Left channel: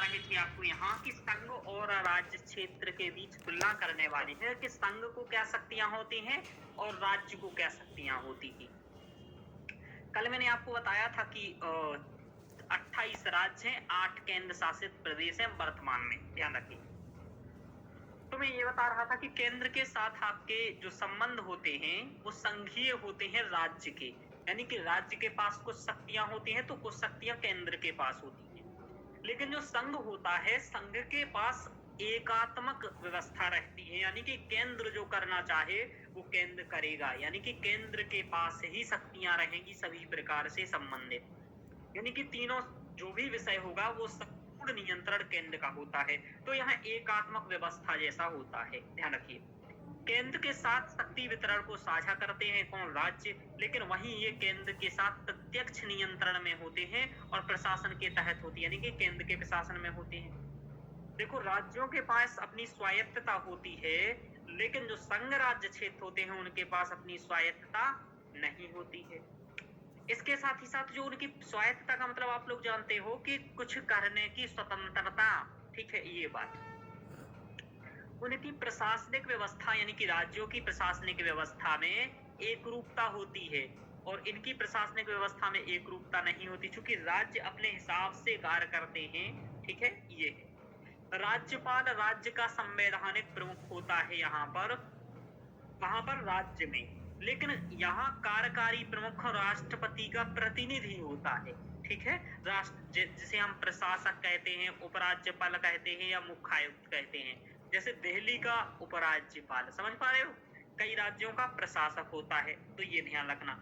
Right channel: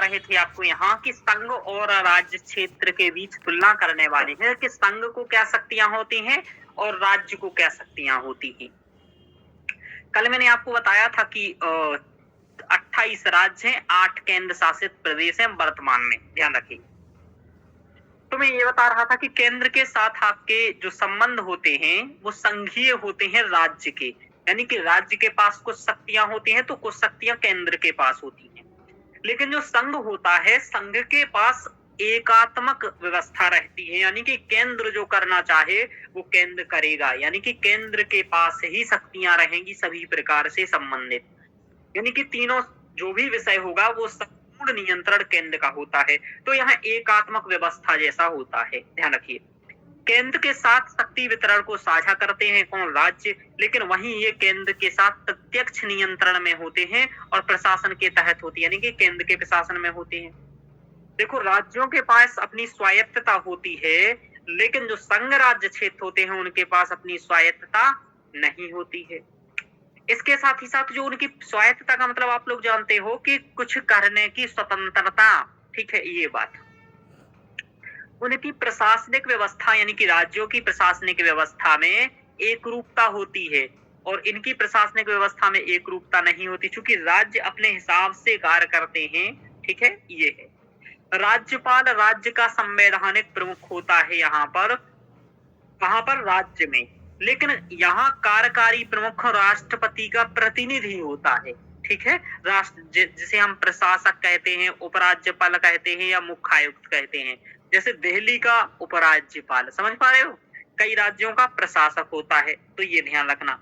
रहे थे आपको यहाँ कि संघ और राज्य क्षेत्र के बीच तुलना करने वाली है कि संघ को क्या शक्तियां होती हैं और राज्य को क्या शक्तियां होती हैं। कल मैंने आपको बताया था कि 28 राज्य हैं, 8 केंद्र शासित प्रदेश हैं वर्तमान में, ध्यान रखिए। तो मैं ये बता रहा था कि केंद्र के साथ आपके जो संबंध होते हैं वो संघीय होते हैं राज्य के, यानी कि राज्य के पास कुछ शक्तियां होती हैं तो कुछ शक्तियां केंद्र के पास होती हैं। लेकिन जो संघ होता है, संघ के पास एकात्मक व्यवस्था रहती है, यानी कि केंद्र जो करना चाहे वो केंद्र करेगा, यानी कि केंद्र के पास ही शक्तियां रहेंगी सभी प्रकार से संबंधित, यानी कि तीनों जो भी विषय होगा वो संपूर्ण नियंत्रण केंद्र का होता है। तो यहाँ एकात्मक व्यवस्था जैसा होता है, ध्यान रखिए। केंद्र के साथ शक्ति वितरण को साझा करते हैं कौन? राज्य। लेकिन वहीं ये केंद्र के साथ प्रत्यक्ष नियंत्रण में होते हैं और प्रशासन के तहत होती है, यानी कि केंद्र के प्रशासन में होते हैं। देखो, राज्यों के पास अपनी स्वायत्तता होती है, लेकिन जो संघ राज्य क्षेत्र होते हैं उनके पास अपनी स्वायत्तता नहीं होती है। इसके साथ ही साथ जो उनकी स्वायत्तता का मतलब आप लोग जानते हो कि कुछ करने की स्वतंत्रता, ठीक है, ये बात। उनकी प्रशासनिक व्यवस्था यानी कि राज्यों की प्रशासनिक व्यवस्था में एक रूपता होती है और इनकी प्रशासनिक व्यवस्था में एक रूपता नहीं होती, क्योंकि राज्य अपने हिसाब से कार्य करते हैं, ठीक है, ये है। राज्यपाल राज्य का संवैधानिक प्रमुख होता है यहाँ पर, वहां पर राज्य में, लेकिन यहाँ कार्यकारी प्रमुख राष्ट्रपति का प्रतिनिधि होता है, ठीक है। राष्ट्र जिसे हम प्रशासक कहते हैं, उपराज्यपाल कहते हैं या मुख्य आयुक्त कहते हैं। जैसे दिल्ली का उपराज्यपाल, समझ पा रहे हो, कई राज्यों का प्रशासक होता है, तो ये ध्यान रखना।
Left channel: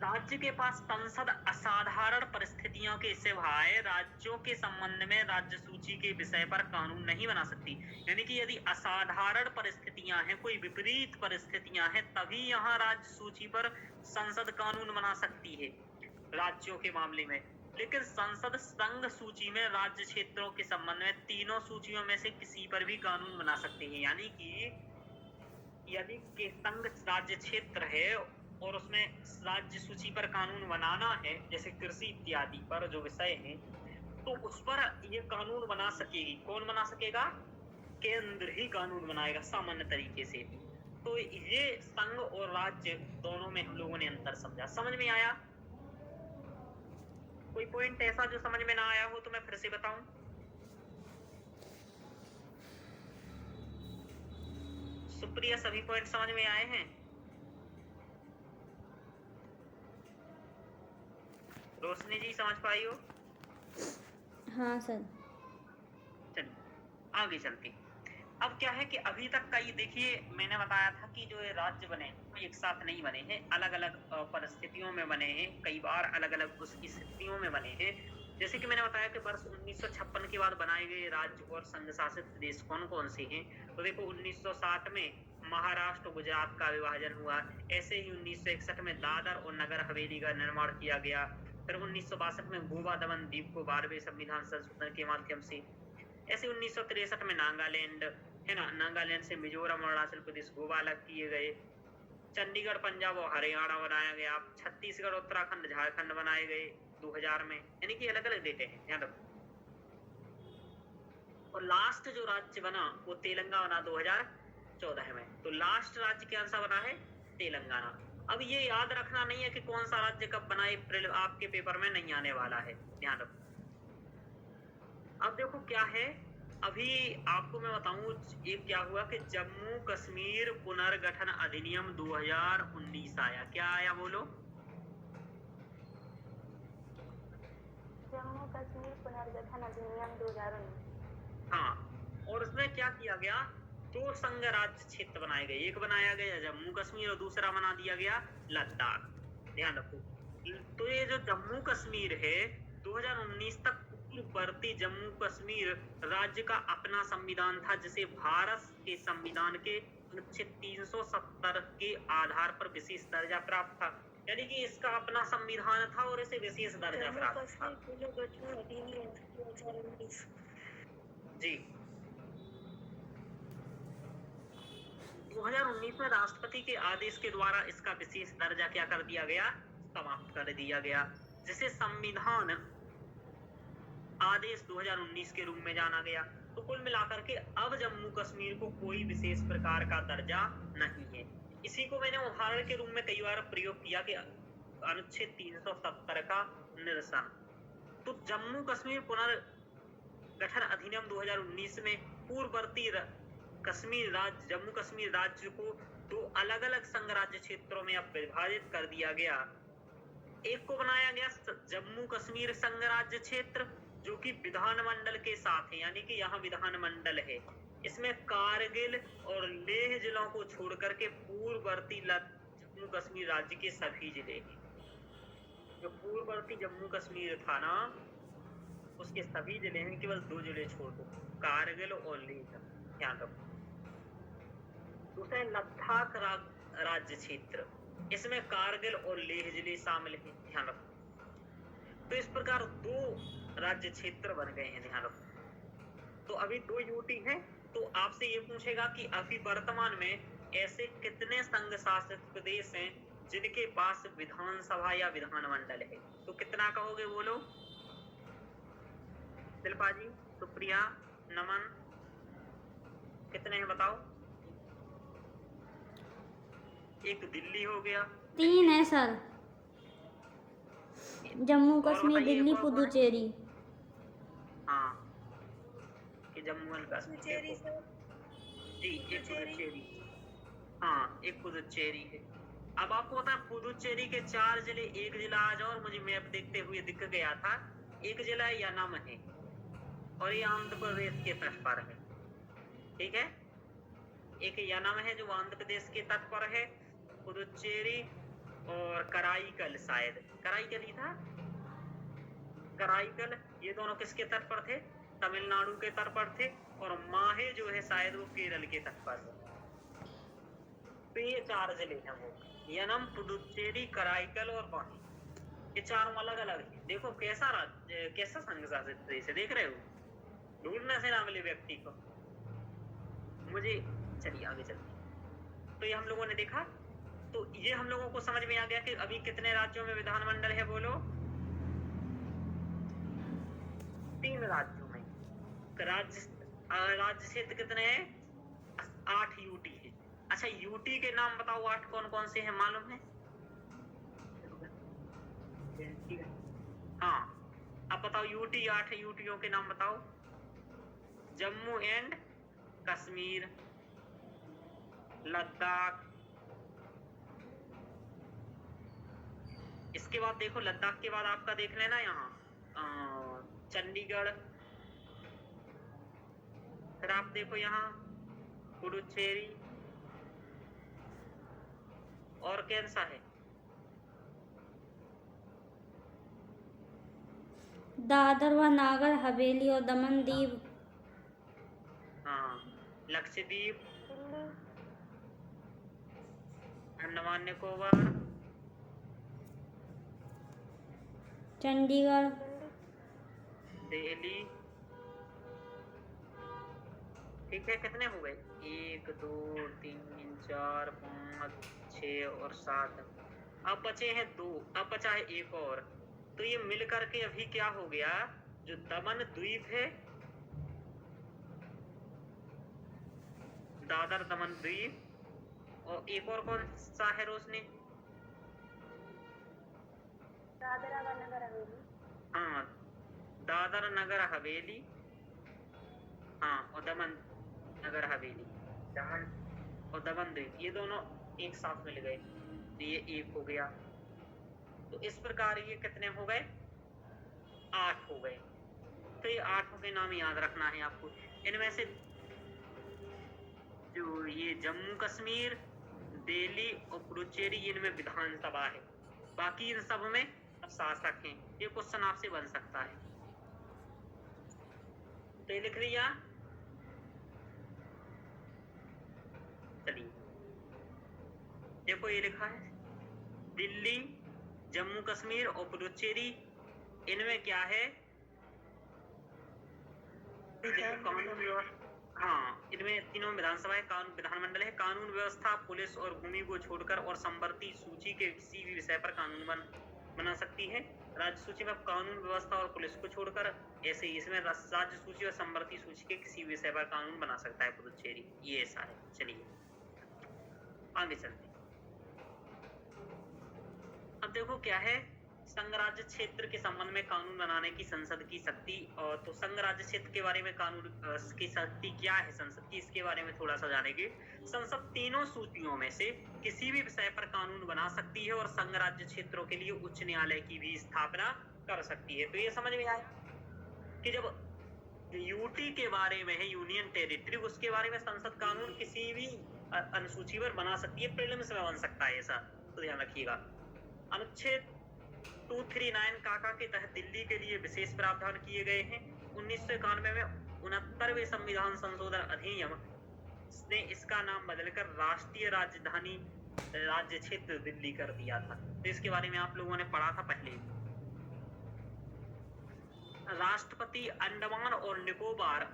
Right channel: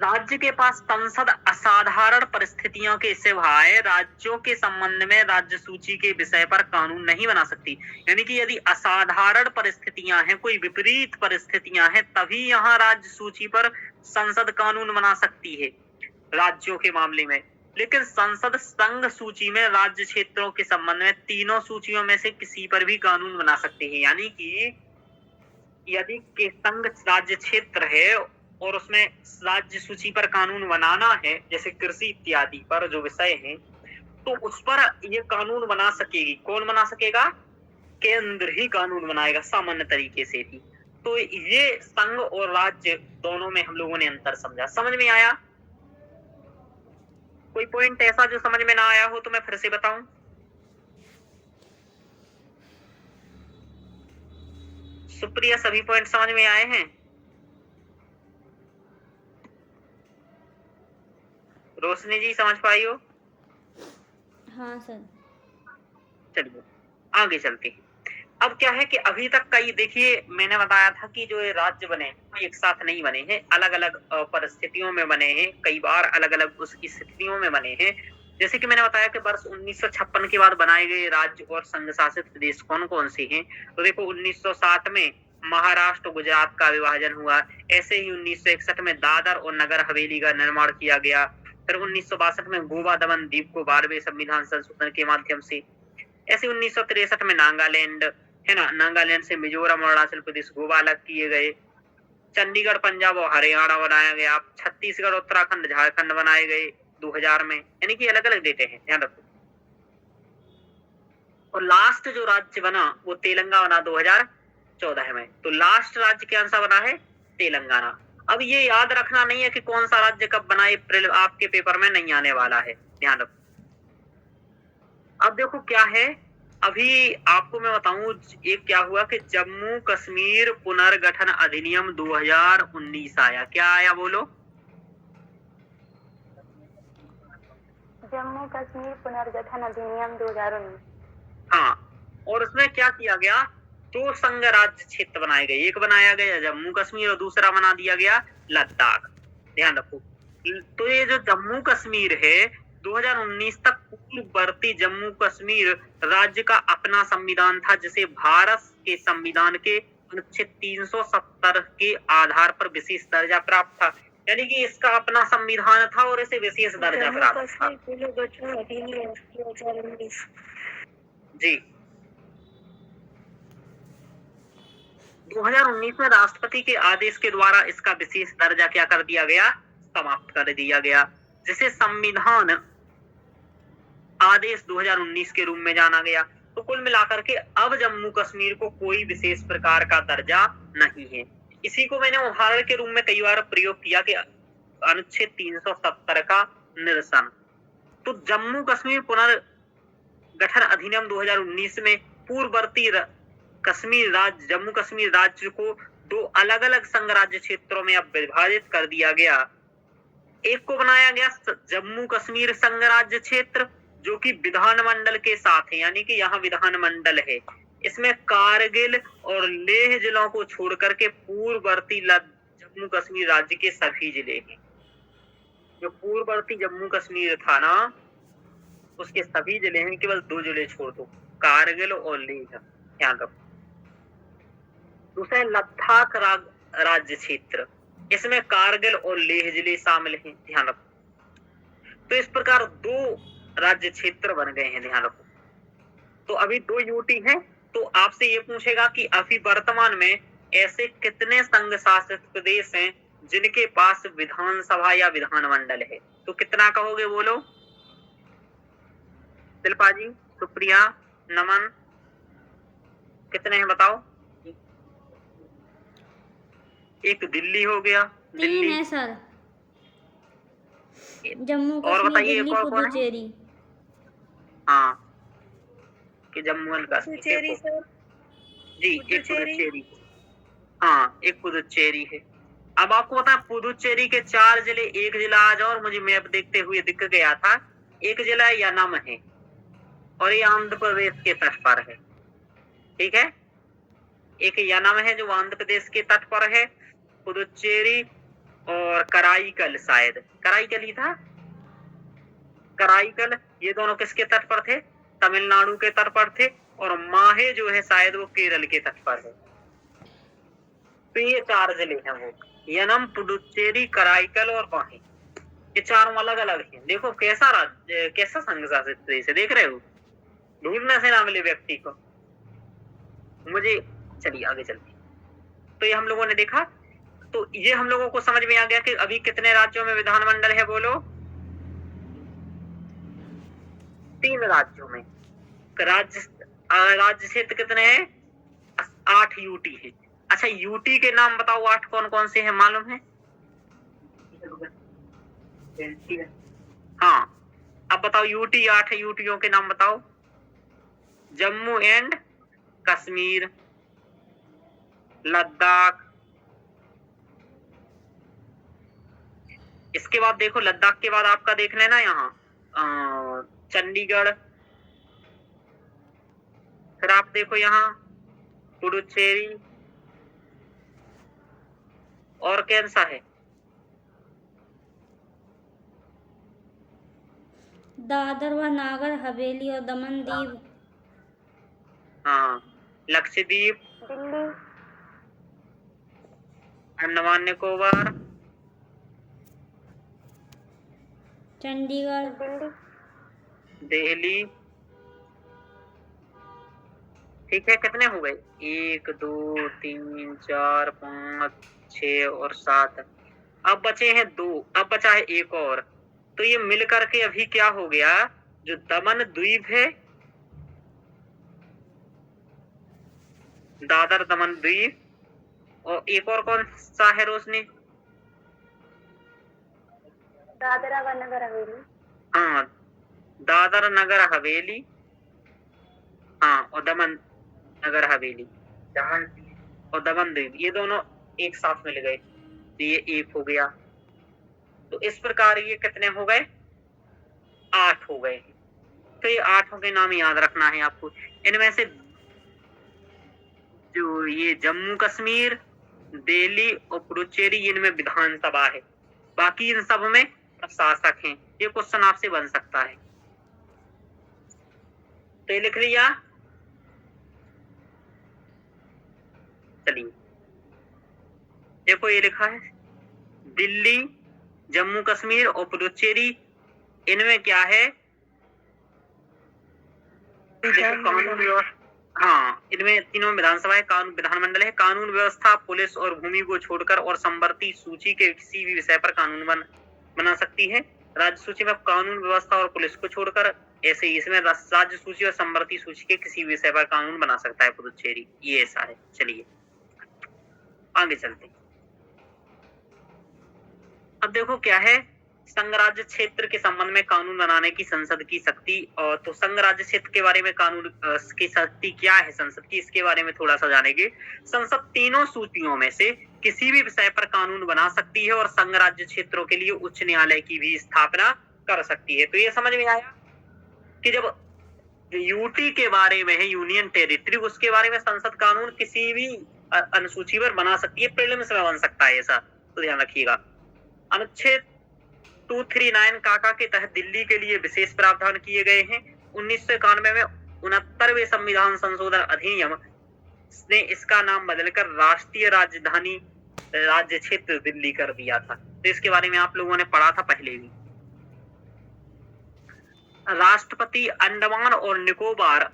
राज्य के पास संसद असाधारण परिस्थितियों के सिवाय राज्यों के संबंध में राज्य सूची के विषय पर कानून नहीं बना सकती, यानी कि यदि असाधारण परिस्थितियां हैं, कोई विपरीत परिस्थितियां हैं, तभी यहाँ राज्य सूची पर संसद कानून बना सकती है राज्यों के मामले में। लेकिन संसद संघ सूची में राज्य क्षेत्रों के संबंध में तीनों सूचियों में से किसी पर भी कानून बना सकते हैं, यानी कि यदि के संघ राज्य क्षेत्र है और उसमें राज्य सूची पर कानून बनाना है, जैसे कृषि इत्यादि पर जो विषय है, तो उस पर ये कानून बना सकेगी। कौन बना सकेगा? केंद्र ही कानून बनाएगा सामान्य तरीके से भी। तो ये संघ और राज्य दोनों में हम लोगों ने अंतर समझा। समझ में आया? कोई पॉइंट ऐसा जो समझ में ना आया हो तो मैं फिर से बताऊं? सुप्रिया, सभी पॉइंट समझ में आए हैं? रोशनी जी समझ पाई हो? हाँ सर। चलिए आगे चलते हैं। अब क्या है कि अभी तक कई, देखिए मैंने बताया था कि जो ये राज्य बने हैं एक साथ नहीं बने हैं, अलग अलग परिस्थितियों में बने हैं, कई बार अलग अलग उस स्थितियों में बने हैं। जैसे कि मैंने बताया कि वर्ष 1956 के बाद बनाए गए राज्य और संघ शासित प्रदेश कौन कौन से हैं। तो देखो, 1907 में महाराष्ट्र गुजरात का विभाजन हुआ। ऐसे ही 1961 में दादर और नगर हवेली का निर्माण किया गया। फिर 1962 में गोवा दमन द्वीप को 12वें संविधान संशोधन के माध्यम से, ऐसे 1963 में नागालैंड, है ना, नागालैंड से मिजोरम अरुणाचल प्रदेश गोवा अलग किए गए। चंडीगढ़ पंजाब और हरियाणा बनाया गया। छत्तीसगढ़ उत्तराखंड झारखंड बनाए गए 2000 में, यानी कि अलग अलग देते हैं, ध्यान रखो। और लास्ट जो राज्य बना वो तेलंगाना बना 2014 में। तो लास्ट राज्य कौन सा बना है? तेलंगाना। अब ये याद रखना नहीं है कि कौन सा राज्य कब बना, आपके पेपर में नहीं आने वाला है, ध्यान रखो। अब देखो क्या है, अभी आपको मैं बताऊं एक क्या हुआ कि जम्मू कश्मीर पुनर्गठन अधिनियम 2019 आया। क्या आया बोलो? जम्मू कश्मीर पुनर्गठन अधिनियम 2019। हाँ, और उसमें क्या किया गया? 2 संघ राज्य क्षेत्र बनाए गए, एक बनाया गया जम्मू कश्मीर और दूसरा बना दिया गया लद्दाख, ध्यान रखो। तो ये जो जम्मू कश्मीर है 2019 तक पूर्ववर्ती जम्मू कश्मीर राज्य का अपना संविधान था, जिसे भारत के संविधान के अनुच्छेद 370 के आधार पर विशेष दर्जा प्राप्त था, यानी कि इसका अपना संविधान था और इसे विशेष दर्जा प्राप्त था। जी, 2019 में राष्ट्रपति के आदेश के द्वारा इसका विशेष दर्जा क्या कर दिया गया? समाप्त कर दिया गया, जिसे संविधान आदेश 2019 के रूप में जाना गया। तो कुल मिलाकर के अब जम्मू कश्मीर को कोई विशेष प्रकार का दर्जा नहीं है। इसी को मैंने उदाहरण के रूप में कई बार प्रयोग किया कि अनुच्छेद 370 का निरसन। तो जम्मू कश्मीर पुनर्गठन अधिनियम 2019 में पूर्ववर्ती जम्मू कश्मीर राज्य को दो अलग अलग संघ राज्य क्षेत्रों में अब विभाजित कर दिया गया। एक को बनाया गया जम्मू कश्मीर संघ राज्य क्षेत्र, जो कि विधानमंडल के साथ है, यानी कि यहाँ विधानमंडल है। इसमें कारगिल और लेह जिलों को छोड़ करके पूर्ववर्ती जम्मू कश्मीर राज्य के सभी जिले हैं। जो पूर्ववर्ती जम्मू कश्मीर था ना, उसके सभी जिले हैं, केवल 2 जिले छोड़ दो, कारगिल और लेह, ध्यान रखो। दूसरा लद्दाख राज्य क्षेत्र, इसमें कारगिल और लेह जिले शामिल हैं, ध्यान रखो। तो इस प्रकार 2 राज्य क्षेत्र बन गए हैं, ध्यान रखो। तो अभी 2 यूटी हैं। तो आपसे ये पूछेगा कि अभी वर्तमान में ऐसे कितने संघ शासित प्रदेश हैं जिनके पास विधानसभा या विधानमंडल है। तो कितना कहोगे बोलो? शिल्पा जी, सुप्रिया, नमन, कितने हैं बताओ? एक दिल्ली हो गया, 3 है सर, जम्मू कश्मीर, दिल्ली, पुदुचेरी। हाँ, कि जम्मू एंड कश्मीर जी, एक पुदुचेरी। हाँ, एक पुदुचेरी है। अब आपको पता है पुदुचेरी के 4 जिले, एक जिला आज और मुझे मैप देखते हुए दिख गया था, एक जिला यानम है और ये आंध्र प्रदेश के तट पर है, ठीक है। एक यानम है जो आंध्र प्रदेश के तट पर है, पुदुचेरी और कराईकल, शायद कराईकल ही था, कराईकल, ये दोनों किसके तट पर थे? तमिलनाडु के तट पर थे। और माहे जो है शायद वो केरल के तट पर है। तो ये 4 जिले हैं वो, यानम, पुदुचेरी, कराईकल और माहे, ये चारों अलग अलग हैं। देखो कैसा राज्य, कैसा संघ शासित प्रदेश है, देख रहे हो? ढूंढने से ना मिले व्यक्ति को मुझे। चलिए आगे चलते। तो ये हम लोगों ने देखा, तो ये हम लोगों को समझ में आ गया कि अभी कितने राज्यों में विधानमंडल है, बोलो? 3 राज्यों में। राज्य क्षेत्र कितने हैं? 8 यूटी है। अच्छा, यूटी के नाम बताओ, 8 कौन कौन से हैं, मालूम है? हाँ, अब बताओ यूटी 8 यूटियों के नाम बताओ। जम्मू एंड कश्मीर, लद्दाख, इसके बाद देखो लद्दाख के बाद आपका देख लेना यहाँ चंडीगढ़, फिर आप देखो यहाँ पुडुचेरी, और कौन सा है? दादर व नागर हवेली और दमन दीव। हाँ, लक्षद्वीप, दिल्ली, अंडमान निकोबार, चंडीगढ़, दिल्ली, ठीक है। कितने हो गए? 1 2 3 4 5 6 और 7। अब बचे हैं 2, अब बचा है एक और। तो ये मिल करके अभी क्या हो गया, जो दमन द्वीप है, दादर दमन द्वीप, और एक और कौन सा है रोशनी? दादरा व नगर हवेली। हाँ, दादर नगर हवेली, हाँ, और दमन नगर हवेली और दमन द्वीप, ये दोनों एक साथ मिल गए, तो ये 1 हो गया। तो इस प्रकार ये कितने हो गए? 8 हो गए। तो ये 8 के नाम याद रखना है आपको। इनमें से जो ये जम्मू कश्मीर, दिल्ली और पुडुचेरी, इनमें विधानसभा है, बाकी इन सब में शासक हैं। ये क्वेश्चन आपसे बन सकता है, तो ये लिख लिया। चलिए देखो ये लिखा है दिल्ली, जम्मू कश्मीर और पुडुचेरी, इनमें क्या है? कानून व्यवस्था, हाँ, इनमें तीनों विधानसभा है, कानून विधानमंडल है, कानून व्यवस्था, पुलिस और भूमि को छोड़कर और संवर्ती सूची के किसी भी विषय पर कानून बना सकती है। राज्य सूची में कानून व्यवस्था और पुलिस को छोड़कर, ऐसे ही इसमें राज्य सूची और संवर्ती सूची के किसी विषय पर कानून बना सकता है पुदुचेरी, ये ऐसा है। चलिए आगे चलते हैं। अब देखो क्या है, संघ राज्य क्षेत्र के संबंध में कानून बनाने की संसद की शक्ति। और तो संघ राज्य क्षेत्र के बारे में कानून की शक्ति क्या है संसद की, इसके बारे में थोड़ा सा जानेंगे। संसद तीनों सूचियों में से किसी भी विषय पर कानून बना सकती है और संघ राज्य क्षेत्रों के लिए उच्च न्यायालय की भी स्थापना कर सकती है। तो ये समझ में आया कि जब यूटी के बारे में है, यूनियन टेरिटरी, उसके बारे में संसद कानून किसी भी अनुसूची पर बना सकती है, प्रीलिम्स में बन सकता है ऐसा, तो ध्यान रखिएगा। अनुच्छेद 239 काका के तहत दिल्ली के लिए विशेष प्रावधान किए गए हैं। 1991 में 69वें संविधान संशोधन अधिनियम ने इसका नाम बदलकर राष्ट्रीय राजधानी राज्य क्षेत्र दिल्ली कर दिया था। तो इसके बारे में आप लोगों ने पढ़ा था पहले भी। राष्ट्रपति अंडमान और निकोबार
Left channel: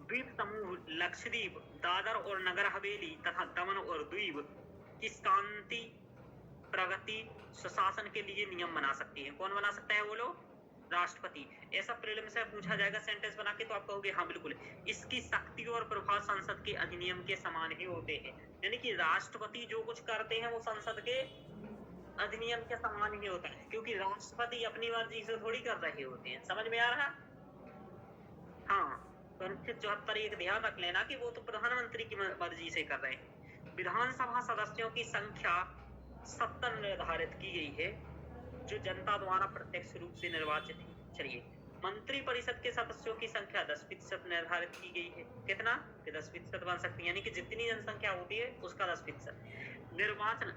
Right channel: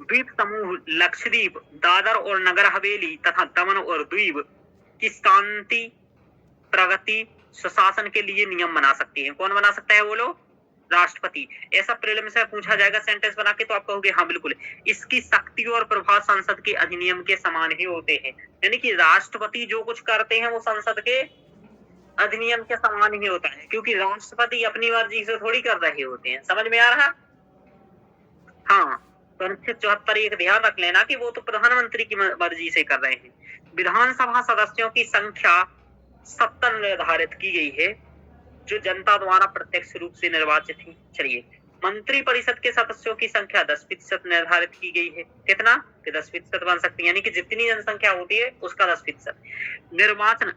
द्वीप समूह, लक्षद्वीप, दादर और नगर हवेली तथा दमन और दीव की शांति, प्रगति, सुशासन के लिए नियम बना सकती है। कौन बना सकता है? वो लोग, राष्ट्रपति। ऐसा प्रीलिम्स में पूछा जाएगा सेंटेंस बना के, तो आप कहोगे हाँ बिल्कुल। इसकी शक्ति और प्रभाव संसद के अधिनियम के समान ही होते हैं, यानी कि राष्ट्रपति जो कुछ करते हैं वो संसद के अधिनियम के समान ही होता है, क्योंकि राष्ट्रपति अपनी मर्जी से थोड़ी कर रहे होते हैं। समझ में आ रहा? हाँ, तो अनुच्छेद 74 एक ध्यान रख लेना कि वो तो प्रधानमंत्री की मर्जी से कर रहे हैं। विधानसभा सदस्यों की संख्या 70 निर्धारित की गई है, जो जनता द्वारा प्रत्यक्ष रूप से निर्वाचित है। चलिए, मंत्री परिषद के सदस्यों की संख्या 10% निर्धारित की गई है। कितना? कि 10% बन सकती है, यानी कि जितनी जनसंख्या होती है उसका 10%। निर्वाचन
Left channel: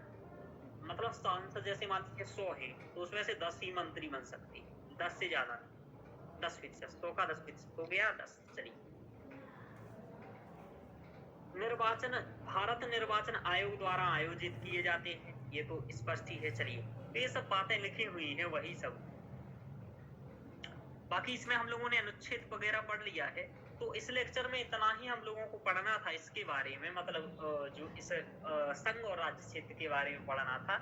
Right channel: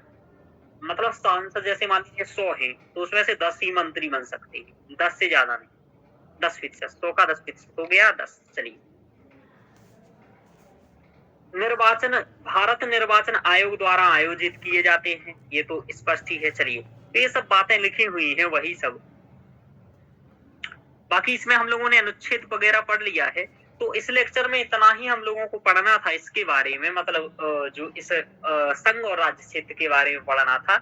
मतलब सांसद जैसे मान लीजिए 100 है, तो उसमें से 10 ही मंत्री बन सकते हैं, 10 से ज्यादा नहीं। 10%, 100 का 10% हो गया 10। चलिए, निर्वाचन भारत निर्वाचन आयोग द्वारा आयोजित किए जाते हैं, ये तो स्पष्ट ही है। चलिए, तो ये सब बातें लिखी हुई हैं वही सब, बाकी इसमें हम लोगों ने अनुच्छेद वगैरह पढ़ लिया है। तो इस लेक्चर में इतना ही हम लोगों को पढ़ना था इसके बारे में, मतलब जो इस संघ और राज्य क्षेत्र के बारे में पढ़ना था।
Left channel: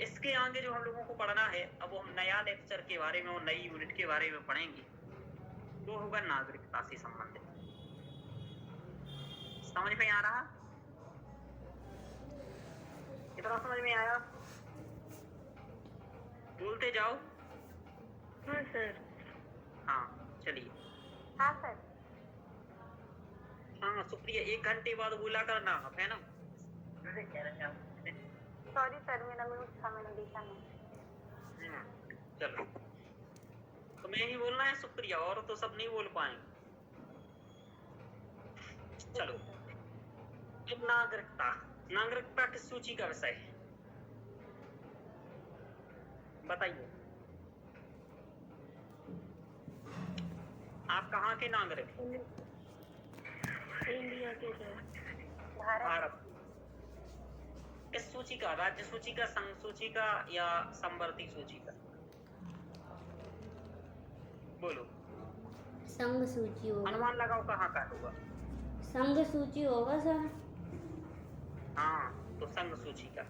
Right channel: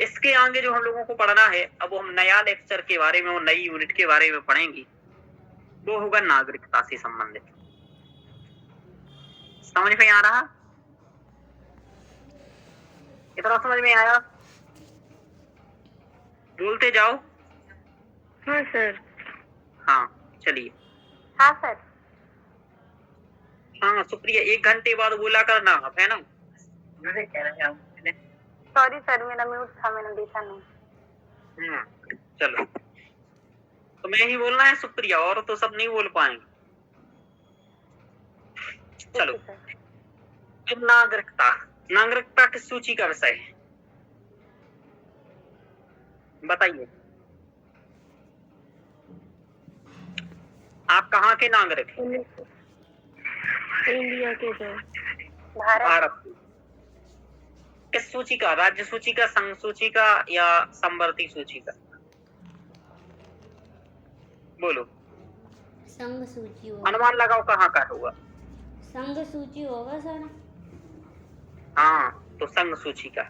इसके आगे जो हम लोगों को पढ़ना है, अब हम नया लेक्चर के बारे में और नई यूनिट के बारे में पढ़ेंगे, वो होगा नागरिकता से संबंधित। समझ में आ रहा? इतना समझ में आया? बोलते जाओ। हाँ सर। हाँ चलिए। हाँ सर। हाँ सुप्रिया, 1 घंटे बाद बोला करना, है ना? सॉरी सर, मेरा म्यूट था, मैंने देखा नहीं। चलो, तो मैं ही बोलना है सुप्रिया, और तो सब नहीं बोल पाएंगे। चलो, अब नागरिकता। नागरिकता किस सूची का विषय है बताइए? आप कहाँ के नागरिक हैं? इंडिया के सर। भारत। किस सूची का? राज्य सूची का, संघ सूची का, या संवर्ती सूची का? बोलो। संघ सूची होगा। अनुमान लगाओ कहाँ का होगा? संघ सूची होगा सर। हाँ, तो संघ सूची का।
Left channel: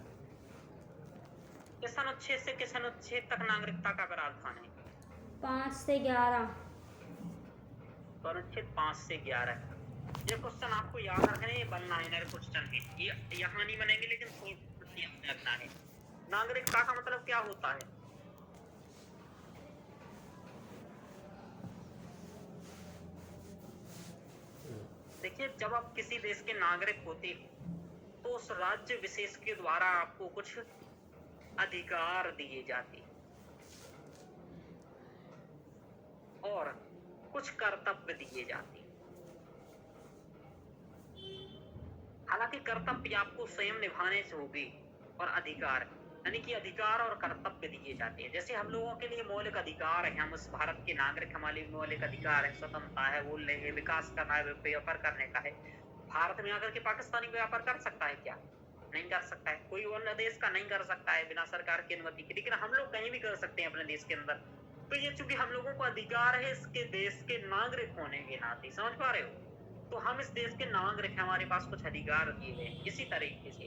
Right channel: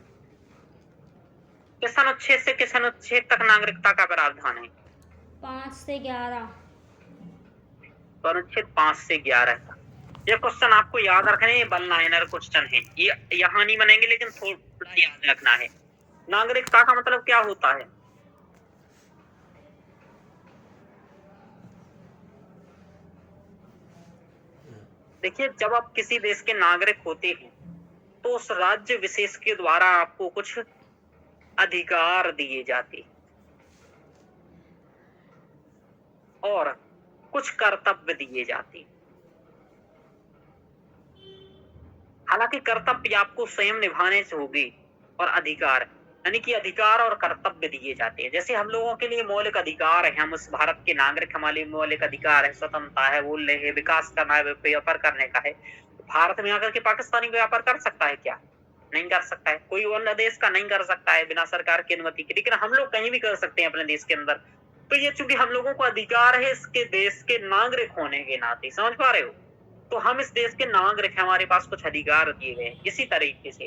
किस अनुच्छेद से किस अनुच्छेद तक नागरिकता का प्रावधान है? 5 से 11। तो अनुच्छेद 5 से 11 का। ये क्वेश्चन आपको याद रखने, ये वन लाइनर क्वेश्चन है, ये यहाँ नहीं बनेंगे, लेकिन थोड़ा याद रखना है। नागरिकता का मतलब क्या होता है? देखिए, जब आप किसी देश के नागरिक होते हैं तो उस राज्य विशेष के द्वारा आपको कुछ अधिकार दिए जाते और कुछ कर्तव्य दिए जाते। हालांकि कर्तव्य आपको स्वयं निभाने से होगी, और अधिकार यानी कि अधिकार और कर्तव्य दिए जाते हैं। जैसे हम लोगों के लिए मौलिक अधिकार है, हम उस भारत के नागरिक, हमारे मौलिक अधिकार है, स्वतंत्रता है, बोलने है, विकास करना है, व्यापार करने का है। भारत में आकर के पाकिस्तानी व्यापार कर सकता है क्या? नहीं कर सकता है। कोई अन्य देश का नहीं कर सकता है बिना सरकार की अनुमति के, लेकिन हम लोग कहीं भी कर सकते हैं अपने देश के अंदर। तो ये चूंकि हम लोगों को अधिकार है इसके देश के नागरिक होने के नाते, समझ पा रहे हो? तो हम इस देश के नागरिक, हमारे पास कुछ अधिकार दिए गए। इसी तरीके से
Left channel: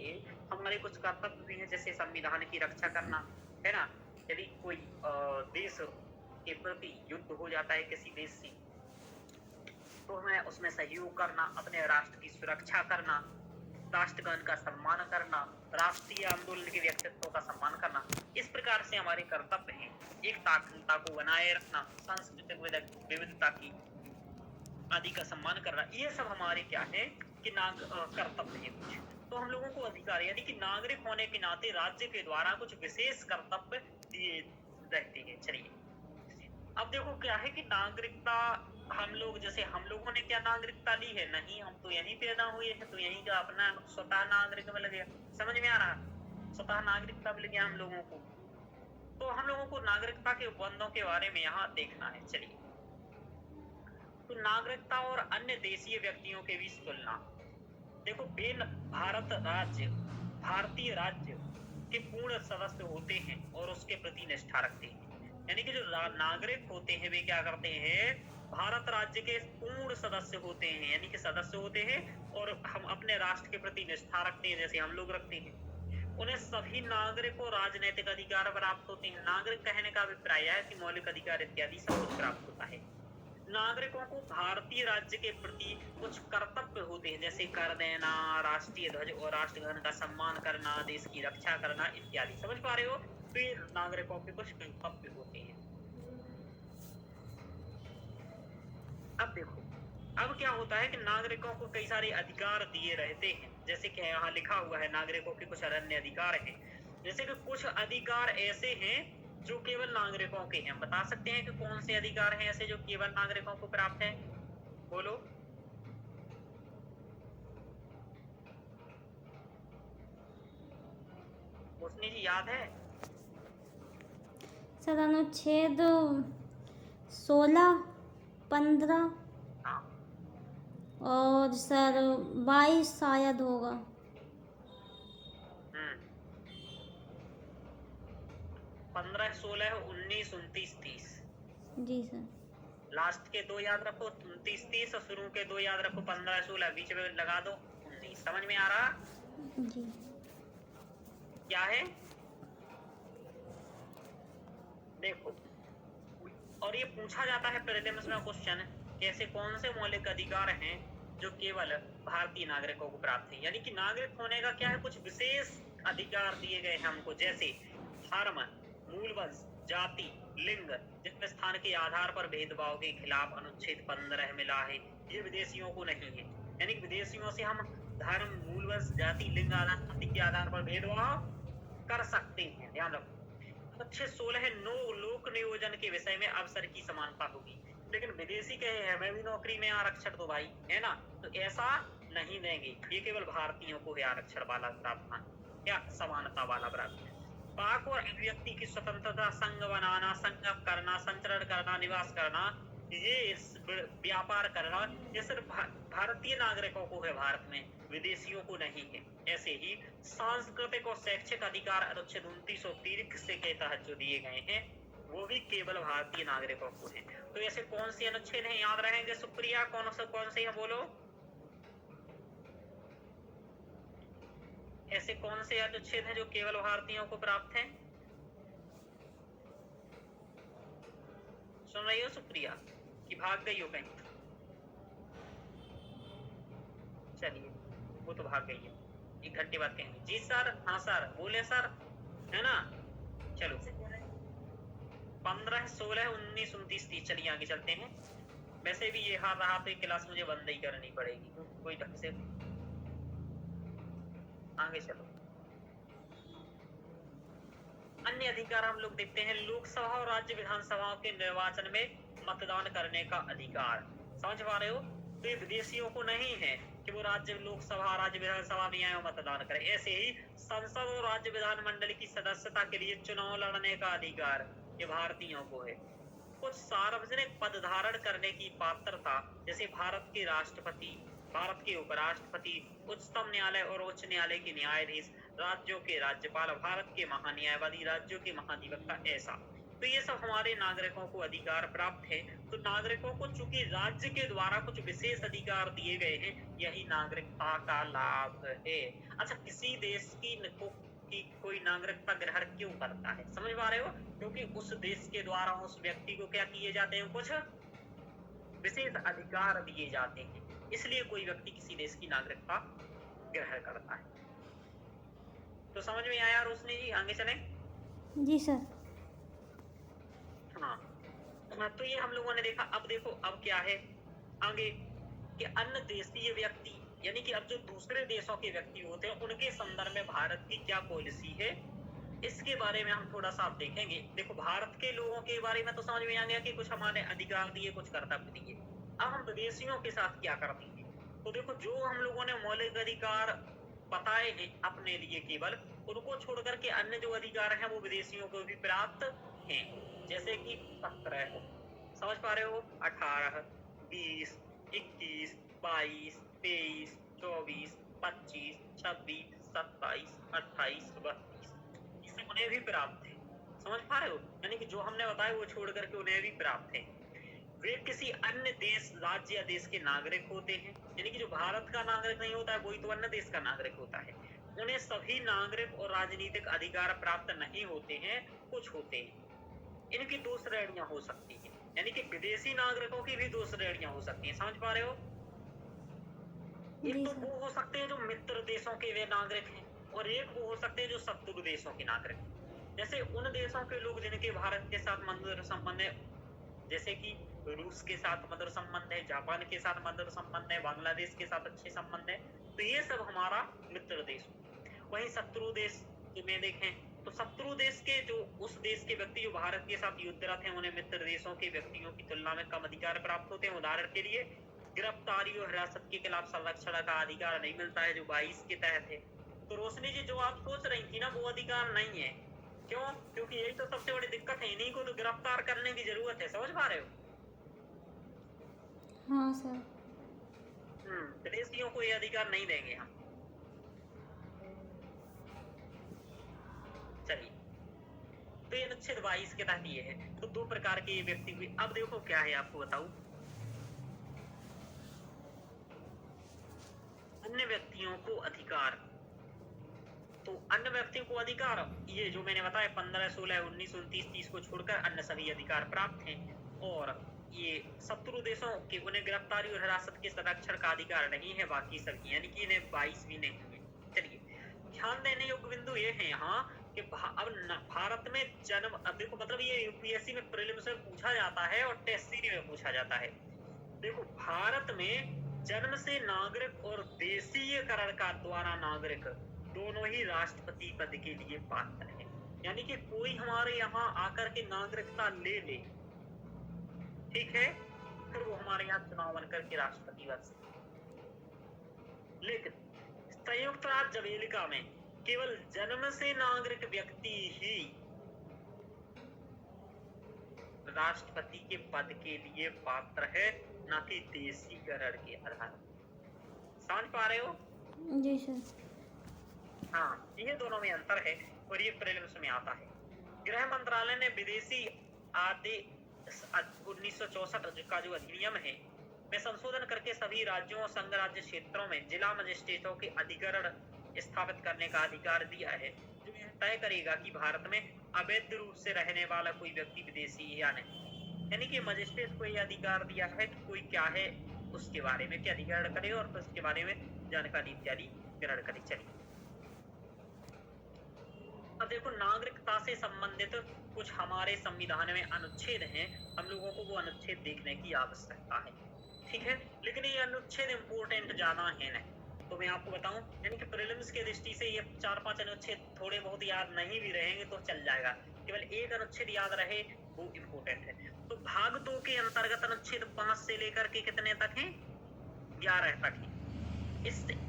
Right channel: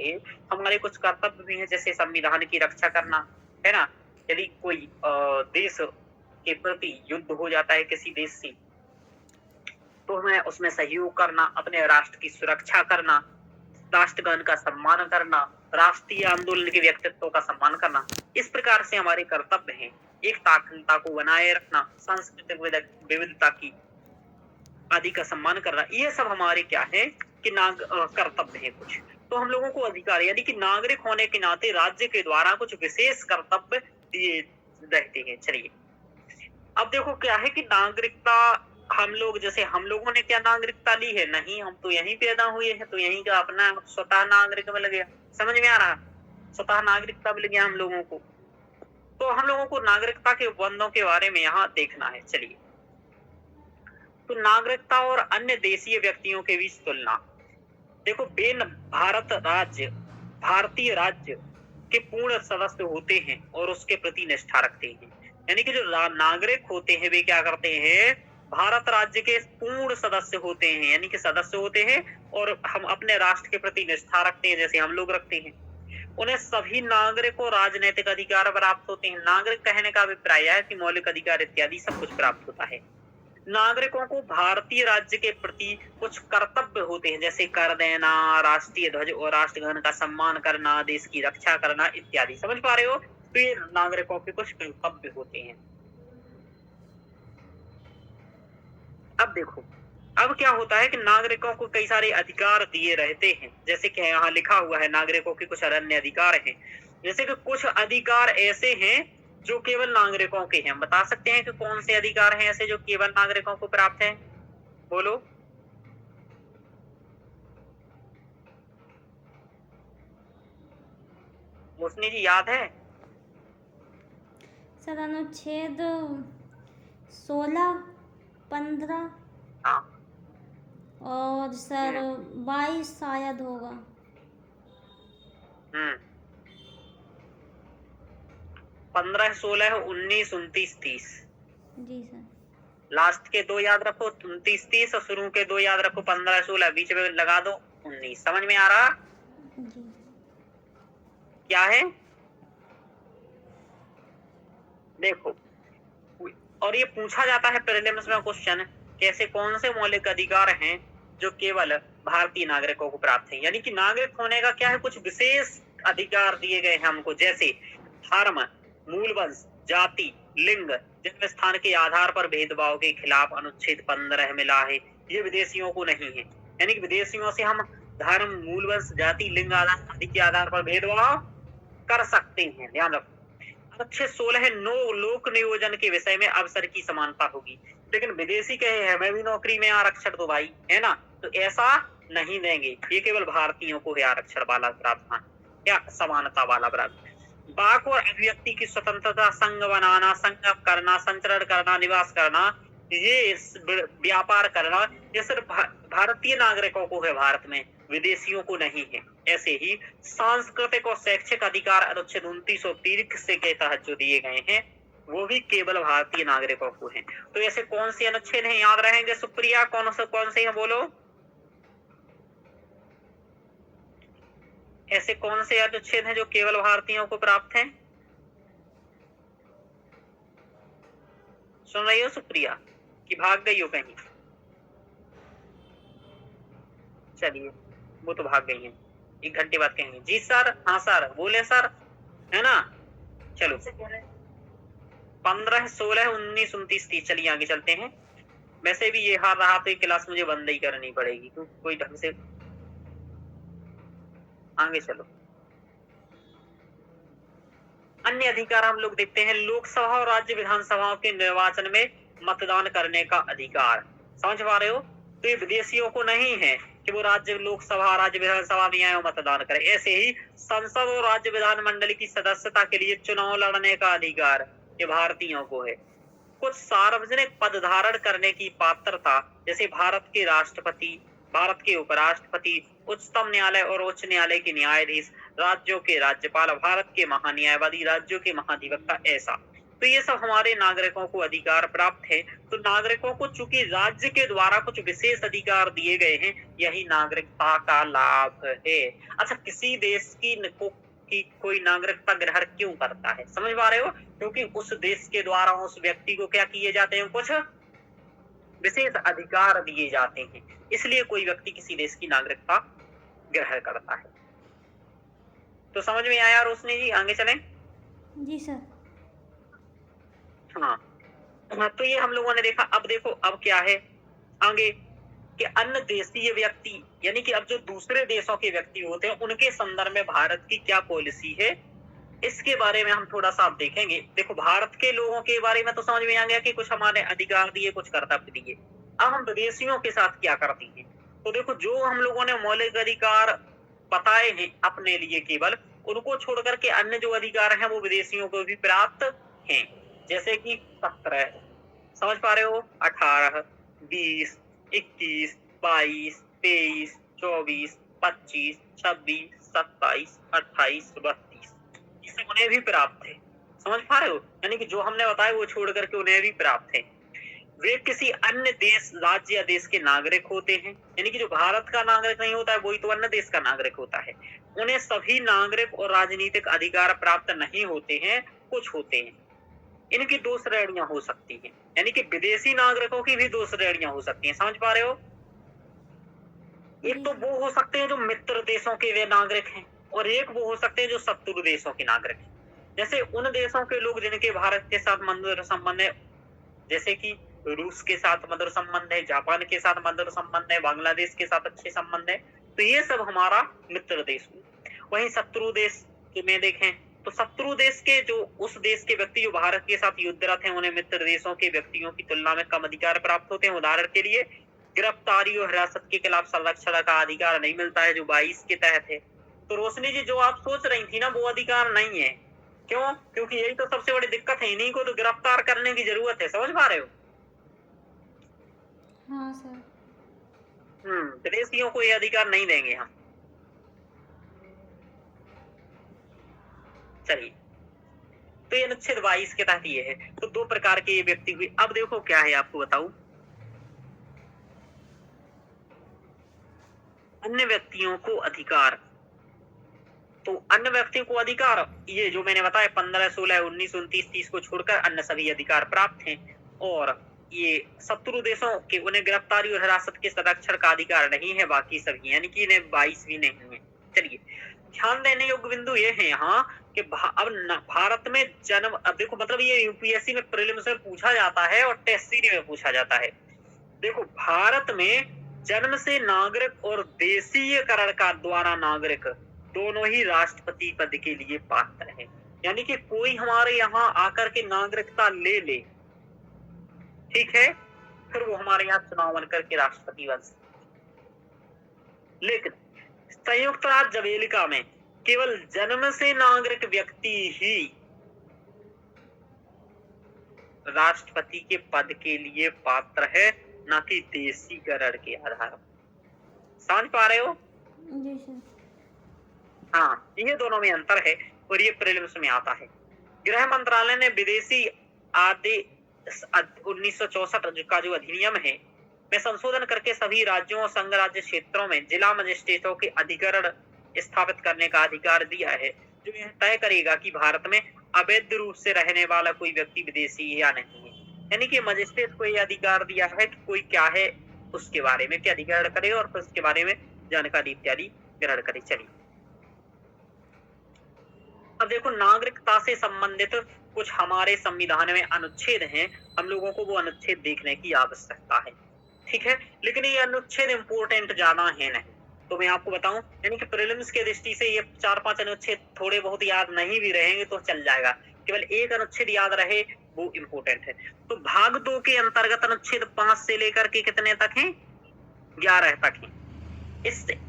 हमारे कुछ कर्तव्य भी हैं, जैसे संविधान की रक्षा करना, है ना? यदि कोई देश के प्रति युद्ध हो जाता है किसी देश से, तो हमें उसमें सहयोग करना, अपने राष्ट्र की सुरक्षा करना, राष्ट्रगान का सम्मान करना, राष्ट्रीय आंदोलन के व्यक्तित्व का सम्मान करना, इस प्रकार से हमारे कर्तव्य हैं। एकता अखंडता को बनाए रखना, सांस्कृतिक विविधता की आदि का सम्मान करना, ये सब हमारे क्या है कि कर्तव्य है कुछ। तो हम लोगों को अधिकार, यानी कि नागरिक होने के नाते राज्य के द्वारा कुछ विशेष कर्तव्य दिए रहते हैं। चलिए अब देखो क्या है कि नागरिकता, हम लोग जैसे हम लोगों ने क्या नागरिकता ली है? नहीं, हम तो यहीं पैदा हुए हैं, तो यहीं का अपना स्वतः नागरिक मिल गया। समझ में आ रहा? स्वतः नागरिकता मिल गया हम लोगों को। तो हम लोगों को नागरिकता के उपबंधों के बारे में यहाँ देखना है। चलिए, तो नागरिकता और अन्य देशीय व्यक्तियों के बीच तुलना। देखो, भारतीय राज्य के पूर्ण सदस्य होते हैं और उसके प्रति निष्ठा रखते हैं। यानी कि जो नागरिक होते हैं वे क्या करते हैं? भारत राज्य के पूर्ण सदस्य होते हैं, यानी कि सदस्य होते हैं और हम अपने राष्ट्र के प्रति निष्ठा रखते हैं, जैसे हम लोग रखते हैं। उन्हें सभी नागरिकों राजनैतिक अधिकार प्राप्त होते हैं। नागरिक कहने का अभिप्राय है कि मौलिक अधिकार इत्यादि सब कुछ प्राप्त होता है। नागरिकों को भारतीय राज्य के प्रति कुछ कर्तव्य होते हैं, जैसे कर देना, राष्ट्रीय ध्वज और राष्ट्रगान का सम्मान करना, देश की रक्षा करना इत्यादि। समझ पा रहे हो? तो ये नागरिकों के कुछ कर्तव्य होते हैं। अब देखो, अब क्या होता है कि नागरिकों को कई सारे अधिकार दिए रहते हैं, जैसे कि यहाँ लिखा हुआ है नागरिकों के कुछ अन्य अधिकार हैं। जैसे कि कुछ अधिकार ऐसे हैं जो केवल नागरिकों के हैं। बता सकते हैं कि कौन से अधिकार हैं ऐसे जो केवल नागरिकों को प्राप्त हैं? बोलो। मुस्नी जी याद है? सर अनुच्छेद 16, 15 हाँ, और सर 22 शायद होगा। 15, 16, 19, 29, 30। जी सर। लास्ट के दो याद रखो, 29, 30, और शुरू के दो याद रखो, 15, 16, बीच में लगा दो 19। समझ में आ रहा? जी। क्या है? देखो, और ये पूछा जाता है प्रीलिम्स में क्वेश्चन, कैसे कौन से मौलिक अधिकार हैं जो केवल भारतीय नागरिकों को प्राप्त हैं। यानी कि नागरिक होने का क्या है, कुछ विशेष अधिकार दिए गए हैं हमको, जैसे धर्म, मूल वंश, जाति, लिंग, जन्म स्थान के आधार पर भेदभाव के खिलाफ अनुच्छेद 15 मिला है। ये विदेशियों को नहीं है। यानी कि विदेशियों से हम धर्म, मूल वंश, जाति, लिंग आदि के आधार पर भेदभाव कर सकते हैं। ध्यान रखो। अनुच्छेद 16 लोक नियोजन के विषय में अवसर की समानता होगी, लेकिन विदेशी कहे हमें भी नौकरी में आरक्षण दो भाई, है ना? तो ऐसा नहीं देंगे। ये केवल भारतीयों को है आरक्षण वाला प्रावधान, क्या समानता वाला प्रावधान। वाक और अभिव्यक्ति की स्वतंत्रता, संघ बनाना, संगम करना, संचरण करना, निवास करना, ये व्यापार करना, ये सिर्फ भारतीय नागरिकों को है भारत में, विदेशियों को नहीं है। ऐसे ही सांस्कृतिक और शैक्षिक अधिकार अनुच्छेद 29 और 30 के तहत जो दिए गए हैं वो भी केवल भारतीय नागरिकों को हैं। तो ऐसे कौन से अनुच्छेद हैं, याद रहेंगे? सुप्रिया, कौन से हैं बोलो? ऐसे कौन से अनुच्छेद हैं जो केवल भारतीयों को प्राप्त हैं? सुन रही हो सुप्रिया कि भाग गई हो कहीं? चलिए, वो तो भाग गई है, 1 घंटे बाद कहेंगे। जी सर, हाँ सर, बोले सर, है ना? चलो, 15, 16, 19, 29, 30। चलिए आगे चलते हैं। वैसे भी ये हार रहा तो क्लास मुझे बंद ही करनी पड़ेगी, क्योंकि कोई ढंग से। आगे चलो। अन्य अधिकार हम लोग देखते हैं। लोकसभा और राज्य विधानसभाओं के निर्वाचन में मतदान करने का अधिकार। समझ पा रहे हो? तो ये विदेशियों को नहीं है कि वो राज्य लोकसभा, राज्य विधानसभा में आए और मतदान करें। ऐसे ही संसद और राज्य विधानमंडल की सदस्यता के लिए चुनाव लड़ने का अधिकार ये भारतीयों को है। कुछ सार्वजनिक पद धारण करने की पात्रता, जैसे भारत के राष्ट्रपति, भारत के उपराष्ट्रपति, उच्चतम न्यायालय और उच्च न्यायालय के न्यायाधीश, राज्यों के राज्यपाल, भारत के महान्यायवादी, राज्यों के महाधिवक्ता, ऐसा। तो ये सब हमारे नागरिकों को अधिकार प्राप्त है। तो नागरिकों को चूंकि राज्य के द्वारा कुछ विशेष अधिकार दिए गए हैं, यही नागरिकता का लाभ है। अच्छा, किसी देश की की कोई नागरिकता ग्रहण क्यों करता है? समझ पा रहे हो? क्योंकि उस देश के द्वारा उस व्यक्ति को क्या किए जाते हैं, कुछ विशेष अधिकार दिए जाते हैं, इसलिए कोई व्यक्ति किसी देश की नागरिकता ग्रहण करता है। तो समझ में आया रोशनी जी? आगे चलें। जी सर। हाँ, तो ये हम लोगों ने देखा। अब देखो अब क्या है आगे कि अन्य देशीय व्यक्ति, यानी कि अब जो दूसरे देशों के व्यक्ति होते हैं उनके संदर्भ में भारत की क्या पॉलिसी है, इसके बारे में हम थोड़ा सा अब देखेंगे। देखो भारत के लोगों के बारे में तो समझ में आ गया कि कुछ हमारे अधिकार दिए, कुछ कर्तव्य दिए। अब हम विदेशियों के साथ क्या करते हैं, तो देखो जो हम लोगों ने मौलिक अधिकार बताए हैं अपने लिए केवल, उनको छोड़ करके अन्य जो अधिकार हैं वो विदेशियों को भी प्राप्त हैं। जैसे कि 17, समझ पा रहे हो, 18, 20, 21, 22, 23, 24, 25, 26, 27, 28, 32, इसे उन्हें भी प्राप्त है। समझ पा रहे हो? यानी कि जो हमने बताया वो छोड़ करके उन्हें भी प्राप्त है। वे किसी अन्य देश, राज्य या देश के नागरिक होते हैं, यानी कि जो भारत का नागरिक नहीं होता है वही तो अन्य देश का नागरिक होता है। उन्हें सभी नागरिक और राजनीतिक अधिकार प्राप्त नहीं होते हैं, कुछ होते हैं। इनकी 2 श्रेणियां हो सकती हैं, यानी कि विदेशी नागरिकों की भी 2 श्रेणियां हो सकती हैं। समझ पा रहे हो? एक जी तो सर। वो हो सकते हैं जो मित्र देशों के वे नागरिक हैं, और एक वो हो सकते हैं जो शत्रु देशों के नागरिक हैं। जैसे उन देशों के लोग जिनके भारत के साथ मधुर संबंध है, जैसे कि रूस के साथ मधुर संबंध है, जापान के साथ मधुर संबंध है, बांग्लादेश के साथ अच्छे संबंध है, तो ये सब हमारा मित्र देश हुए। वहीं शत्रु देश में देखें तो शत्रु देश के जो उस देश के व्यक्ति जो भारत के साथ युद्धरत हैं, उन्हें मित्र देशों के व्यक्तियों की तुलना में कम अधिकार प्राप्त होते हैं। उदाहरण के लिए गिरफ्तारी और हिरासत के खिलाफ संरक्षण का अधिकार नहीं मिलता है, जो 22 के तहत है। तो रोशनी जी जो आप सोच रही थी ना, वो अधिकार नहीं है। क्यों? क्योंकि यही तो सबसे बड़ी दिक्कत है, इन्हीं को तो गिरफ्तार करने की जरूरत है। समझ पा रहे हो? हाँ सर। विदेशियों को ये अधिकार नहीं देंगे हम। चलिए, तो ये अनुच्छेद 22 के तहत ये है। तो 2 प्रकार के ये व्यक्ति हुए। अब देखो क्या है, आपको बताऊं, अन्य व्यक्तियों को अधिकार। तो अन्य व्यक्तियों को अधिकार, ये जो मैंने बताया 15, 16, 19, 29, 30 को छोड़कर अन्य सभी अधिकार प्राप्त हैं। और ये शत्रु देशों के उन्हें गिरफ्तारी और हिरासत के संरक्षण का अधिकार नहीं है, बाकी सभी, यानी कि इन्हें 22 भी नहीं है। चलिए, ध्यान देने योग्य बिंदु ये है यहाँ कि अब भारत में जन्म, अब देखो मतलब ये यूपीएससी में प्रीलिम्स में पूछा जाता है और टेस्ट सीरीज में पूछा जाता है। देखो भारत में जन्म से नागरिक और देशीयकरण का द्वारा नागरिक दोनों ही राष्ट्रपति पद के लिए पात्र हैं। यानी कि कोई हमारे यहाँ आकर के नागरिकता ले ले, ठीक है, फिर वो हमारे यहाँ चुनाव बन करके राष्ट्रपति बन सकते। लेकिन संयुक्त राज्य अमेरिका में केवल जन्म से नागरिक व्यक्ति ही राष्ट्रपति के पद के लिए पात्र है, न कि देशीकरण के आधार पर। समझ पा रहे हो? जी सर। हाँ, ये दोनों में अंतर है और ये प्रीलिम्स में आता है। गृह मंत्रालय ने विदेशी आदेश 1964 का जो अधिनियम है में संशोधन करके सभी राज्यों और संघ राज्य क्षेत्रों में जिला मजिस्ट्रेटों के अधिकरण स्थापित करने का अधिकार दिया है, जो यह तय करेगा कि भारत में अवैध रूप से रहने वाला कोई व्यक्ति विदेशी है या नहीं है। यानी कि मजिस्ट्रेट को यह अधिकार दिया है कि कोई क्या है उसके बारे में क्या अधिकरण करे और फिर उसके बारे में जानकारी इत्यादि ग्रहण करे। चलिए, अब देखो नागरिकता से संबंधित कुछ हमारे संविधान में अनुच्छेद हैं, हम लोगों को वो अनुच्छेद देखने की आवश्यकता है, ठीक है। लेकिन ये अनुच्छेद इंपोर्टेंट ज्यादा है नहीं, तो मैं आपको बताऊं, यानी कि प्रीलिम्स के दृष्टि से ये 4-5 अनुच्छेद थोड़े बहुत याद नहीं भी रहेंगे तो चल जाएगा, केवल एक अनुच्छेद याद रहे वो इम्पोर्टेंट है। तो भाग 2 के अंतर्गत अनुच्छेद 5 से लेकर के कितने तक है? 11 तक है।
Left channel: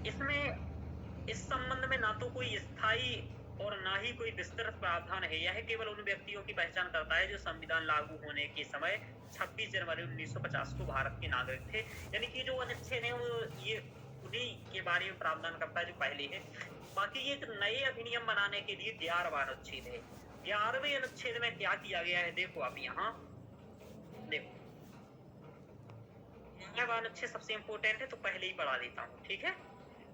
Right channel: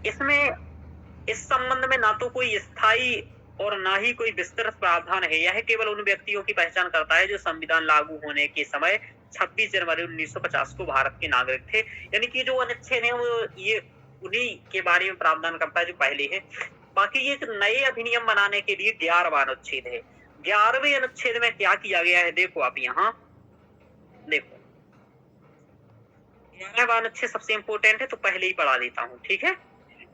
इसमें इस संबंध में ना तो कोई स्थायी और ना ही कोई विस्तृत प्रावधान है। यह केवल उन व्यक्तियों की पहचान करता है जो संविधान लागू होने के समय 26 जनवरी 1950 को भारत के नागरिक थे। यानी कि जो अनुच्छेद है वो ये उन्हीं के बारे में प्रावधान करता है जो पहले है। बाकी ये नए अधिनियम बनाने के लिए 11वां अनुच्छेद है। 11वें अनुच्छेद में क्या किया गया है, देखो आप यहाँ देखो, 11वां अनुच्छेद सबसे इंपोर्टेंट है तो पहले ही पढ़ा देता हूँ, ठीक है।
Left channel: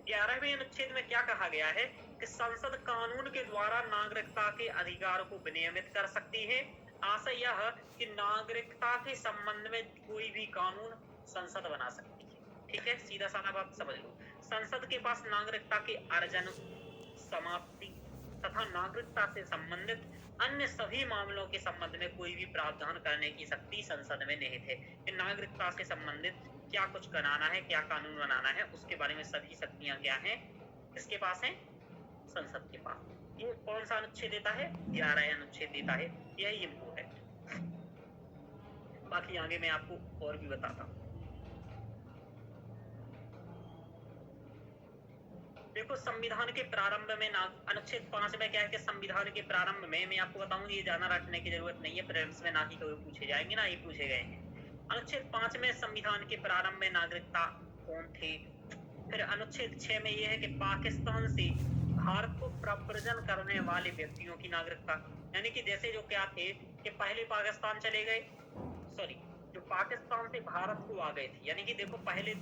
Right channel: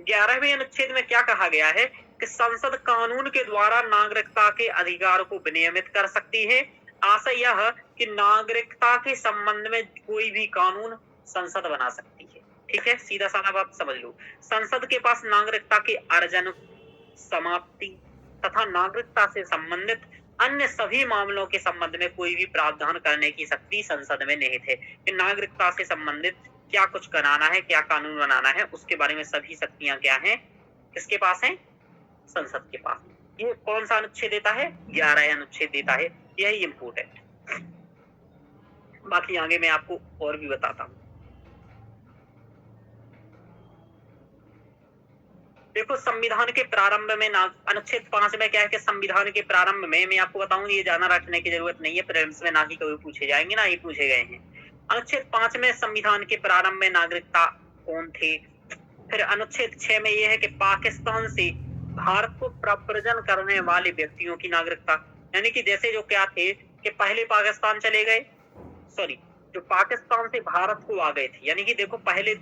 11वें अनुच्छेद में क्या कहा गया है कि कि संसद कानून के द्वारा नागरिकता के अधिकार को विनियमित कर सकती है। आशय यह कि नागरिकता के संबंध में कोई भी कानून संसद बना सकती है। ठीक है, सीधा साधा बात समझ लो। संसद के पास नागरिकता के अर्जन, समाप्ति तथा नागरिकता से संबंधित अन्य सभी मामलों के संबंध में कोई भी प्रावधान करने की शक्ति संसद में निहित है। कि नागरिकता से संबंधित क्या कुछ कराना है, क्या कानून बनाना है, उसके बारे में सभी शक्तियां क्या हैं, किसके पास हैं? संसद के पास। ये कौन सा अनुच्छेद देता है? 11 अनुच्छेद देता है। यही इम्पोर्टेंट। बाकी आगे मैं आपको और भी बताता हूँ। देखो, संविधान के प्रारंभ में अनुच्छेद 5 में क्या है कि संविधान के प्रारंभ में, मैं आपको बताऊं, ये जाना रखने की जरूरत नहीं है, प्रीलिम्स में ना ही कभी पूछे जाएंगे, ना ही पूछे गए हैं। अनुच्छेद 5 में संविधान के प्रारंभ में नागरिकता कौन थे। फिर अनुच्छेद 6 में यह है कि पाकिस्तान से भारत को प्रव्रजन करने वाले व्यक्तियों की नागरिकता, यानी कि जैसे जो क्या थे कि पहले पाकिस्तान चले गए, सॉरी, जो पाकिस्तान से भारत को आ गए थे, यानी कि देखो पहले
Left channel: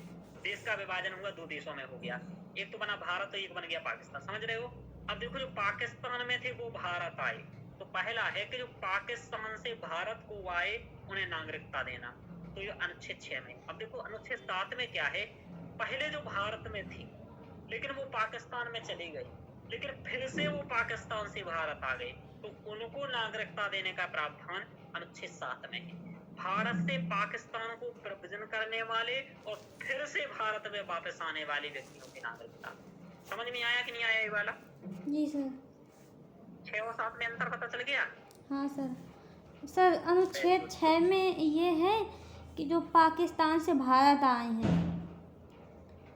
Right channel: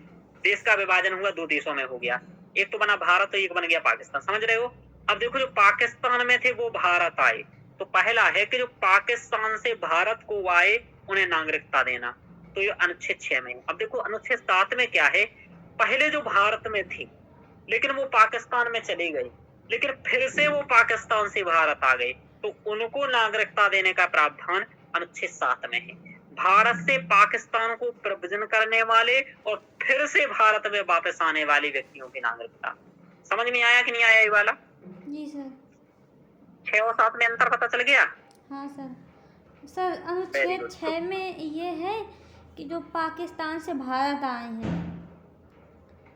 देश का विभाजन हुआ, 2 देशों में हो गया, एक तो बना भारत और एक बन गया पाकिस्तान, समझ रहे हो। अब देखो, जो पाकिस्तान में थे वो भारत आए, तो पहला है कि जो पाकिस्तान से भारत को आए उन्हें नागरिकता देना, तो ये अनुच्छेद 6 में। अब देखो अनुच्छेद 7 में क्या है, पहले जो भारत में थे लेकिन वो पाकिस्तान में चले गए, लेकिन फिर से वो पाकिस्तान से भारत आ गए, तो उनको नागरिकता देने का प्रावधान अनुच्छेद 7 में है। भारत से पाकिस्तान को प्रव्रजन करने वाले और फिर से भारत में वापस आने वाले व्यक्तियों की नागरिकता। समझ में आया कि नहीं आया ये वाला? जी सर। 6 और 7 में अंतर पता चल गया? हाँ सर। सर अनुच्छेद 6 में ये है कि जो पाकिस्तान से भारत आए हैं,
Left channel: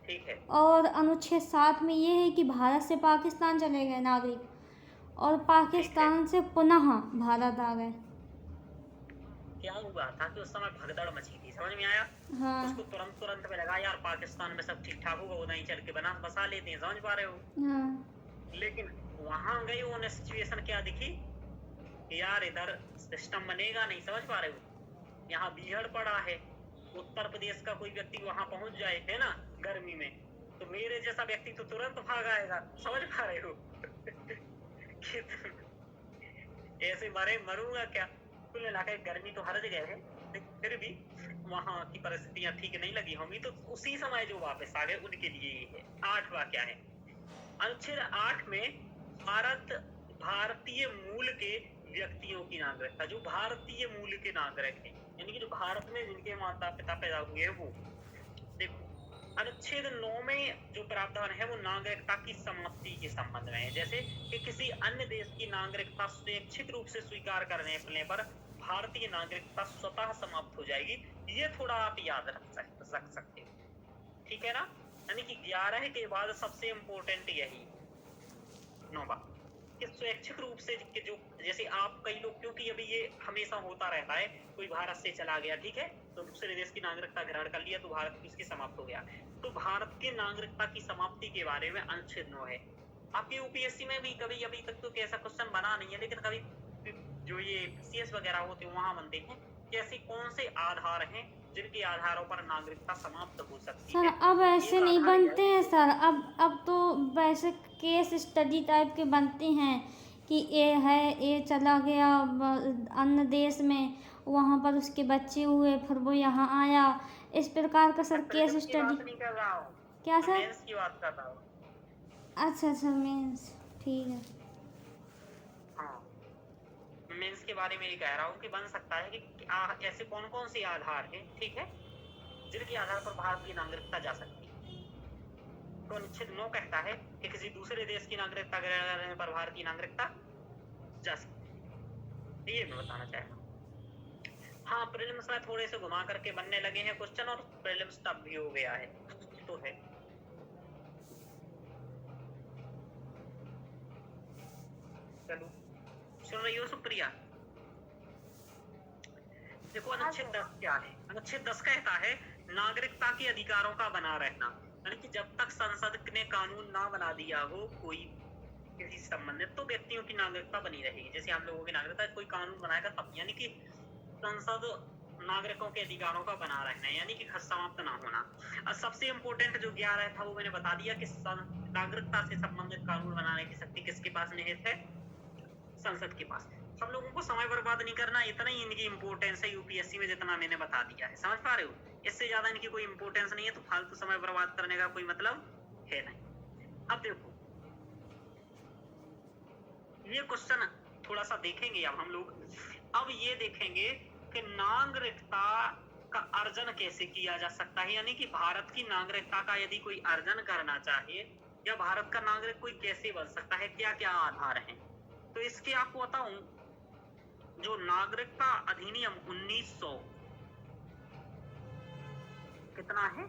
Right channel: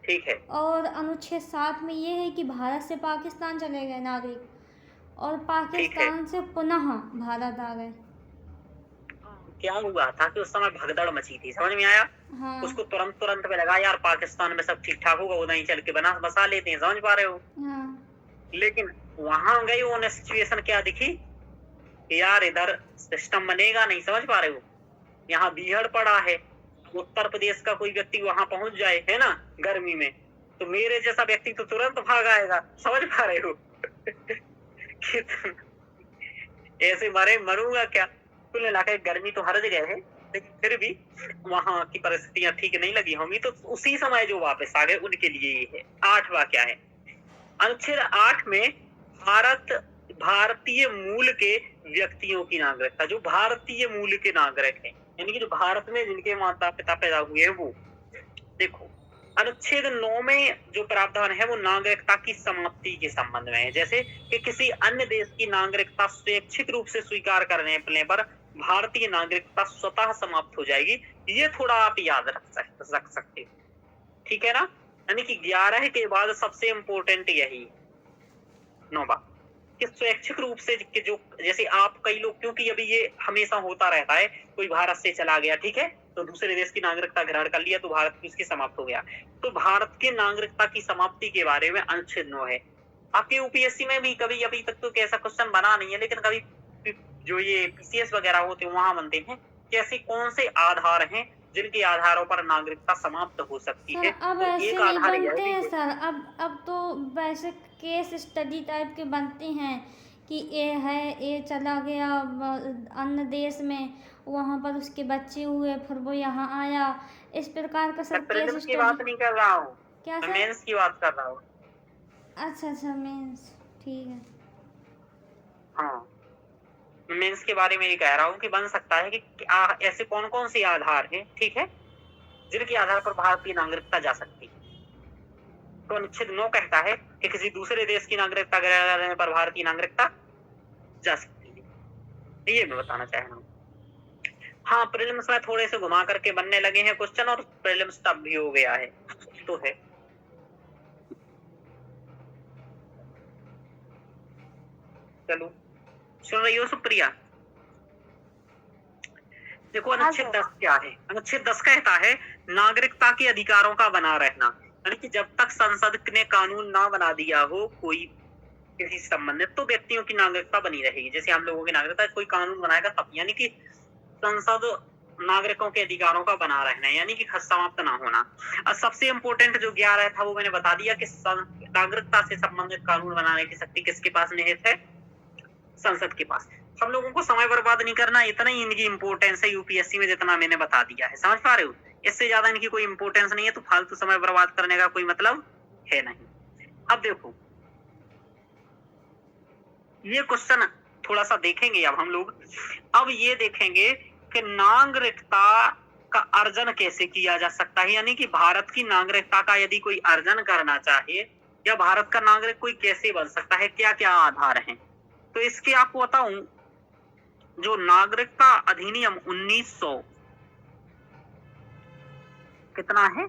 ठीक है, और अनुच्छेद 7 में ये है कि भारत से पाकिस्तान चले गए नागरिक और पाकिस्तान से पुनः भारत आ गए। क्या हुआ था कि उस समय भगदड़ मची थी, समझ में आया? हाँ उसको तुरंत में लगा यार पाकिस्तान में सब ठीक ठाक होगा, उधर ही चल के बसा लेते हैं, समझ पा रहे हो। हाँ लेकिन वहां गए उन्हें सिचुएशन क्या दिखी कि यार इधर सिस्टम बनेगा नहीं, समझ पा रहे हो। यहाँ बीहड़ पड़ा है, उत्तर प्रदेश का कोई व्यक्ति वहां पहुंच जाए, है ना, गर्मी में, तो मेरे जैसा व्यक्ति तो तुरंत भाग आएगा, समझ पा रहे हो। ऐसे मरूंगा क्या। कुल मिलाकर गर्मी तो हर जगह है, लेकिन फिर भी वहां की परिस्थितियां ठीक नहीं लगी होंगी, तो उसी समय जो वापस आ गए उनके लिए ये है। 8वां क्या है, अनुच्छेद 8 में भारतीय मूल के व्यक्तियों की नागरिकता, जो भारतीय मूल के नागरिक हैं, यानी कि जो भारत में जिनके माता पिता पैदा हुए हैं वो। देखो अनुच्छेद 9 में जो प्रावधान है वो नागरिकता की समाप्ति के संबंध में है, जैसे कि किसी अन्य देश की नागरिकता स्वैच्छिक रूप से स्वीकार करने पर भारतीय नागरिकता स्वतः समाप्त हो जाएगी। ये थोड़ा आप याद रख सकते हो, ठीक है ना। यानी कि 11 के बाद सबसे इम्पोर्टेंट यही 9वां कि स्वैच्छिक रूप से, कि जो जैसे आप कई लोग, क्योंकि अभी ये हमेशा होता रहता है, कोई भारत से चला गया, ठीक है, तो दूसरे देश की नागरिकता ग्रहण कर लिया तो भारत की उसकी समाप्त हो गया, तो भारत की नागरिकता की समाप्ति के बारे में अनुच्छेद 9 है। आपके यूपीएससी में भी कभी अभी तक तो ऐसा क्वेश्चन बना नहीं है, लेकिन कभी जो ये पीसीएस वगैरह होते हैं वहां बनते हैं कि ऐसे कौन से आधार हैं जिनके आधारों पर नागरिकता समाप्त हो सकती सर है। अब तो ऐसे एक नहीं आधार यह बनते है हैं कि सर, अब तो वैसे केस स्टडी टाइप के बनते हैं कि ये है, ये चला गया अन्य देश में, वहाँ पर उसके बच्चे हुए, फिर वो यहाँ आया, इस प्रकार का सर केस प्रीलिम्स की बात स्टडी। नहीं कर रहा हूँ, क्या मैं सर? मेंस की बात कर रहा हूँ। अच्छा मीन्स ठीक है। हाँ, मेंस के बारे में ये कह रहा हूँ कि बन सकता है कि ऐसे कौन कौन से आधार हैं, ठीक है, जिनके आधार पर भारतीय नागरिकता जा सकती है। तो अनुच्छेद 9 कहता है कि किसी दूसरे देश की नागरिकता ग्रहण करने पर भारतीय नागरिकता जा सकती है। ये मैं बताना चाह रहा हूँ। हाँ, प्रीलिम्स में थोड़े से घुमा करके बनने लगे हैं क्वेश्चन, और प्रीलिम्स टफ भी हो गया है, तो है। चलो, सुन रही हो सुप्रिया? देखो अनुच्छेद 10 क्या है। अनुच्छेद 10 कहता है नागरिकता के अधिकारों का बना रहना, यानी कि जब तक संसद ने कानून ना बना दिया हो कोई किसी संबंधित, तो व्यक्तियों की नागरिकता बनी रहेगी। जैसे हम लोगों की नागरिकता कोई कानून बनाएगा तब, यानी कि संसद नागरिकों के अधिकारों का बना रहना, यानी कि समाप्त ना होना। और सबसे इम्पोर्टेंट जो 11 था वो मैंने बता दिया कि नागरिकता से संबंधित कानून बनाने की शक्ति किसके पास निहित है? संसद के पास। हम लोगों को समय बर्बाद नहीं करना, इतना ही इनकी इंपॉर्टेंस है यूपीएससी में जितना मैंने बता दिया है। समझ पा रहे हो? इससे ज्यादा इनकी कोई इंपॉर्टेंस नहीं है, तो फालतू समय बर्बाद करने का कोई मतलब है नहीं। अब देखो ये क्वेश्चन थोड़ा सा देखेंगे अब हम लोग। अब ये देखेंगे कि नागरिकता का अर्जन कैसे किया जा सकता है, यानी कि भारत की नागरिकता का यदि कोई अर्जन करना चाहे या भारत का नागरिक कोई कैसे बन सकता है, क्या क्या आधार हैं। तो इसके आपको बताऊं, जो नागरिकता अधिनियम 1900 कितना है?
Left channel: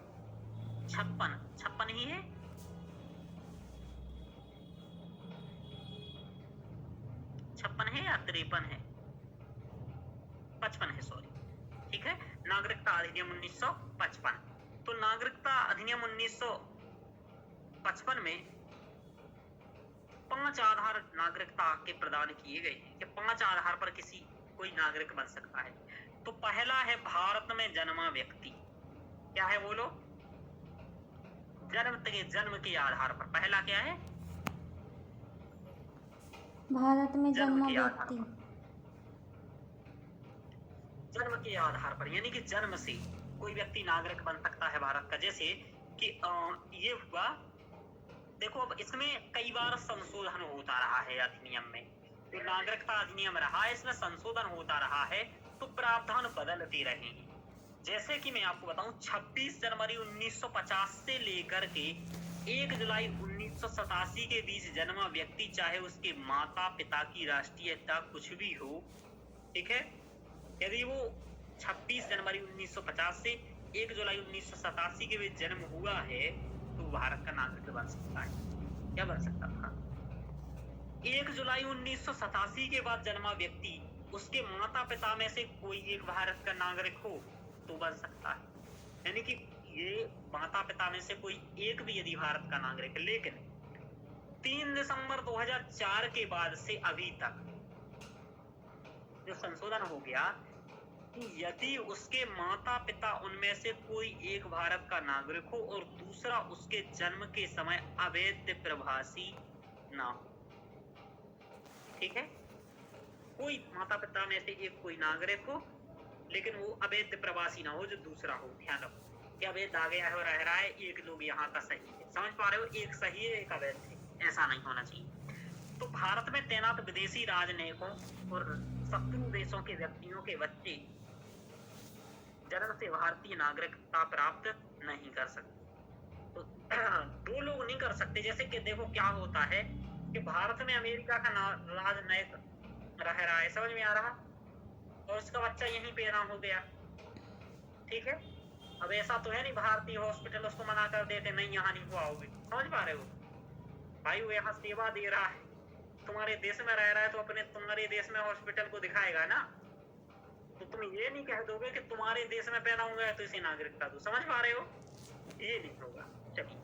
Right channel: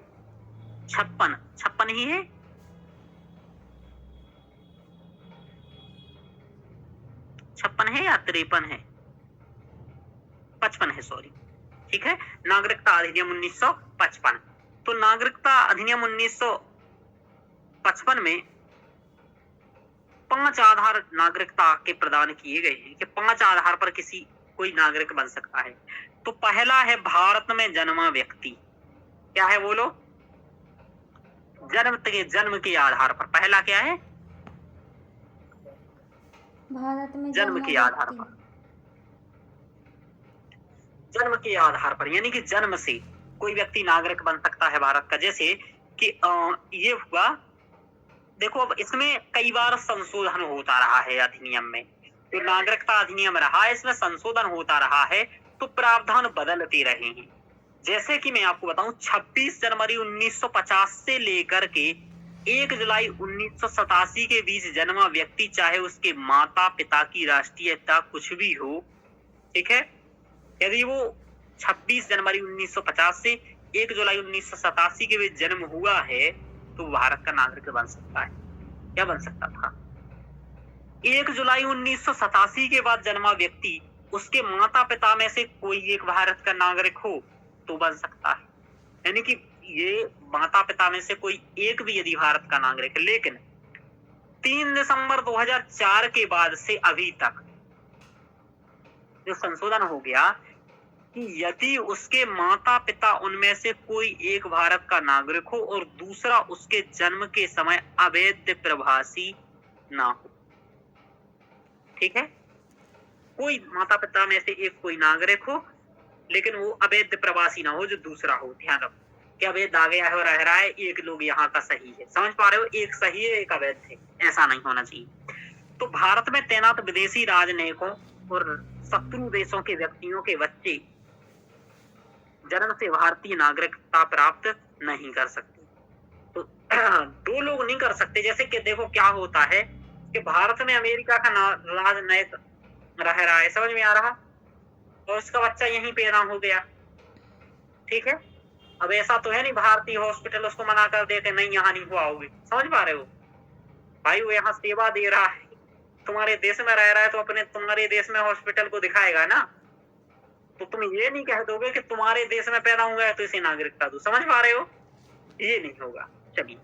56 ही है। 56 है या 53 है? 55 है, सॉरी। ठीक है, नागरिकता अधिनियम 1955। तो नागरिकता अधिनियम 1955 में 5 आधार नागरिकता के प्रदान किए गए हैं कि 5 आधार पर किसी कोई नागरिक बन सकता है। तो पहला है भारत में जन्मा व्यक्ति। क्या है बोलो? जन्म के आधार पर। पहला क्या है? भारत में जन्म जन्मा के आधार व्यक्ति। पर। जन्म के आधार पर, यानी कि जन्म से कोई व्यक्ति नागरिक बन सकता है भारत का। जैसे कि ये हुआ, देखो अब इसमें कई बार संशोधन होता रहा है अधिनियम में। जो नागरिकता अधिनियम रहा है इसमें संशोधन होता रहा है, तो प्रावधान बदलते रहे हैं। जैसे कि मैं आपको बताऊं, 26 जनवरी 1950 से लेकर के 1 जुलाई 1987 के बीच जन्मा व्यक्ति, चाहे उसके माता पिता की राष्ट्रीयता कुछ भी हो, ठीक है, यदि वो 26 जनवरी 1950 से 1 जुलाई 1987 के बीच जन्म हुआ है तो भारत का नागरिक बन सकता है। क्या बन सकता था? 1 जुलाई 1987 के बाद जन्मा व्यक्ति, उसके माता पिता में से कोई एक भारत का नागरिक हो तो बन सकता है। यानी कि ये माता पिता में से कोई एक भी यदि भारत का नागरिक है, लेकिन 3 दिसंबर 2004 के बाद से अभी तक जो संशोधन हो गया कि यदि उसके माता पिता उनमें से कोई एक भारत का नागरिक हो और दूसरा उसके जन्म के समय अवैध प्रवासी ना हो, ठीक है, कोई माता पिता में से एक कोई नागरिक हो लेकिन वो अवैध प्रवासी ना हो, जो दूसरा हो। ध्यान रखो कि अवैध आ गया है और रह रहा है, एक लोग यहाँ का सही है। समझ पा रहे हो? एक सही है, एक अवैध है, ऐसा नहीं होना चाहिए। तो भारत में तैनात विदेशी राजनयिकों और शत्रु देशों के व्यक्तियों के बच्चे जन्म से भारतीय नागरिकता प्राप्त नहीं कर सकते। तो 2 लोग नहीं कर सकते। जैसे कि देखो क्या होता है कि भारत में अमेरिका का राजनयिक रह रहा है, समझ में आ रहा, और उसका बच्चा यहीं पैदा हो गया, ठीक है। अब ऐसा तो है नहीं भारतीय हॉस्पिटल उसको मना कर देते, नहीं यहाँ नहीं हुआ होगी। समझ पा रहे हो भाई? वो यहाँ सेवा दे रहा है, तुम्हारे देश में रह रहा है, तो अपने तुम्हारे देश में हॉस्पिटल को दिखाएगा ना। तो तुम ये नहीं कह दोगे कि तुम्हारे देश में पैदा हुआ है तो इसे नागरिकता दो। समझ पा रहे हो? ये नहीं होगा। चलिए,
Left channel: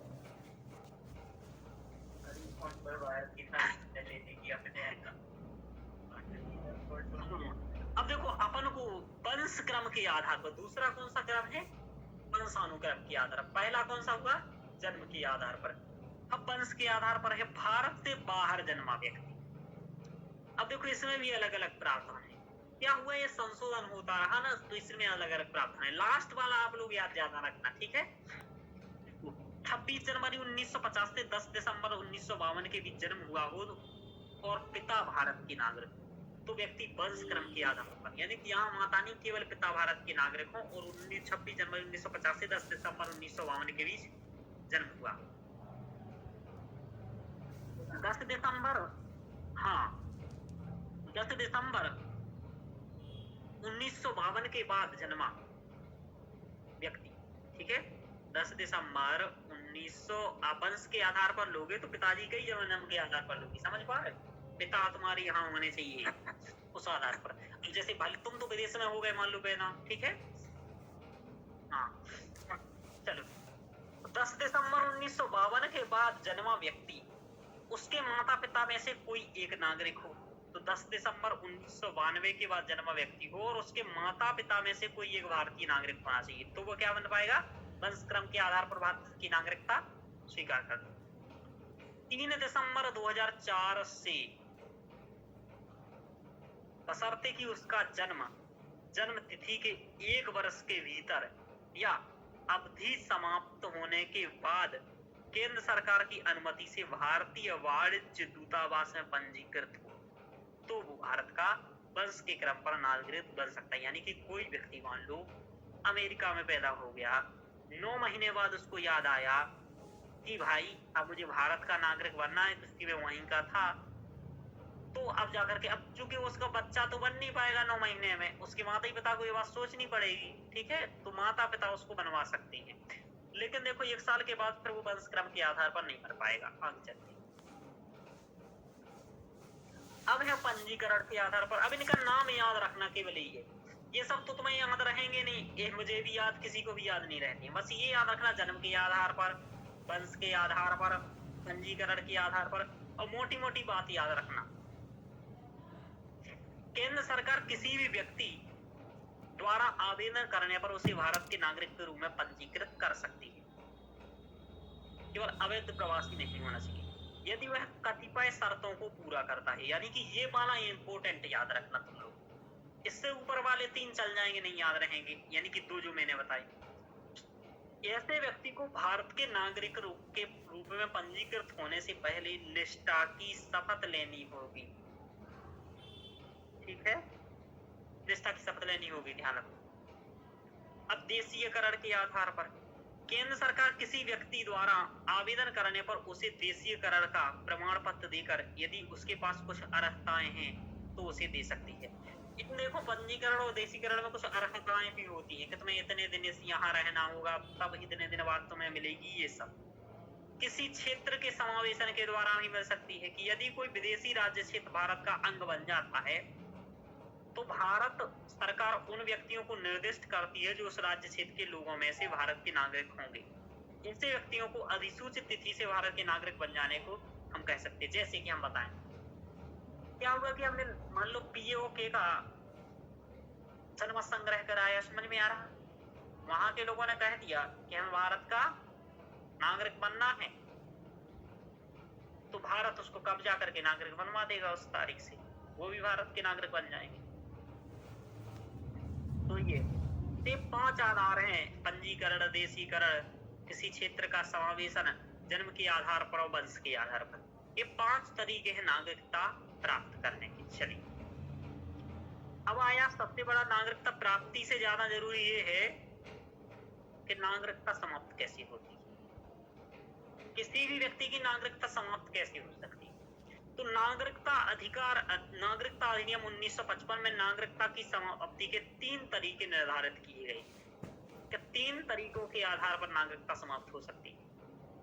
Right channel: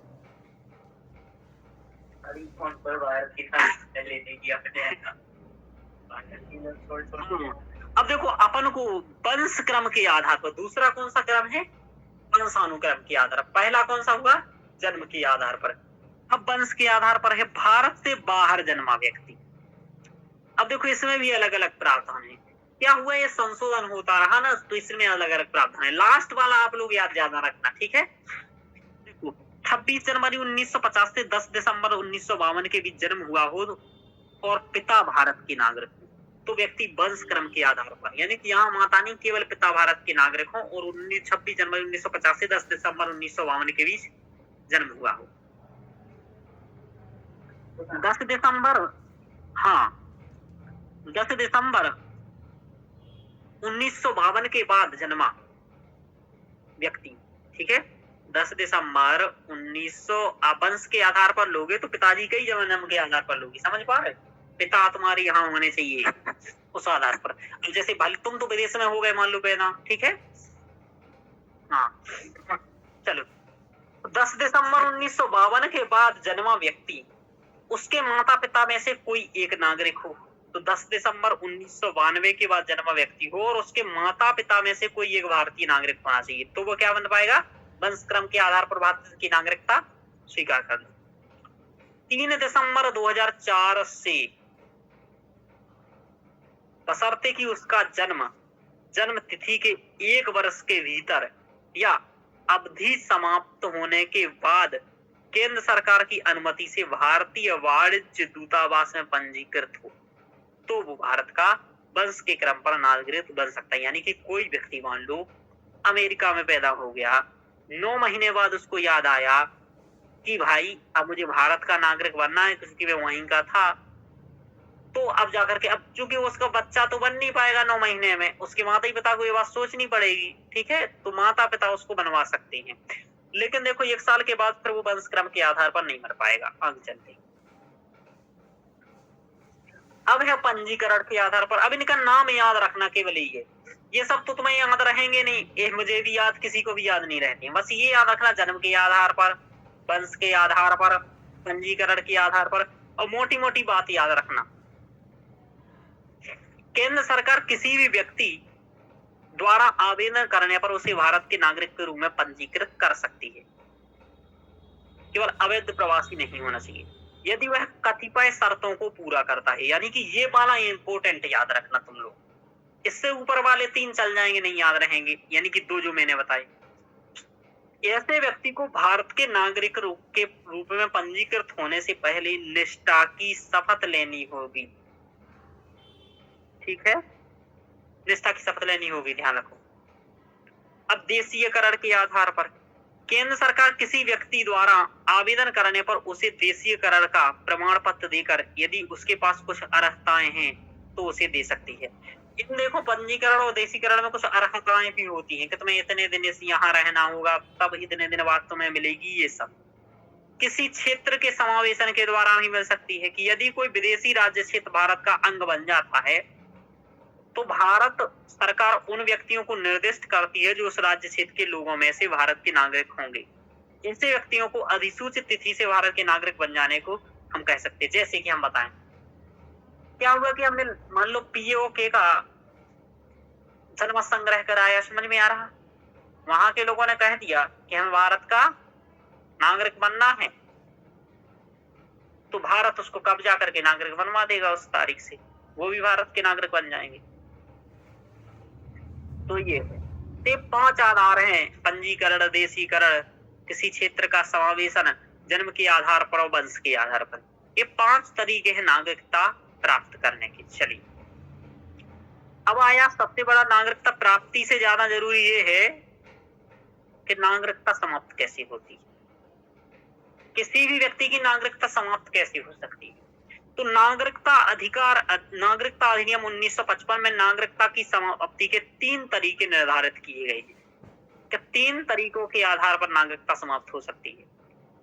अब देखो अपन को वंश क्रम के आधार पर, दूसरा कौन सा क्रम है? वंशानुक्रम के आधार पर। पहला कौन सा हुआ? जन्म के आधार पर। अब वंश के आधार पर है भारत से बाहर जन्मा व्यक्ति। अब देखो इसमें भी अलग अलग प्रावधान है। क्या हुआ, ये संशोधन होता रहा ना, तो इसमें अलग अलग प्रावधान है। लास्ट वाला आप लोग याद ज्यादा रखना, ठीक है। 26 जनवरी 1950 से 10 दिसंबर 1952 के बीच जन्म हुआ हो और पिता भारत के नागरिक हो, तो व्यक्ति वंश क्रम के आधार पर, यानी कि यहाँ माता नहीं, केवल पिता भारत के नागरिक हो और 26 जनवरी 1950 से 10 दिसंबर 1952 के बीच जन्म हुआ हो। 10 दिसंबर 1952 के बाद जन्मा व्यक्ति, ठीक है, 10 दिसंबर 1900 आप वंश के आधार पर लोगे तो पिताजी के ही जन्म के आधार पर लोगे। समझ पा रहे? पिता तुम्हारे यहाँ होने चाहिए उस आधार पर। जैसे भाई तुम तो विदेश में हो गए, मान लो पैदा, ठीक है, हाँ, चलो। 10 दिसंबर 1952 के बाद जन्मा व्यक्ति, उसके माता पिता में से कोई एक नागरिक हो, तो 10 दिसंबर 1992 के बाद जन्मा व्यक्ति हो और उसके माता पिता में से कोई एक भारतीय नागरिक होना चाहिए, तो वो क्या बन पाएगा? वंशक्रम के आधार पर भारत की नागरिकता स्वीकार कर लो। 3 दिसंबर 2004 से बशर्ते कि उसका जन्म तिथि के 1 वर्ष के भीतर या अवधि समाप्त होने के बाद केंद्र सरकार की अनुमति से भारतीय वाणिज्य दूतावास में पंजीकृत हो, तो वो भारत का वंश के क्रम पर नागरिक बन सकता है। यानी कि कोई व्यक्ति मान लो अमेरिका में पैदा हो गया, 9 महीने बाद उसको याद आया कि भाई अब मुझे भारत का नागरिक बनना है, क्योंकि मैं वहीं का था, तो अब जाकर के, अब चूंकि उसका बच्चा तो बन नहीं पाएगा 9 महीने में, उसके माता पिता को ये बात सोचनी पड़ेगी, ठीक है, तो माता पिता उसको बनवा सकते हैं। लेकिन देखो 1 साल के बाद फिर वो वंश क्रम के आधार पर नहीं बन पाएगा आगे चलते। अब है पंजीकरण के आधार पर। अब इनका नाम याद रखना केवल ही है, ये सब तो तुम्हें याद रहेंगे नहीं, ये मुझे भी याद, किसी को भी याद नहीं रहती, बस ये याद रखना, जन्म के आधार पर, वंश के आधार पर, पंजीकरण के आधार पर, और मोटी मोटी बात याद रखना। केंद्र सरकार किसी भी व्यक्ति द्वारा आवेदन करने पर उसे भारत के नागरिक के रूप में पंजीकृत कर सकती है, केवल अवैध प्रवासी नहीं होना चाहिए, यदि वह कतिपय शर्तों को पूरा करता है। यानी कि ये वाला इंपोर्टेंट याद रखना तुम लोग, इससे ऊपर वाले 3 चल जाएंगे, नहीं याद रहेंगे, यानी कि 2 जो मैंने बताए। ऐसे व्यक्ति को भारत के नागरिक के रूप में पंजीकृत होने से पहले निष्ठा की शपथ लेनी होगी, ठीक है, निष्ठा की शपथ लेनी होगी, ध्यान रखो। अब देशीयकरण के आधार पर केंद्र सरकार किसी व्यक्ति द्वारा आवेदन करने पर उसे देशीयकरण का प्रमाण पत्र देकर यदि उसके पास कुछ अर्हताएं हैं तो उसे दे सकती है। इन देखो पंजीकरण और देशीकरण में कुछ अर्हताएं भी होती हैं कि तुम्हें इतने दिन यहाँ रहना होगा, तब इतने दिन बाद तुम्हें मिलेगी, ये सब किसी क्षेत्र के समावेशन के द्वारा भी मिल सकती है कि यदि कोई विदेशी राज्य क्षेत्र भारत का अंग बन जाता है तो भारत सरकार उन व्यक्तियों को निर्दिष्ट करती है जो उस राज्य क्षेत्र के लोगों में से भारत के नागरिक होंगे। ऐसे व्यक्तियों को अधिसूचित तिथि से भारत के नागरिक बन जाने को हम कह सकते हैं। जैसे कि हम बताएं, क्या हुआ कि हमने मान लो पीओके का जन्म संग्रह कराया, समझ में आ रहा, वहां के लोगों ने कह दिया कि हमें भारत का नागरिक बनना है, तो भारत उसको कब्जा करके नागरिक बनवा देगा उस तारीख से, वो भी भारत के नागरिक बन जाएंगे। तो ये 5 आधार हैं, पंजीकरण, देशीकरण, किसी क्षेत्र का समावेशन, जन्म के आधार पर और वंश के आधार पर। ये 5 तरीके हैं नागरिकता प्राप्त करने के। चलिए अब आया सबसे बड़ा, नागरिकता प्राप्ति से ज्यादा जरूरी ये है कि नागरिकता समाप्त कैसे होती है, किसी भी व्यक्ति की नागरिकता समाप्त कैसे हो सकती है। तो नागरिकता अधिनियम 1955 में नागरिकता की समाप्ति के 3 तरीके निर्धारित किए गए हैं कि 3 तरीकों के आधार पर नागरिकता समाप्त हो सकती है,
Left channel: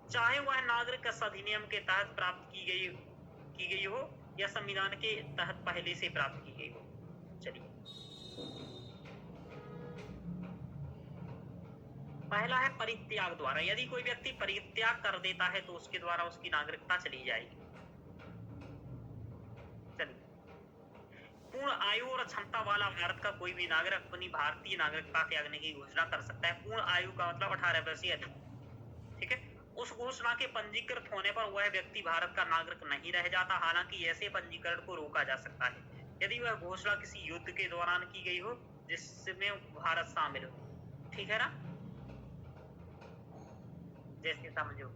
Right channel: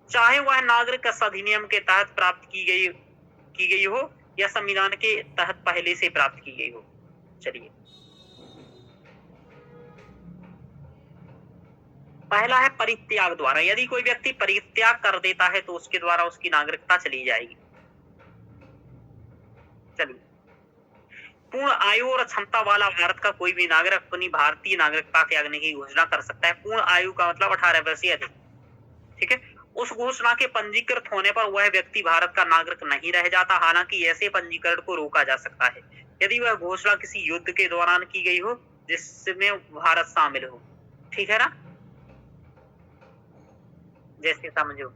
चाहे वह नागरिक अधिनियम के तहत प्राप्त की गई हो या संविधान के तहत पहले से प्राप्त की गई हो। चलिए पहला है परित्याग द्वारा। यदि कोई व्यक्ति परित्याग कर देता है तो उसके द्वारा उसकी नागरिकता चली जाएगी। चलिए, पूर्ण आयु और क्षमता वाला भारत का कोई भी नागरिक अपनी भारतीय नागरिकता त्यागने की घोषणा कर सकता है। पूर्ण आयु का मतलब 18 वर्ष से अधिक, ठीक है। उस घोषणा के पंजीकृत होने पर वह व्यक्ति भारत का नागरिक नहीं रह जाता। हालांकि ऐसे पंजीकरण को रोका जा सकता है यदि वह घोषणा किसी युद्ध के दौरान की गई हो जिसमें भारत शामिल हो, ठीक है ना। जैसे समझो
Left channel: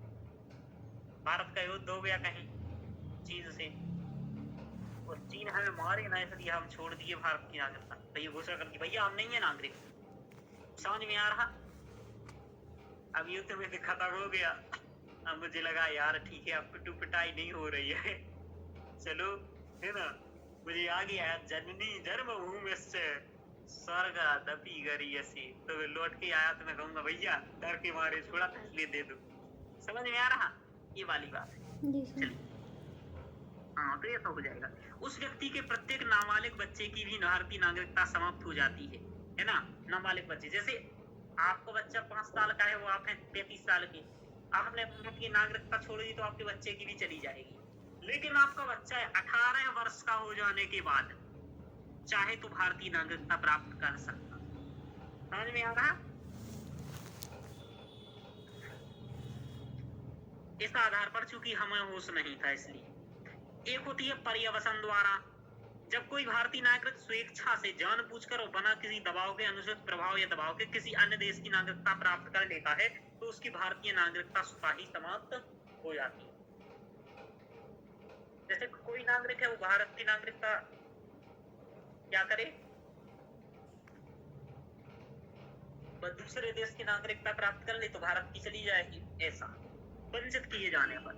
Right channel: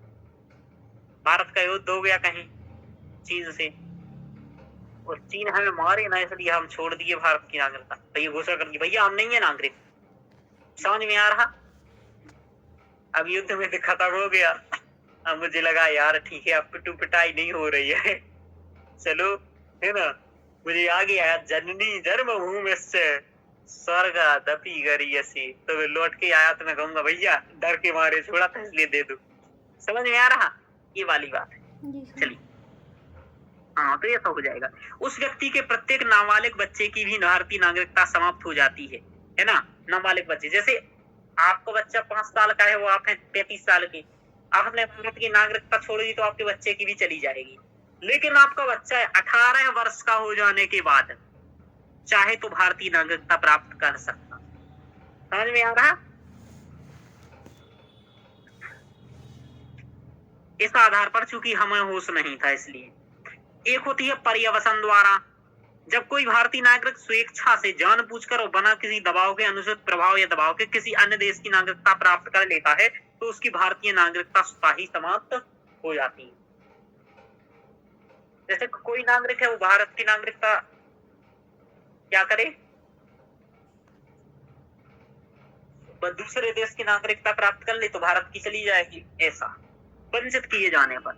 भारत का युद्ध हो गया कहीं चीन से, और चीन हमें मारे ना, इसलिए हम छोड़ दिए भारत की नागरिकता, तो ये घोषणा कर दी भैया हम नहीं है नागरिक। समझ में आ रहा। अब युद्ध में भी खत्म हो गया, अब मुझे लगा यार ठीक है अब पिटू पिटाई नहीं हो रही है, चलो है ना, मुझे आ गया जननी जन्मभूमि से स्वर्ग दपी गरियसी, तो मैं लौट के आया तो मैं कहूंगा भैया डर के मारे छोड़ा था इसलिए दे दो। समझ में आ रहा ये वाली बात है। चलिए हाँ, तो ये तो हो जाएगा। उस व्यक्ति के प्रत्येक नाबालिग बच्चे की भी भारतीय नागरिकता समाप्त हो जाती है ना। नाबालिग बच्चे, जैसे आपको बच्चा 5 साल का है, वो आप हैं 33 साल के, आपने भारत की नागरिकता छोड़ दी तो आपके बच्चे की भी चली जाएगी। लेकिन आपका बच्चा 18 वर्ष का हो जाने के बाद चाहे तो भारतीय नागरिकता प्राप्त कर सकता। समझ में आ रहा? इस आधार पर चूंकि हमें होश नहीं था इसलिए। एक होती है पर्यवसन द्वारा, जब कोई भारतीय नागरिक स्वेच्छा से जानबूझकर और बिना किसी दबाव के, अनुचित प्रभाव या दबाव के किसी अन्य देश की नागरिकता प्राप्त कर लेता है तो उसकी भारतीय नागरिकता स्वतः ही समाप्त हो जाती है। जैसे कोई नागरिक है वो भारत की नागरिकता क्या करे, वह दूसरे देश की नागरिकता प्राप्त कर ले तो भारत की चली जाएगी, ऐसा वंचित किए जाने पर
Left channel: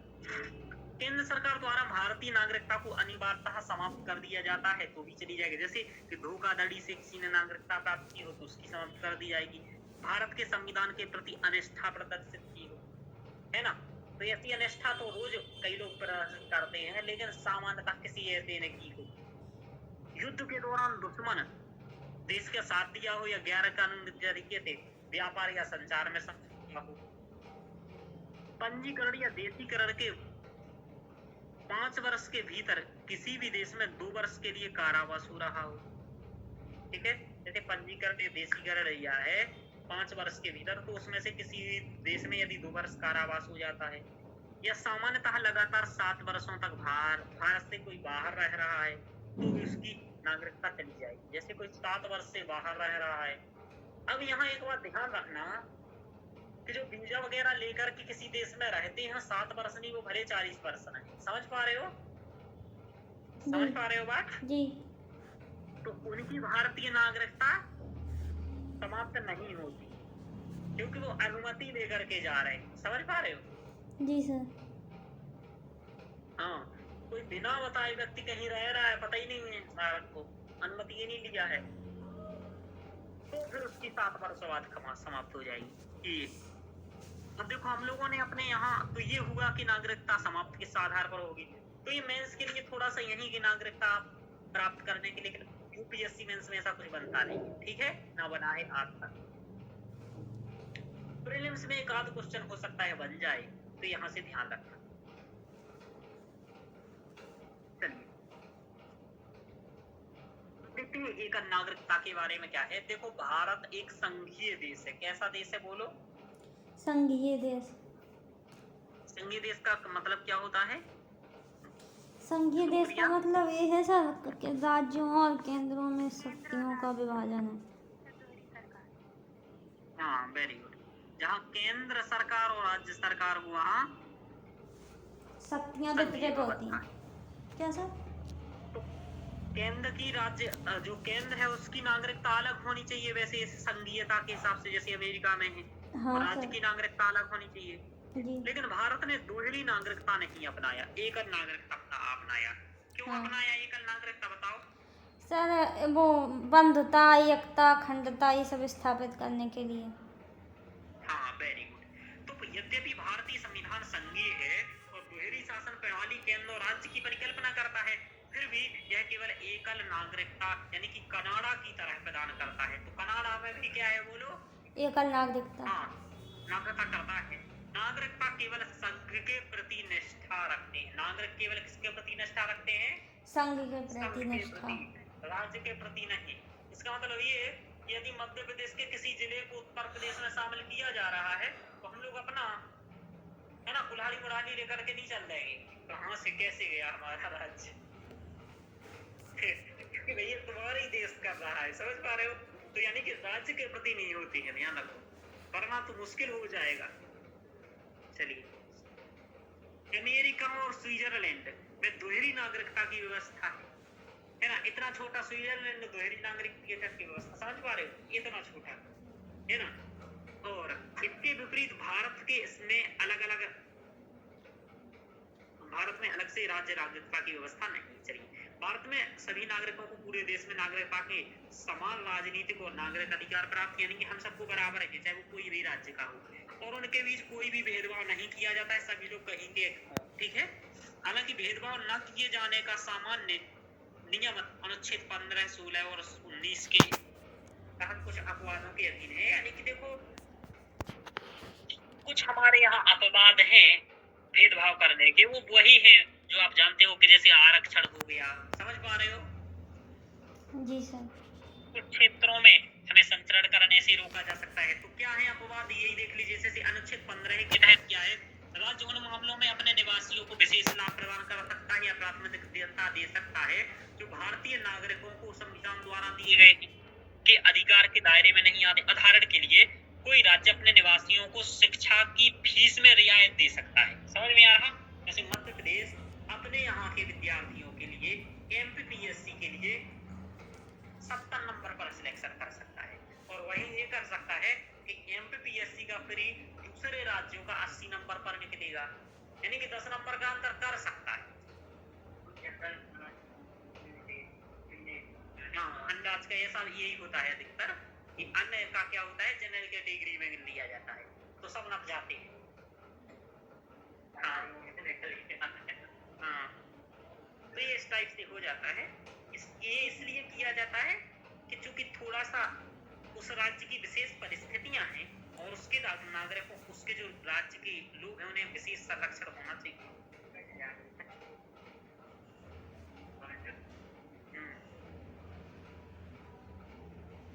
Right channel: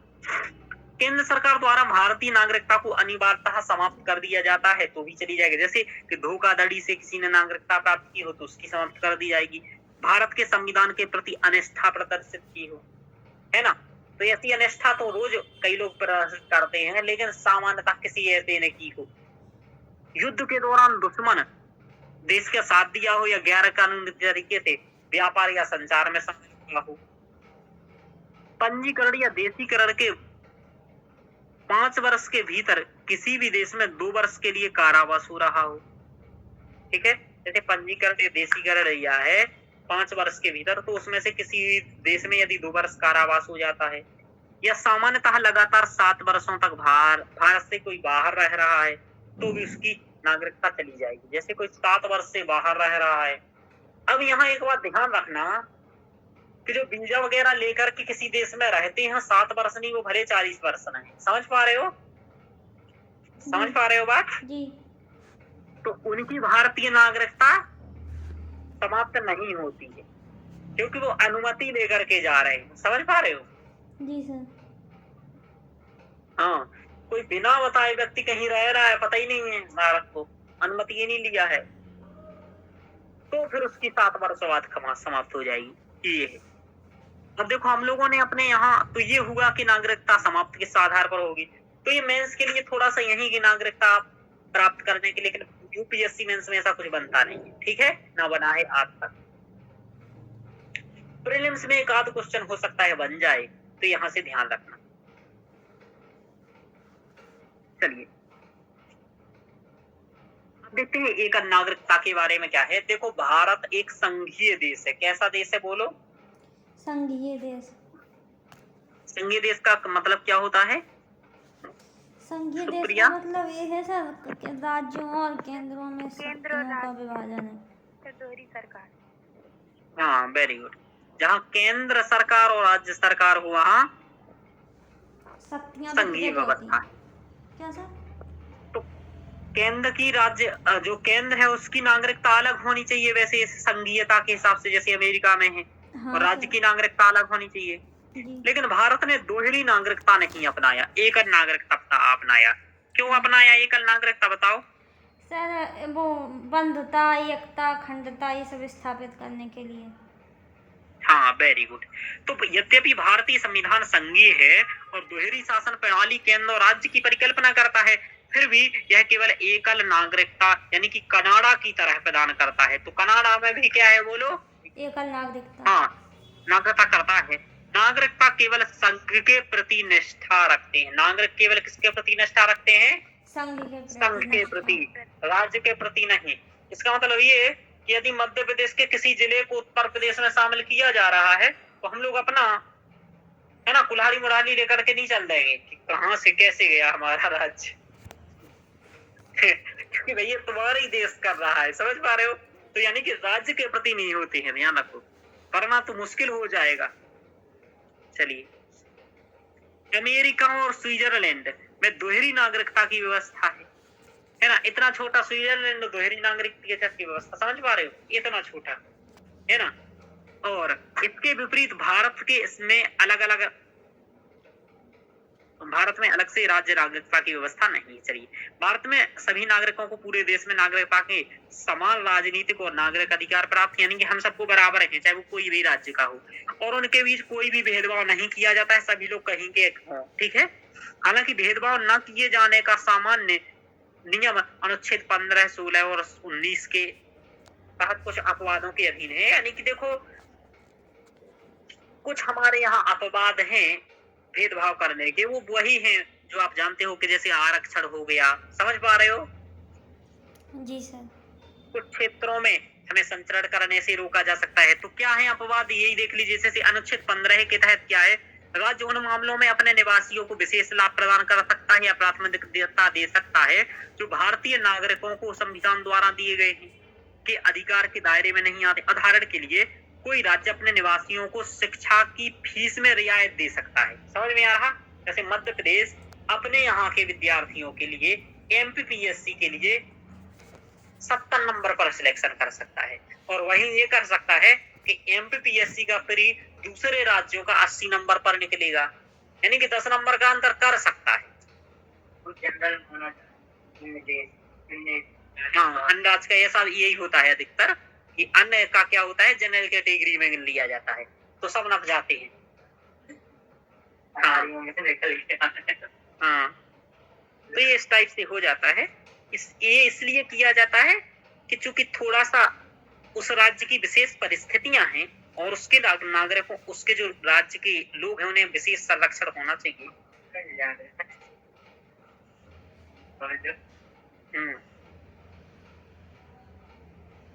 केंद्र सरकार द्वारा भारतीय नागरिकता को अनिवार्यतः समाप्त कर दिया जाता है तो भी चली जाएगी। जैसे कि धोखाधड़ी से किसी ने नागरिकता प्राप्त की हो तो उसकी समाप्त कर दी जाएगी। भारत के संविधान के प्रति अनिष्ठा प्रदर्शित की हो, है ना, तो ऐसी अनिष्ठा तो रोज कई लोग प्रदर्शित करते हैं, लेकिन सामान्यतः किसी ऐसे ने की हो। युद्ध के दौरान दुश्मन देश का साथ दिया हो या गैर कानूनी तरीके से व्यापार या संचार में संलग्न हो। पंजीकरण या देशीकरण के 5 वर्ष के भीतर किसी भी देश में 2 वर्ष के लिए कारावास हो रहा हो। ठीक है, जैसे पंजीकरण या देशीकरण या है 5 वर्ष के भीतर, तो उसमें से किसी देश में यदि 2 वर्ष कारावास हो जाता है, या सामान्यतः लगातार 7 वर्षों तक भारत से कोई बाहर रह रहा है तो भी उसकी नागरिकता चली जाएगी। जैसे कोई 7 वर्ष से बाहर रह रहा है। अब यहाँ एक बात ध्यान रखना कि जो वीजा वगैरह लेकर के किसी देश में रहते हैं 7 वर्ष नहीं, वो भले 40 वर्ष नहीं। समझ पा रहे हो? समझ पा रहे हो बात जी। तो उनकी भारतीय नागरिकता समाप्त नहीं होती है क्योंकि वो अनुमति लेकर के जा रहे हैं। समझ पा रहे हो? जी सर। हाँ, कोई बिना बताए व्यक्ति कहीं रह रहा है, पता ही नहीं है भारत को, अनुमति ही नहीं लिया है, तो फिर उसकी 7 वर्ष बाद समाप्त हो जाएगी। ये है। अब देखो हम लोगों ने अपने यहाँ तो ये हुआ कि नागरिकता समाप्त किस आधार पर होगी, तो ये मेंस के लिए थोड़ा सा यही कि नागरिकता प्राप्त करने के लिए, लेकिन यूपीएससी मेंस में ऐसा कुछ बनता नहीं है। ठीक है, ना बना है आज तक। प्रीलिम्स में एक आध क्वेश्चन हो सकता है बन जाए, तो यहाँ से ध्यान रखना। चलिए देखते हैं एकल नागरिकता के बारे में क्या है। देखो भारत एक संघीय देश है। कैसा देश है बोलो? संघीय देश। संघीय देश का मतलब क्या होता है? संघीय देश का मतलब ये है सर कि राज्यों और केंद्रों में शक्तियों का विभाजन है। दोहरी सरकार। हाँ, वेरी गुड। जहाँ केंद्र सरकार और राज्य सरकार हो वहाँ शक्तियां संघीय वितरित होती व्यवस्था हैं। क्या सर? तो केंद्र की राज्य जो केंद्र है उसकी नागरिकता अलग होनी चाहिए वैसे संघीयता के हिसाब से, जैसे अमेरिका में है। हाँ, और राज्य की नागरिकता अलग होनी चाहिए। जी। लेकिन भारत ने दोहरी नागरिकता नहीं अपनाया, एकल नागरिकता अपनाया। क्यों अपनाया एकल नागरिकता बताओ? सर वो बंधुता, एकता, अखंडता ये सब स्थापित करने के लिए। हाँ, वेरी गुड। तो यद्यपि भारतीय संविधान संघीय है और दोहरी शासन प्रणाली केंद्र और राज्य की परिकल्पना करता है, फिर भी यह केवल एकल नागरिकता यानी कि कनाडा की तरह प्रदान करता है। तो कनाडा में भी क्या है बोलो? एकल नागरिकता। हाँ, नागरिकता करता है। नागरिकता केवल संघ के प्रति निष्ठा रखते हैं। नागरिक केवल किसके प्रति निष्ठा रखते हैं? संघ के प्रति, राज्य के प्रति नहीं। इसका मतलब ये है कि यदि मध्य प्रदेश के किसी जिले को उत्तर प्रदेश में शामिल किया जा रहा है तो हम लोग अपना है ना कुल्हाड़ी मुड़ानी लेकर के नहीं चल देंगे कि कहाँ से कैसे गया हमारा राज्य क्योंकि भैया तुम्हारा ही देश कर रहा है। समझ पा रहे हो? तो यानी कि राज्य के प्रति नहीं होती है, ध्यान रखो, करना तो मुश्किल हो जाएगा। चलिए, अमेरिका और स्विट्जरलैंड में दोहरी नागरिकता की व्यवस्था है ना। इतना छोटा स्विट्जरलैंड दोहरी नागरिकता की व्यवस्था, समझ पा रहे हो? इतना छोटा है ना। और इसके विपरीत भारत के इसमें भारत में अलग से राज्य नागरिकता की व्यवस्था नहीं। चलिए, भारत में सभी नागरिकों को पूरे देश में नागरिकता के समान राजनीतिक और नागरिक अधिकार प्राप्त, यानी कि हम सबको बराबर है, चाहे वो कोई भी राज्य का हो, और उनके बीच कोई भी भेदभाव नहीं किया जाता है। सभी लोग कहीं के हों, ठीक है। हालांकि भेदभाव न किए जाने का सामान्य नियम अनुच्छेद 15, 16 और 19 के तहत कुछ अपवादों के अधीन है। यानी कि देखो कुछ हमारे यहाँ अपवाद हैं भेदभाव करने के, वो वही हैं जो आप जानते हो कि जैसे आरक्षण हो गया, समझ पा रहे हो? जी सर। कुछ क्षेत्रों में हमें संचरण करने से रोका जा सकता है। तो क्या है अपवाद, यही देख लीजिए। जैसे अनुच्छेद 15 के तहत क्या है, राज्य उन मामलों में अपने निवासियों को विशेष लाभ प्रदान कर सकता है या प्राथमिकता दे सकता है जो भारतीय नागरिकों को संविधान द्वारा दिए गए के अधिकार के दायरे में नहीं आते। उदाहरण के लिए कोई राज्य अपने निवासियों को शिक्षा की फीस में रियायत दे सकता है। समझ में आ रहा? जैसे मध्य प्रदेश अपने यहाँ के विद्यार्थियों के लिए एमपीपीएससी के लिए 70 नंबर पर सिलेक्शन कर सकता है, और वहीं ये कर सकता है कि एमपीपीएससी का प्री दूसरे राज्यों का 80 नंबर पर निकलेगा, यानी कि 10 नंबर का अंतर कर सकता है। हाँ, अंदाज का ऐसा यही होता है अधिकतर कि अन्य का क्या होता है, जनरल कैटेगरी में लिया जाता है, तो सब नप जाते हैं। हाँ, तो ये इस टाइप से हो जाता है। ये इसलिए किया जाता है कि चूंकि थोड़ा सा उस राज्य की विशेष परिस्थितियां हैं और उसके नागरिकों, उसके जो राज्य के लोग हैं, उन्हें विशेष संरक्षण होना चाहिए।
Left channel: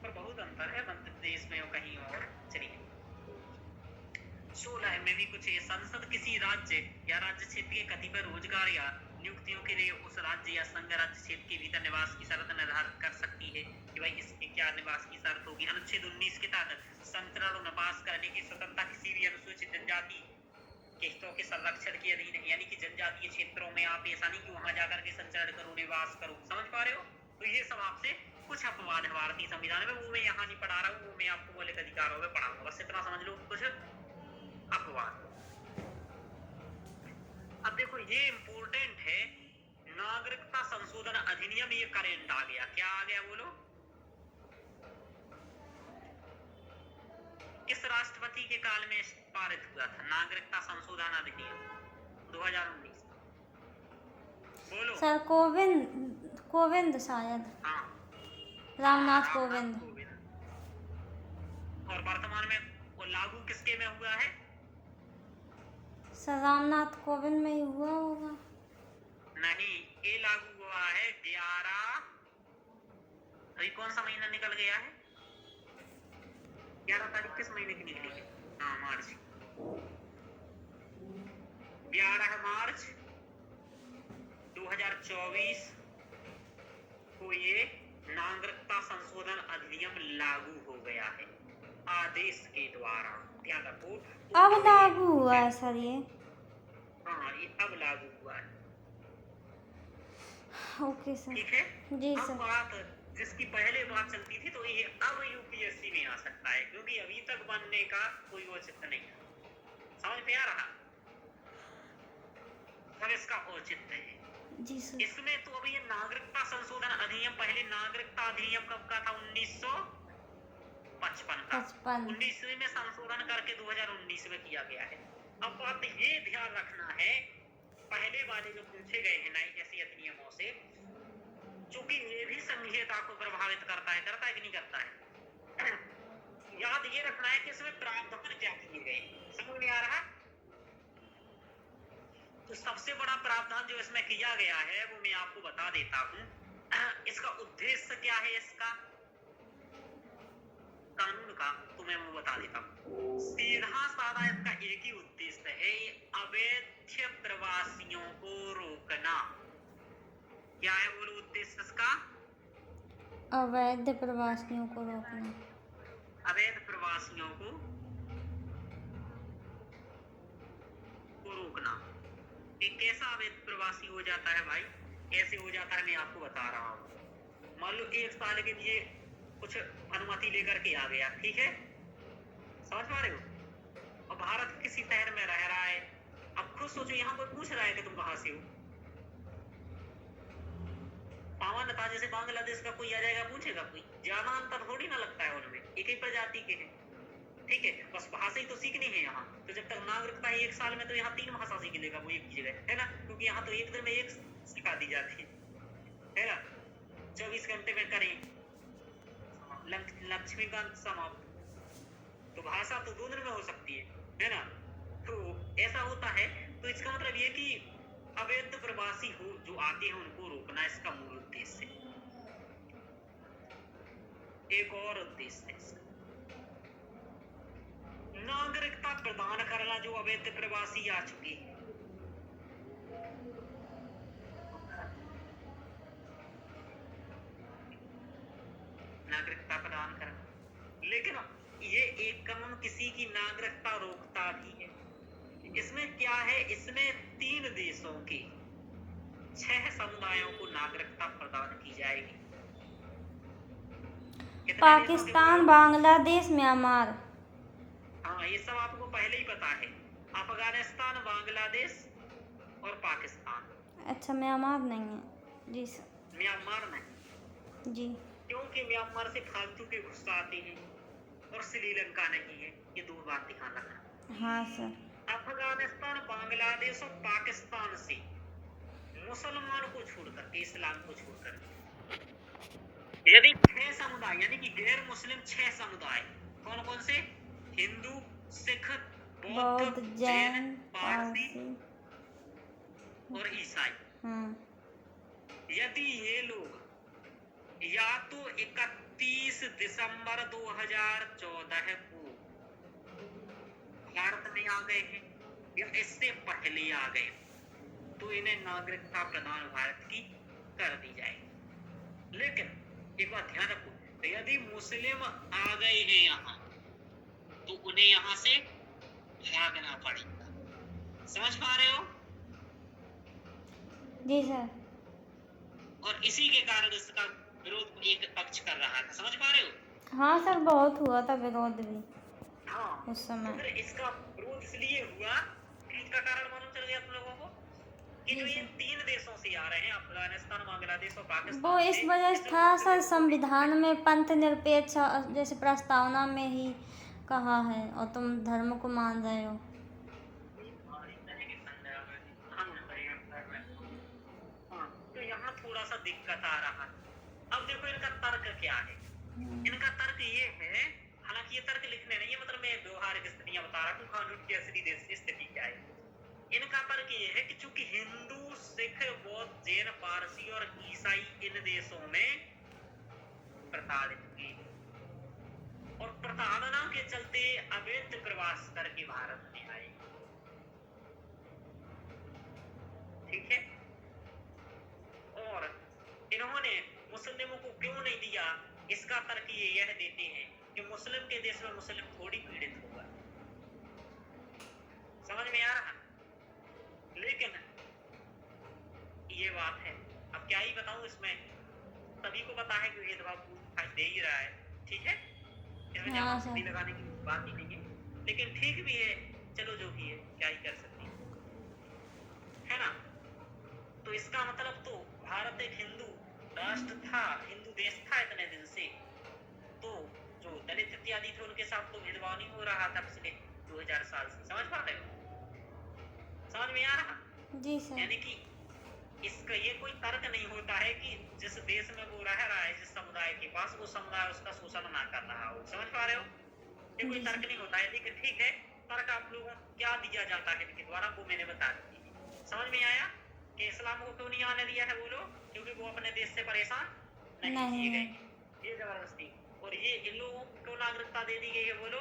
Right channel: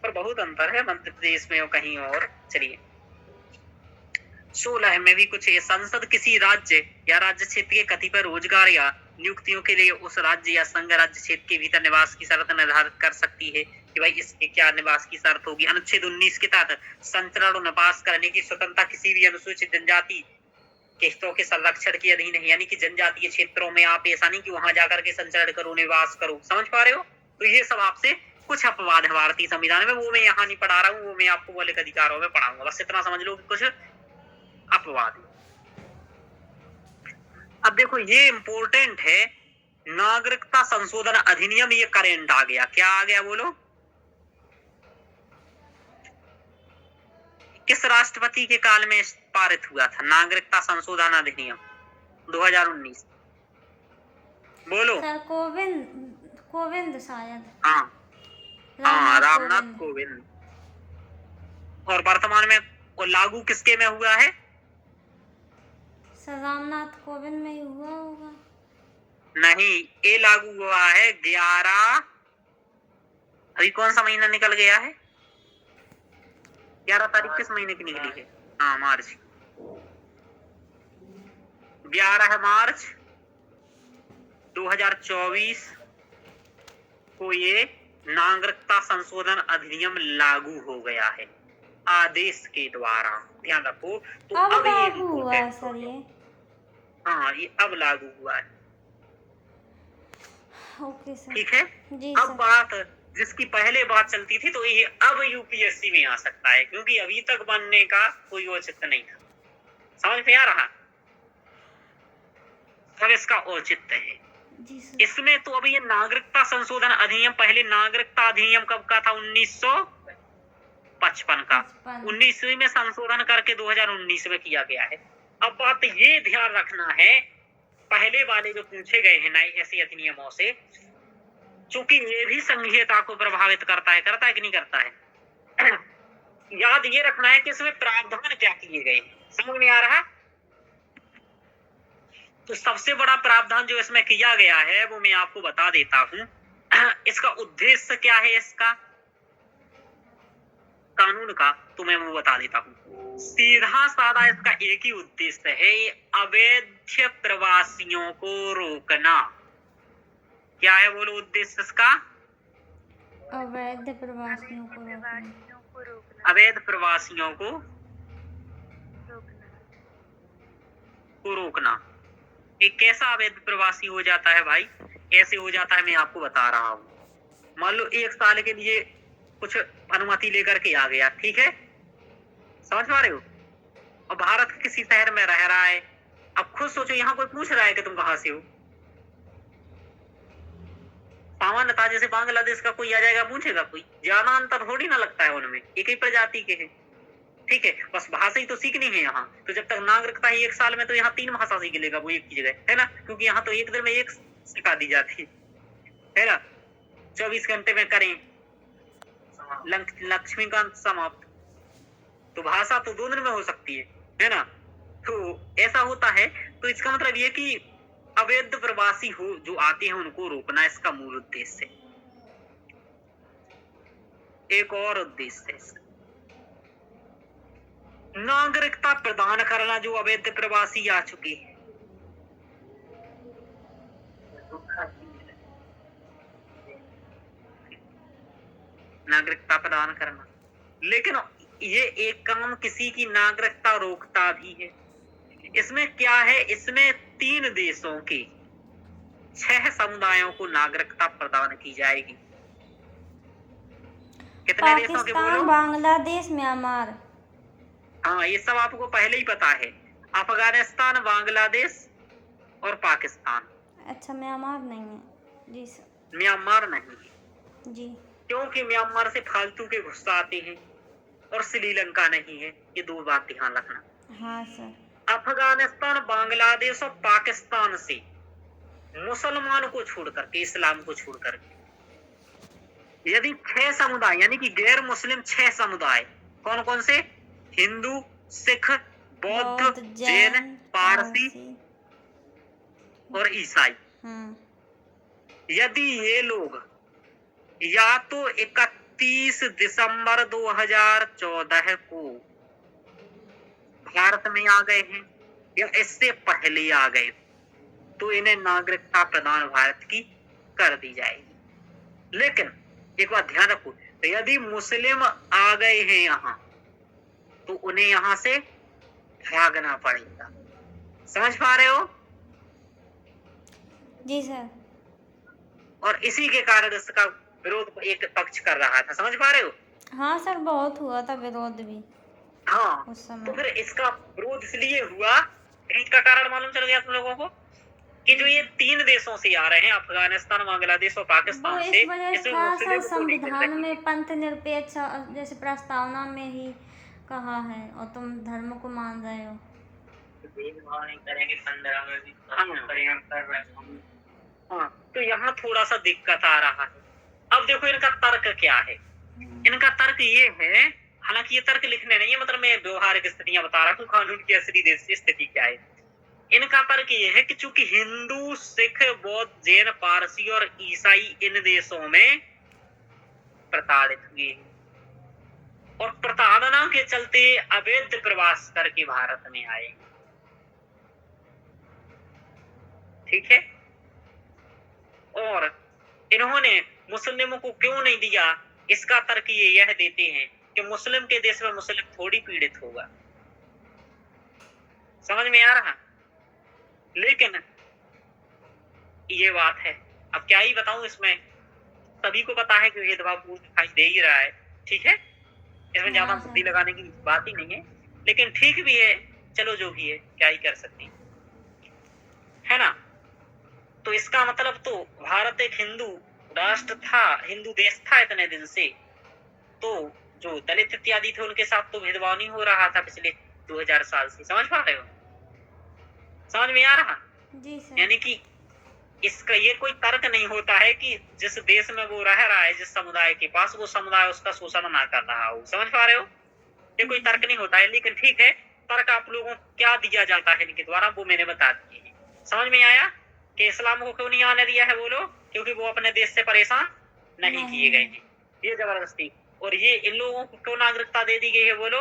पर बहुत अंतर है मध्य प्रदेश में और कहीं और। चलिए 16 में भी कुछ, संसद किसी राज्य या राज्य क्षेत्र के कतिपय रोजगार या नियुक्तियों के लिए उस राज्य या संघ राज्य क्षेत्र के भीतर निवास की शर्त निर्धारित कर सकती है कि भाई इसके क्या निवास की शर्त होगी। अनुच्छेद 19 के तहत संचरण और निवास करने की स्वतंत्रता किसी भी अनुसूचित जनजाति के हितों के संरक्षण के अधीन है, यानी कि जनजातीय क्षेत्रों में आप ऐसा नहीं कि वहां जाकर के संचरण करो, निवास करो। समझ पा रहे हो? तो ये सब आपसे कुछ अपवाद है भारतीय संविधान में, वो मैं यहाँ नहीं पढ़ा रहा हूँ, वो मैं आपको मौलिक अधिकारों में पढ़ाऊंगा। बस इतना समझ लो कुछ अपवाद। अब देखो ये इंपॉर्टेंट है, नागरिकता संशोधन अधिनियम, ये करेंट आ गया। क्या आ गया बोलो? किस राष्ट्रपति के काल में पारित हुआ था नागरिकता संशोधन अधिनियम 2019? बोलो। सर कोविंद शायद। हाँ, रामनाथ कोविंद। और वर्तमान में वो लागू किसके में हुआ है? सर रामनाथ कोविंद में ही हुआ होगा। नहीं, ये लागू हुआ है 11, अभी कौन सा महीना निकल गया है? 11 तारीख किस महीने की निकली है? हाँ, मार्च। 11 मार्च 2024 को ये नागरिकता संशोधन अधिनियम लागू हो गया है आदेश के द्वारा। ध्यान रखो। तो अब लागू हुआ है सर ये? हाँ, ये अब लागू हुआ है। Okay sir. ठीक है जी अब सर। बात जिसकी पहले बात चलती थी, तो ये अब यूपीएससी में आ सकता है, क्योंकि अभी तक बनने का कोई औचित्य नहीं था। समझ में आ रहा? अब इसका औचित्य है। जी सर। इसमें तो अभी ये नागरिकता संशोधन अधिनियम, पहले नागरिकता अधिनियम कब का था? 1955 का। 19वीं में संशोधन करके 2019 में किया गया है। अब बात ये ध्यान रखना है, पहले वाले जो पूछे गए हैं नए ऐसे अधिनियमों से, चूंकि ये भी संघीयता को प्रभावित करता है कि नहीं करता है? याद ये रखना है कि इसमें प्रावधान क्या किए गए। समझ में आ रहा? तो सबसे बड़ा प्रावधान जो इसमें किया गया है वो मैं आपको बता देता हूं। इसका उद्देश्य क्या है, इसका कानून का, तो मैं वो बता देता हूं। सीधा साधा इसका एक ही उद्देश्य है, अवैध प्रवासियों को रोकना। क्या है बोलो उद्देश्य इसका? अवैध प्रवासियों को रोकना। अवैध प्रवासियों को रोकना। एक कैसा अवैध प्रवासी हो जाता है भाई? ऐसे हो जाता है, मैं आपको बता रहा हूँ। मान लो 1 साल के लिए कुछ अनुमति लेकर के आ गया, ठीक है? समझ पा रहे हो? और भारत के किसी शहर में रह रहा है। अब खुद सोचो, यहाँ कोई पूछ रहा है कि तुम कहाँ से हो? सामान्यतः जैसे बांग्लादेश का कोई आ जाएगा, पूछेगा कोई? ज्यादा अंतर थोड़ी ना लगता है उनमें, एक ही प्रजाति के हैं। ठीक है, बस भाषा ही तो सीखनी है यहाँ। तो जब तक नागरिकता ही 1 साल में, तो यहाँ 3 भाषा सीख लेगा वो एक की जगह, है ना? क्योंकि यहाँ तो एक दिन में एक सिखा दी जाती है ना? 24 घंटे में करें लक्ष्मीकांत समाप्त। तो भाषा तो 2 दिन में हो सकती है ना? तो ऐसा होता है। तो इसका मतलब ये कि अवैध प्रवासी हो जो आते हैं उनको रोकना इसका मूल उद्देश्य है। एक और उद्देश्य है इसका, नागरिकता प्रदान करना जो अवैध प्रवासी आ चुके हैं। नागरिकता प्रदान करना, लेकिन ये एक काम किसी की नागरिकता रोकता भी है। इसमें क्या है, इसमें 3 देशों के 6 समुदायों को नागरिकता प्रदान की जाएगी। कितने देशों के पाकिस्तान, बोलो? बांग्लादेश, म्यांमार। हाँ, ये सब आपको पहले ही पता है। अफगानिस्तान, बांग्लादेश और पाकिस्तान। अच्छा, म्यांमार नहीं है। जी सर। म्यांमार नहीं, जी। क्योंकि म्यांमार से फालतू के घुस आते हैं और श्रीलंका नहीं है। ये 2 बात ध्यान रखना। हाँ सर। अफगानिस्तान, बांग्लादेश और पाकिस्तान से मुसलमान को छोड़ करके, इस्लाम को छोड़ करके यदि 6 समुदाय यानी कि गैर मुस्लिम 6 समुदाय, कौन कौन से? हिंदू, सिख, बौद्ध, जैन, पारसी और ईसाई। यदि ये लोग या तो 31 दिसंबर 2014 को भारत में आ गए हैं या इससे पहले आ गए, तो इन्हें नागरिकता प्रदान भारत की कर दी जाएगी। लेकिन एक बात ध्यान रखो, तो यदि मुस्लिम आ गए हैं यहाँ तो उन्हें यहाँ से भागना पड़ेगा। समझ पा रहे हो? जी सर। और इसी के कारण इसका विरोध एक पक्ष कर रहा था। समझ पा रहे हो? हाँ सर, बहुत हुआ था विरोध भी हाँ, उस समय। तो फिर इसका विरोध इसलिए हुआ, इसका कारण मालूम चल गया तुम लोगों को कि जो ये 3 देशों से आ रहे हैं, अफगानिस्तान, बांग्लादेश और वो पाकिस्तान इस से, वजह से इसमें था मुस्लिम सर, को नहीं संविधान मिल में पंथ निरपेक्ष जैसे प्रस्तावना में ही कहा है, और तुम धर्म को मान रहे हो। हाँ, तो यहाँ थोड़ा सा दिक्कत आ रहा है। अब देखो इनका तर्क क्या है। इनका तर्क ये है, हालांकि ये तर्क लिखने नहीं है, मतलब मैं व्यवहारिक स्थितियां बता रहा हूँ, कानून की असली देश की स्थिति क्या है। इनका तर्क ये है कि चूंकि हिंदू, सिख, बौद्ध, जैन, पारसी और ईसाई इन देशों में प्रताड़ित हुए और प्रताड़ना के चलते अवैध प्रवास करके भारत में आए। ठीक है, और इन्होंने मुस्लिमों को क्यों नहीं दिया, इसका तर्क ये यह देते हैं कि मुस्लिम के देश में मुस्लिम थोड़ी पीड़ित होगा। समझ में आ रहा? लेकिन ये बात है, अब क्या ही बताऊं, इसमें सभी को पता है कि भेदभाव पूर्ण दिखाई दे ही रहा है। ठीक है, इसमें ज्यादा बुद्धि लगाने की बात ही नहीं है, लेकिन ठीक भी है, चलो जो भी है, क्या ही कर सकते है ना। तो इसका मतलब तो भारत एक हिंदू राष्ट्र था, हिंदू देश था इतने दिन से, तो जो दलित इत्यादि थे उनके साथ तो भेदभाव नहीं हो रहा था पिछले 2000 साल से। समझ पा रहे हो? समझ में आ रहा? जी सर। यानी कि इसका ये कोई तर्क नहीं होता है कि जिस देश में वो रह रहा है, जिस समुदाय के पास, वो समुदाय उसका शोषण ना कर रहा हो। समझ पा रहे हो? ये कोई तर्क नहीं होता है, लेकिन ठीक है, तर्क आप लोगों को क्या दिया जाता है इनके द्वारा, वो मैंने बता दिए। समझ में आया कि इस्लाम को क्यों नहीं आने दिया है? बोलो, क्योंकि वो अपने देश से परेशान नहीं किए गए हैं, ये जबरदस्ती। और ये इन लोगों को क्यों नागरिकता दे दी गई है? बोलो,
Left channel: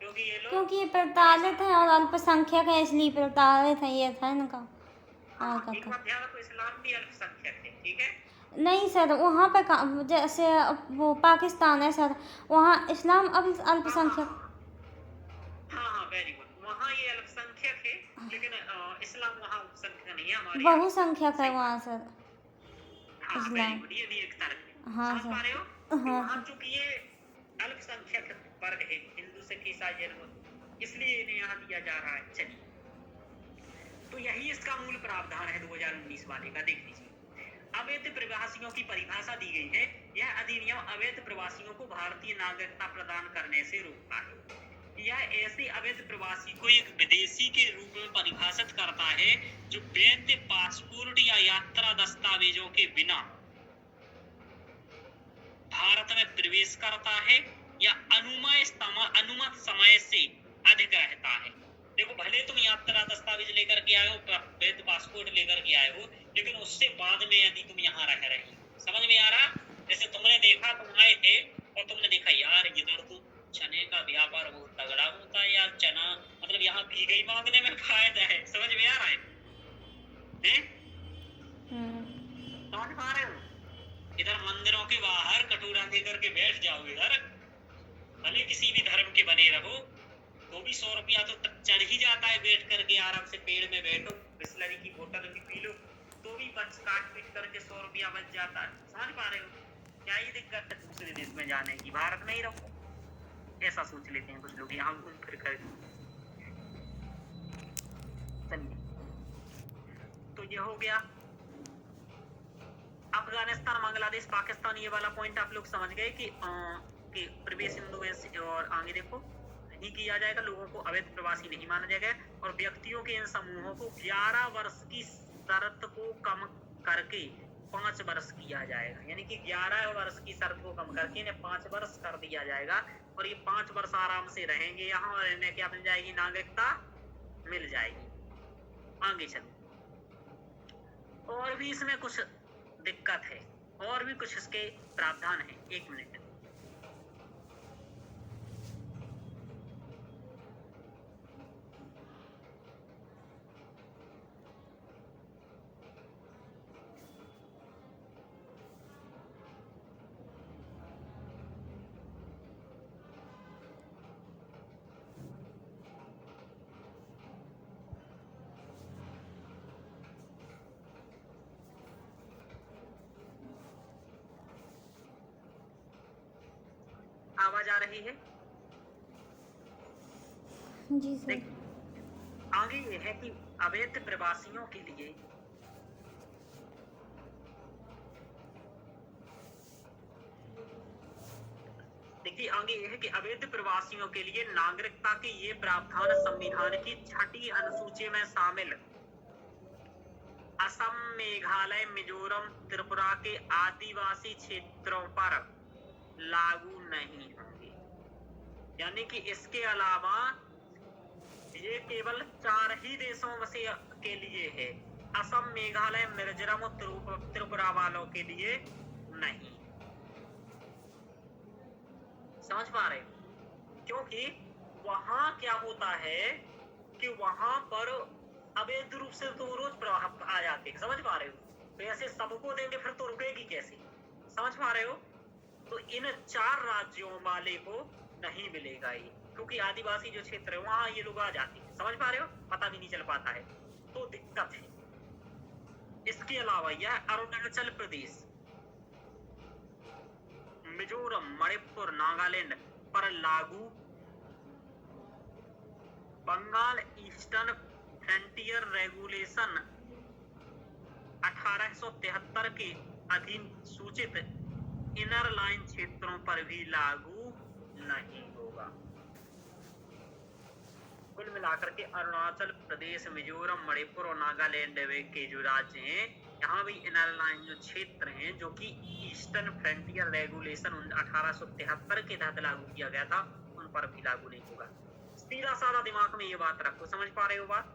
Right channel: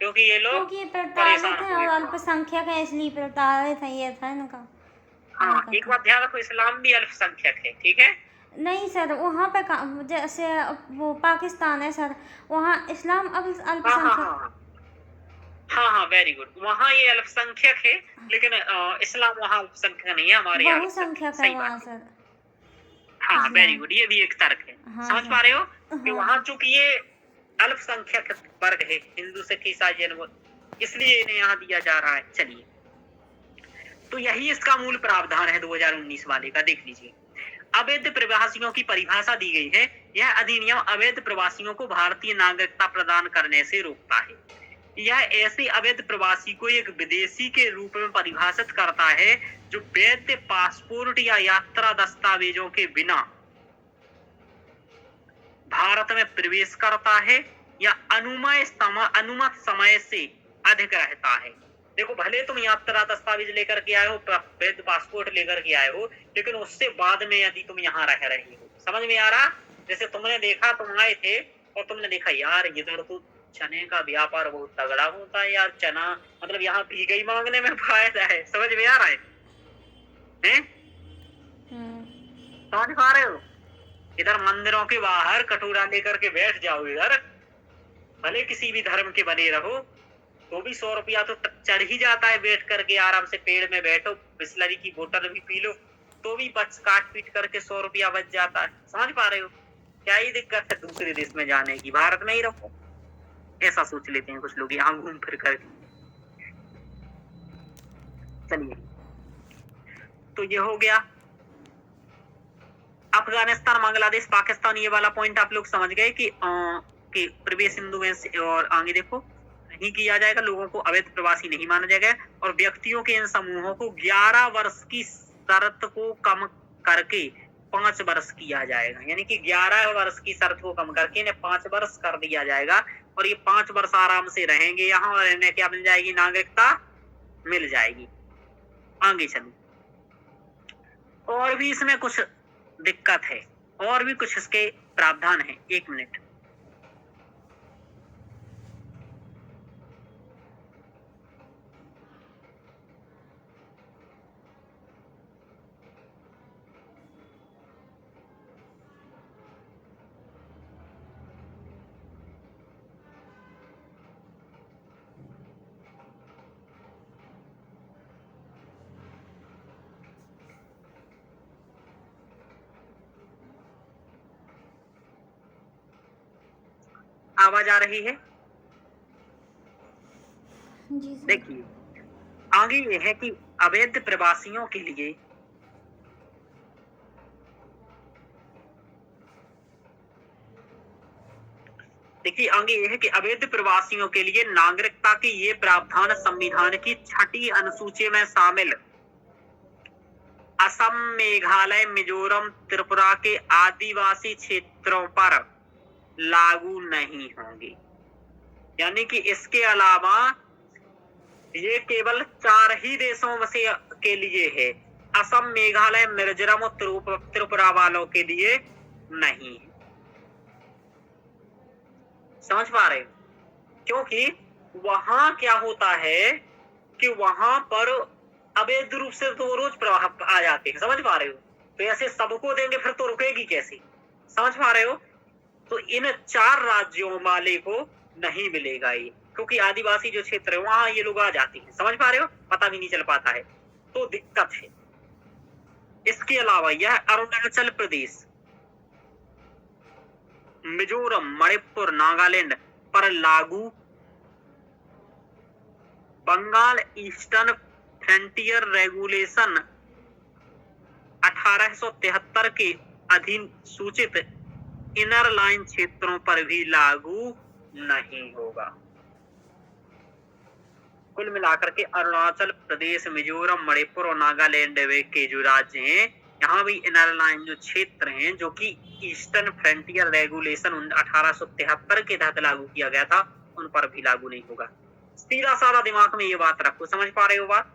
क्योंकि ये लोग क्योंकि ये प्रताड़ित हैं और अल्पसंख्यक है, इसलिए प्रताड़ित है, ये था इनका। हाँ, एक बात ध्यान रखो, इस्लाम भी अल्पसंख्यक है। ठीक है, नहीं सर, वहाँ पे जैसे वो पाकिस्तान है सर, वहाँ इस्लाम अल्पसंख्यक। हाँ, वेरी गुड, वहाँ ये अल्पसंख्यक है, लेकिन इस्लाम वहाँ अल्पसंख्यक नहीं है, हमारे यहाँ बहुसंख्यक है वहाँ सर। हाँ, वेरी गुड, ये भी एक तर्क है। हाँ, समझ पा रहे हो कि हाँ। वहाँ चूंकि ये अल्पसंख्यक वर्ग है, हिंदू, सिख, ईसाई, जैन, इसलिए इन्हें यहाँ दिया जा रहा है। चलिए, तो यही इसका मूल प्रावधान है 2019 वाले का। देख लीजिए, अवैध प्रवासियों की परिभाषा दी गई है। यह अधिनियम अवैध प्रवासियों को भारतीय नागरिकता प्रदान करने से रोकता है। यह ऐसे अवैध प्रवासी को एक विदेशी के रूप में परिभाषित करता है जो वैध पासपोर्ट या यात्रा दस्तावेजों के बिना भारत में प्रवेश करता है या अनुमत समय से अधिक रहता है। देखो भले तुम यात्रा दस्तावेज लेकर के आए हो, वैध पासपोर्ट लेकर के आए हो, लेकिन उससे बाद में यदि तुम यहाँ रह रही हो, समझ में आ रहा? जैसे तुमने देखा, तुम आए थे और तुमने देखा यार इधर तो चने का व्यापार बहुत तगड़ा होता है यार, चना मतलब यहाँ भीगई मांगने में फायदा है, समझ में आ रहा है? हैं? समझ पा रहे हो? इधर मंदिरों के बाहर कटोरा लेकर के बैठ जाओ, इधर भले किसी भी धर्म के बने रहो तो भी 100 रुपया तो चढ़ ही जाता है, बैठ करके आराम से पेड़ में बैठो, बिस्लरी की बोतल भी पी लो तो भी बच काट पीट करके 100 रुपया बच जाता है, समझ पा रहे हो? क्या ही दिक्कत है दूसरे देश में जाने की, भारत में ही रहो, ऐसा सोच लेते हैं कुछ लोग यहाँ घूम फिर करके। चलिए, तो ये हो गया अफगानिस्तान, बांग्लादेश, पाकिस्तान, ये वाला पॉइंट आप लोग समझ गए कि प्रवेश हिंदू में और आगे देखो नहीं किया जाएगा, लोगों को अवैध प्रवासी नहीं माना जाएगा, और व्यक्तियों के इन समूहों को 11 वर्ष की शर्त को कम करके 5 वर्ष किया जाएगा, यानी कि 11 वर्ष की शर्त को कम करके इन्हें 5 वर्ष कर दिया जाएगा, और ये 5 वर्ष आराम से रहेंगे यहाँ, और इन्हें क्या मिल जाएगी? नागरिकता मिल जाएगी। आगे चलो, और भी इसमें कुछ दिक्कत है, और भी कुछ इसके प्रावधान है। 1 मिनट, आवाज आ रही है? जी सर। देखिए आगे ये है कि अवैध प्रवासियों के लिए आगे ये है कि अवैध प्रवासियों के लिए नागरिकता के ये प्रावधान संविधान की 6ठी अनुसूची में शामिल असम, मेघालय, मिजोरम, त्रिपुरा के आदिवासी क्षेत्रों पर लागू नहीं होंगे, यानी कि इसके अलावा ये केवल 4 ही देशों में से के लिए है, असम, मेघालय, मिजोरम और त्रिपुरा वालों के लिए नहीं। समझ पा रहे हो? क्योंकि वहां क्या होता है कि वहां पर अवैध रूप से तो रोज प्रवाह आ जाते हैं, समझ पा रहे हो? तो ऐसे सबको देंगे फिर तो रुकेगी कैसे, समझ पा रहे हो? तो इन 4 राज्यों वाले को नहीं मिलेगा ये, क्योंकि आदिवासी जो क्षेत्र है वहां ये लोग आ जाते हैं, समझ पा रहे हो? पता भी नहीं चल पाता है, तो दिक्कत है। इसके अलावा यह अरुणाचल प्रदेश, मिजोरम, मणिपुर, नागालैंड पर लागू, बंगाल ईस्टर्न फ्रंटियर रेगुलेशन 1873 के अधीन सूचित इनर लाइन क्षेत्रों पर भी लागू नहीं होगा। कुल मिलाकर के अरुणाचल प्रदेश, मिजोरम, मणिपुर और नागालैंड के जो राज्य हैं, यहाँ भी इनर लाइन जो क्षेत्र हैं जो कि ईस्टर्न फ्रंटियर रेगुलेशन 1873 के तहत लागू किया गया था, उन पर भी लागू नहीं होगा। सीधा साधा दिमाग में ये बात रखो, समझ पा रहे हो बात?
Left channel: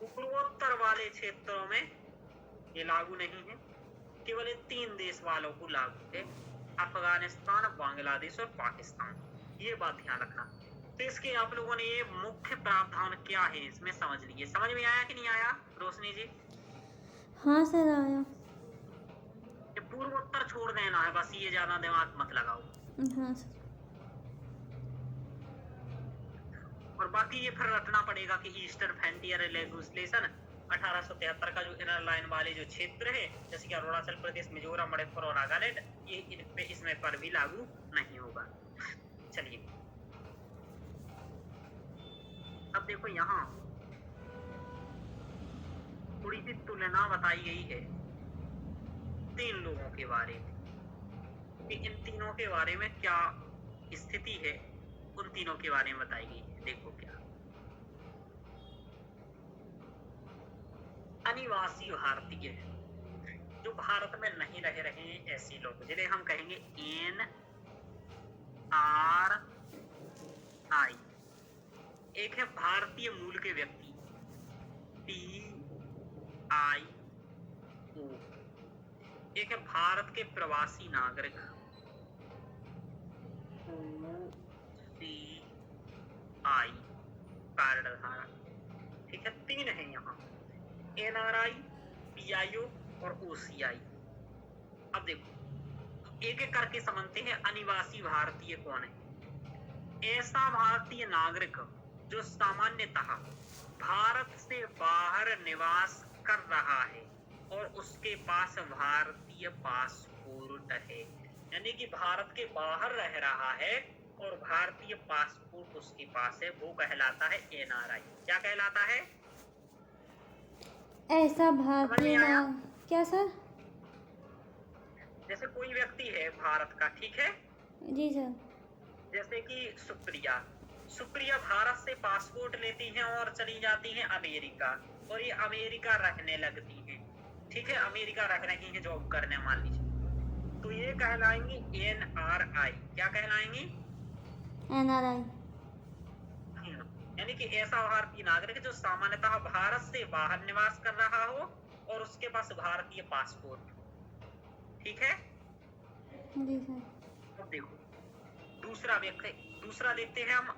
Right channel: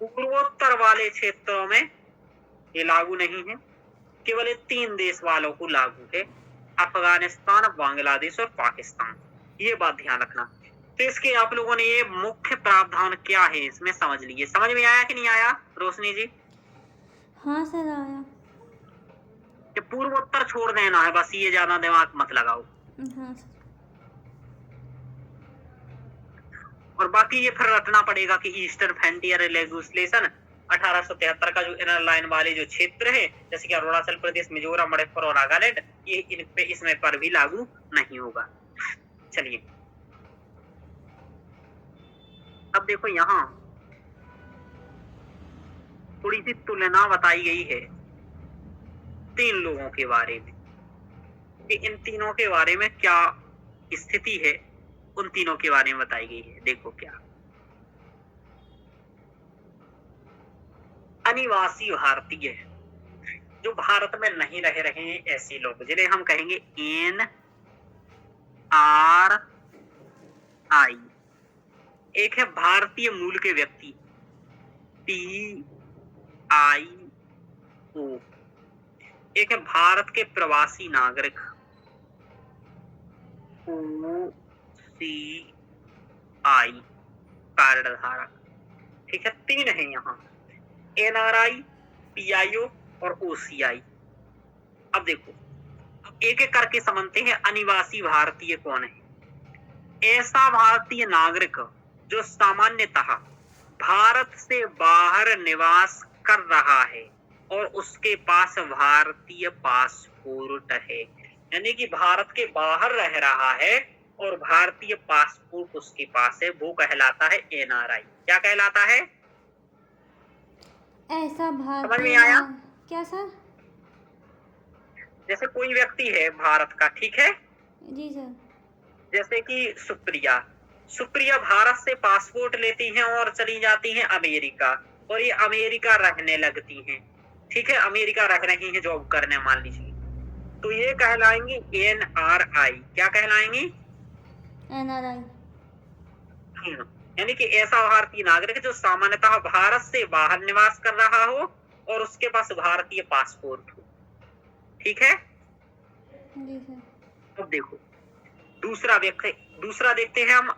पूर्वोत्तर वाले क्षेत्रों में ये लागू नहीं है, केवल 3 देश वालों को लागू है, अफगानिस्तान, बांग्लादेश और पाकिस्तान। ये बात ध्यान रखना। तो इसके आप लोगों ने ये मुख्य प्रावधान क्या है इसमें समझ लिए। समझ में आया कि नहीं आया रोशनी जी? हाँ सर आया। कि पूर्वोत्तर छोड़ देना है बस, ये ज्यादा दिमाग मत लगाओ। हाँ सर। और बाकी ये फिर रटना पड़ेगा कि ईस्टर्न फ्रंटियर लेजिस्लेशन 1873 का जो इनर लाइन वाले जो क्षेत्र है, जैसे कि अरुणाचल प्रदेश, मिजोरम, मणिपुर और नागालैंड, ये इन पे इसमें पर भी लागू नहीं होगा। चलिए अब देखो यहाँ थोड़ी सी तुलना बताई गई है 3 लोगों के बारे में कि इन तीनों के बारे में क्या स्थिति है, उन तीनों के बारे में बताई गई है। देखो क्या अनिवासी भारतीय जो भारत में नहीं रह रहे हैं, ऐसे लोग जिन्हें हम कहेंगे NRI, आई। एक है भारतीय मूल के व्यक्ति, PIO। एक है भारत के प्रवासी नागरिक, OCI, कार्ड धारक। ठीक है, 3 है यहाँ, NRI, PIO और OCI। अब देखो, एक एक करके समझते हैं। अनिवासी भारतीय कौन है? ऐसा भारतीय नागरिक जो सामान्यतः भारत से बाहर निवास कर रहा है और उसके पास भारतीय पासपोर्ट है। यानी कि भारत के बाहर रह रहा है और भारतीय पासपोर्ट उसके पास है, वो कहलाता है NRI। क्या कहलाता है? ऐसा समझ भारतीय में आया? क्या सर? जैसे कोई व्यक्ति है भारत का, ठीक है, जी सर। जैसे कि सुप्रिया भारत से पासपोर्ट लेती हैं और चली जाती हैं अमेरिका, और ये अमेरिका रहने लगती हैं। ठीक है, अमेरिका रह रही हैं जॉब करने, मान लीजिए, तो ये कहलाएंगी NRI। क्या कहलाएंगी? NRI। यानी कि ऐसा भारतीय नागरिक जो सामान्यतः भारत से बाहर निवास कर रहा हो और उसके पास भारतीय पासपोर्ट हो। ठीक है, जी सर। अब देखो दूसरा देखते हैं हम,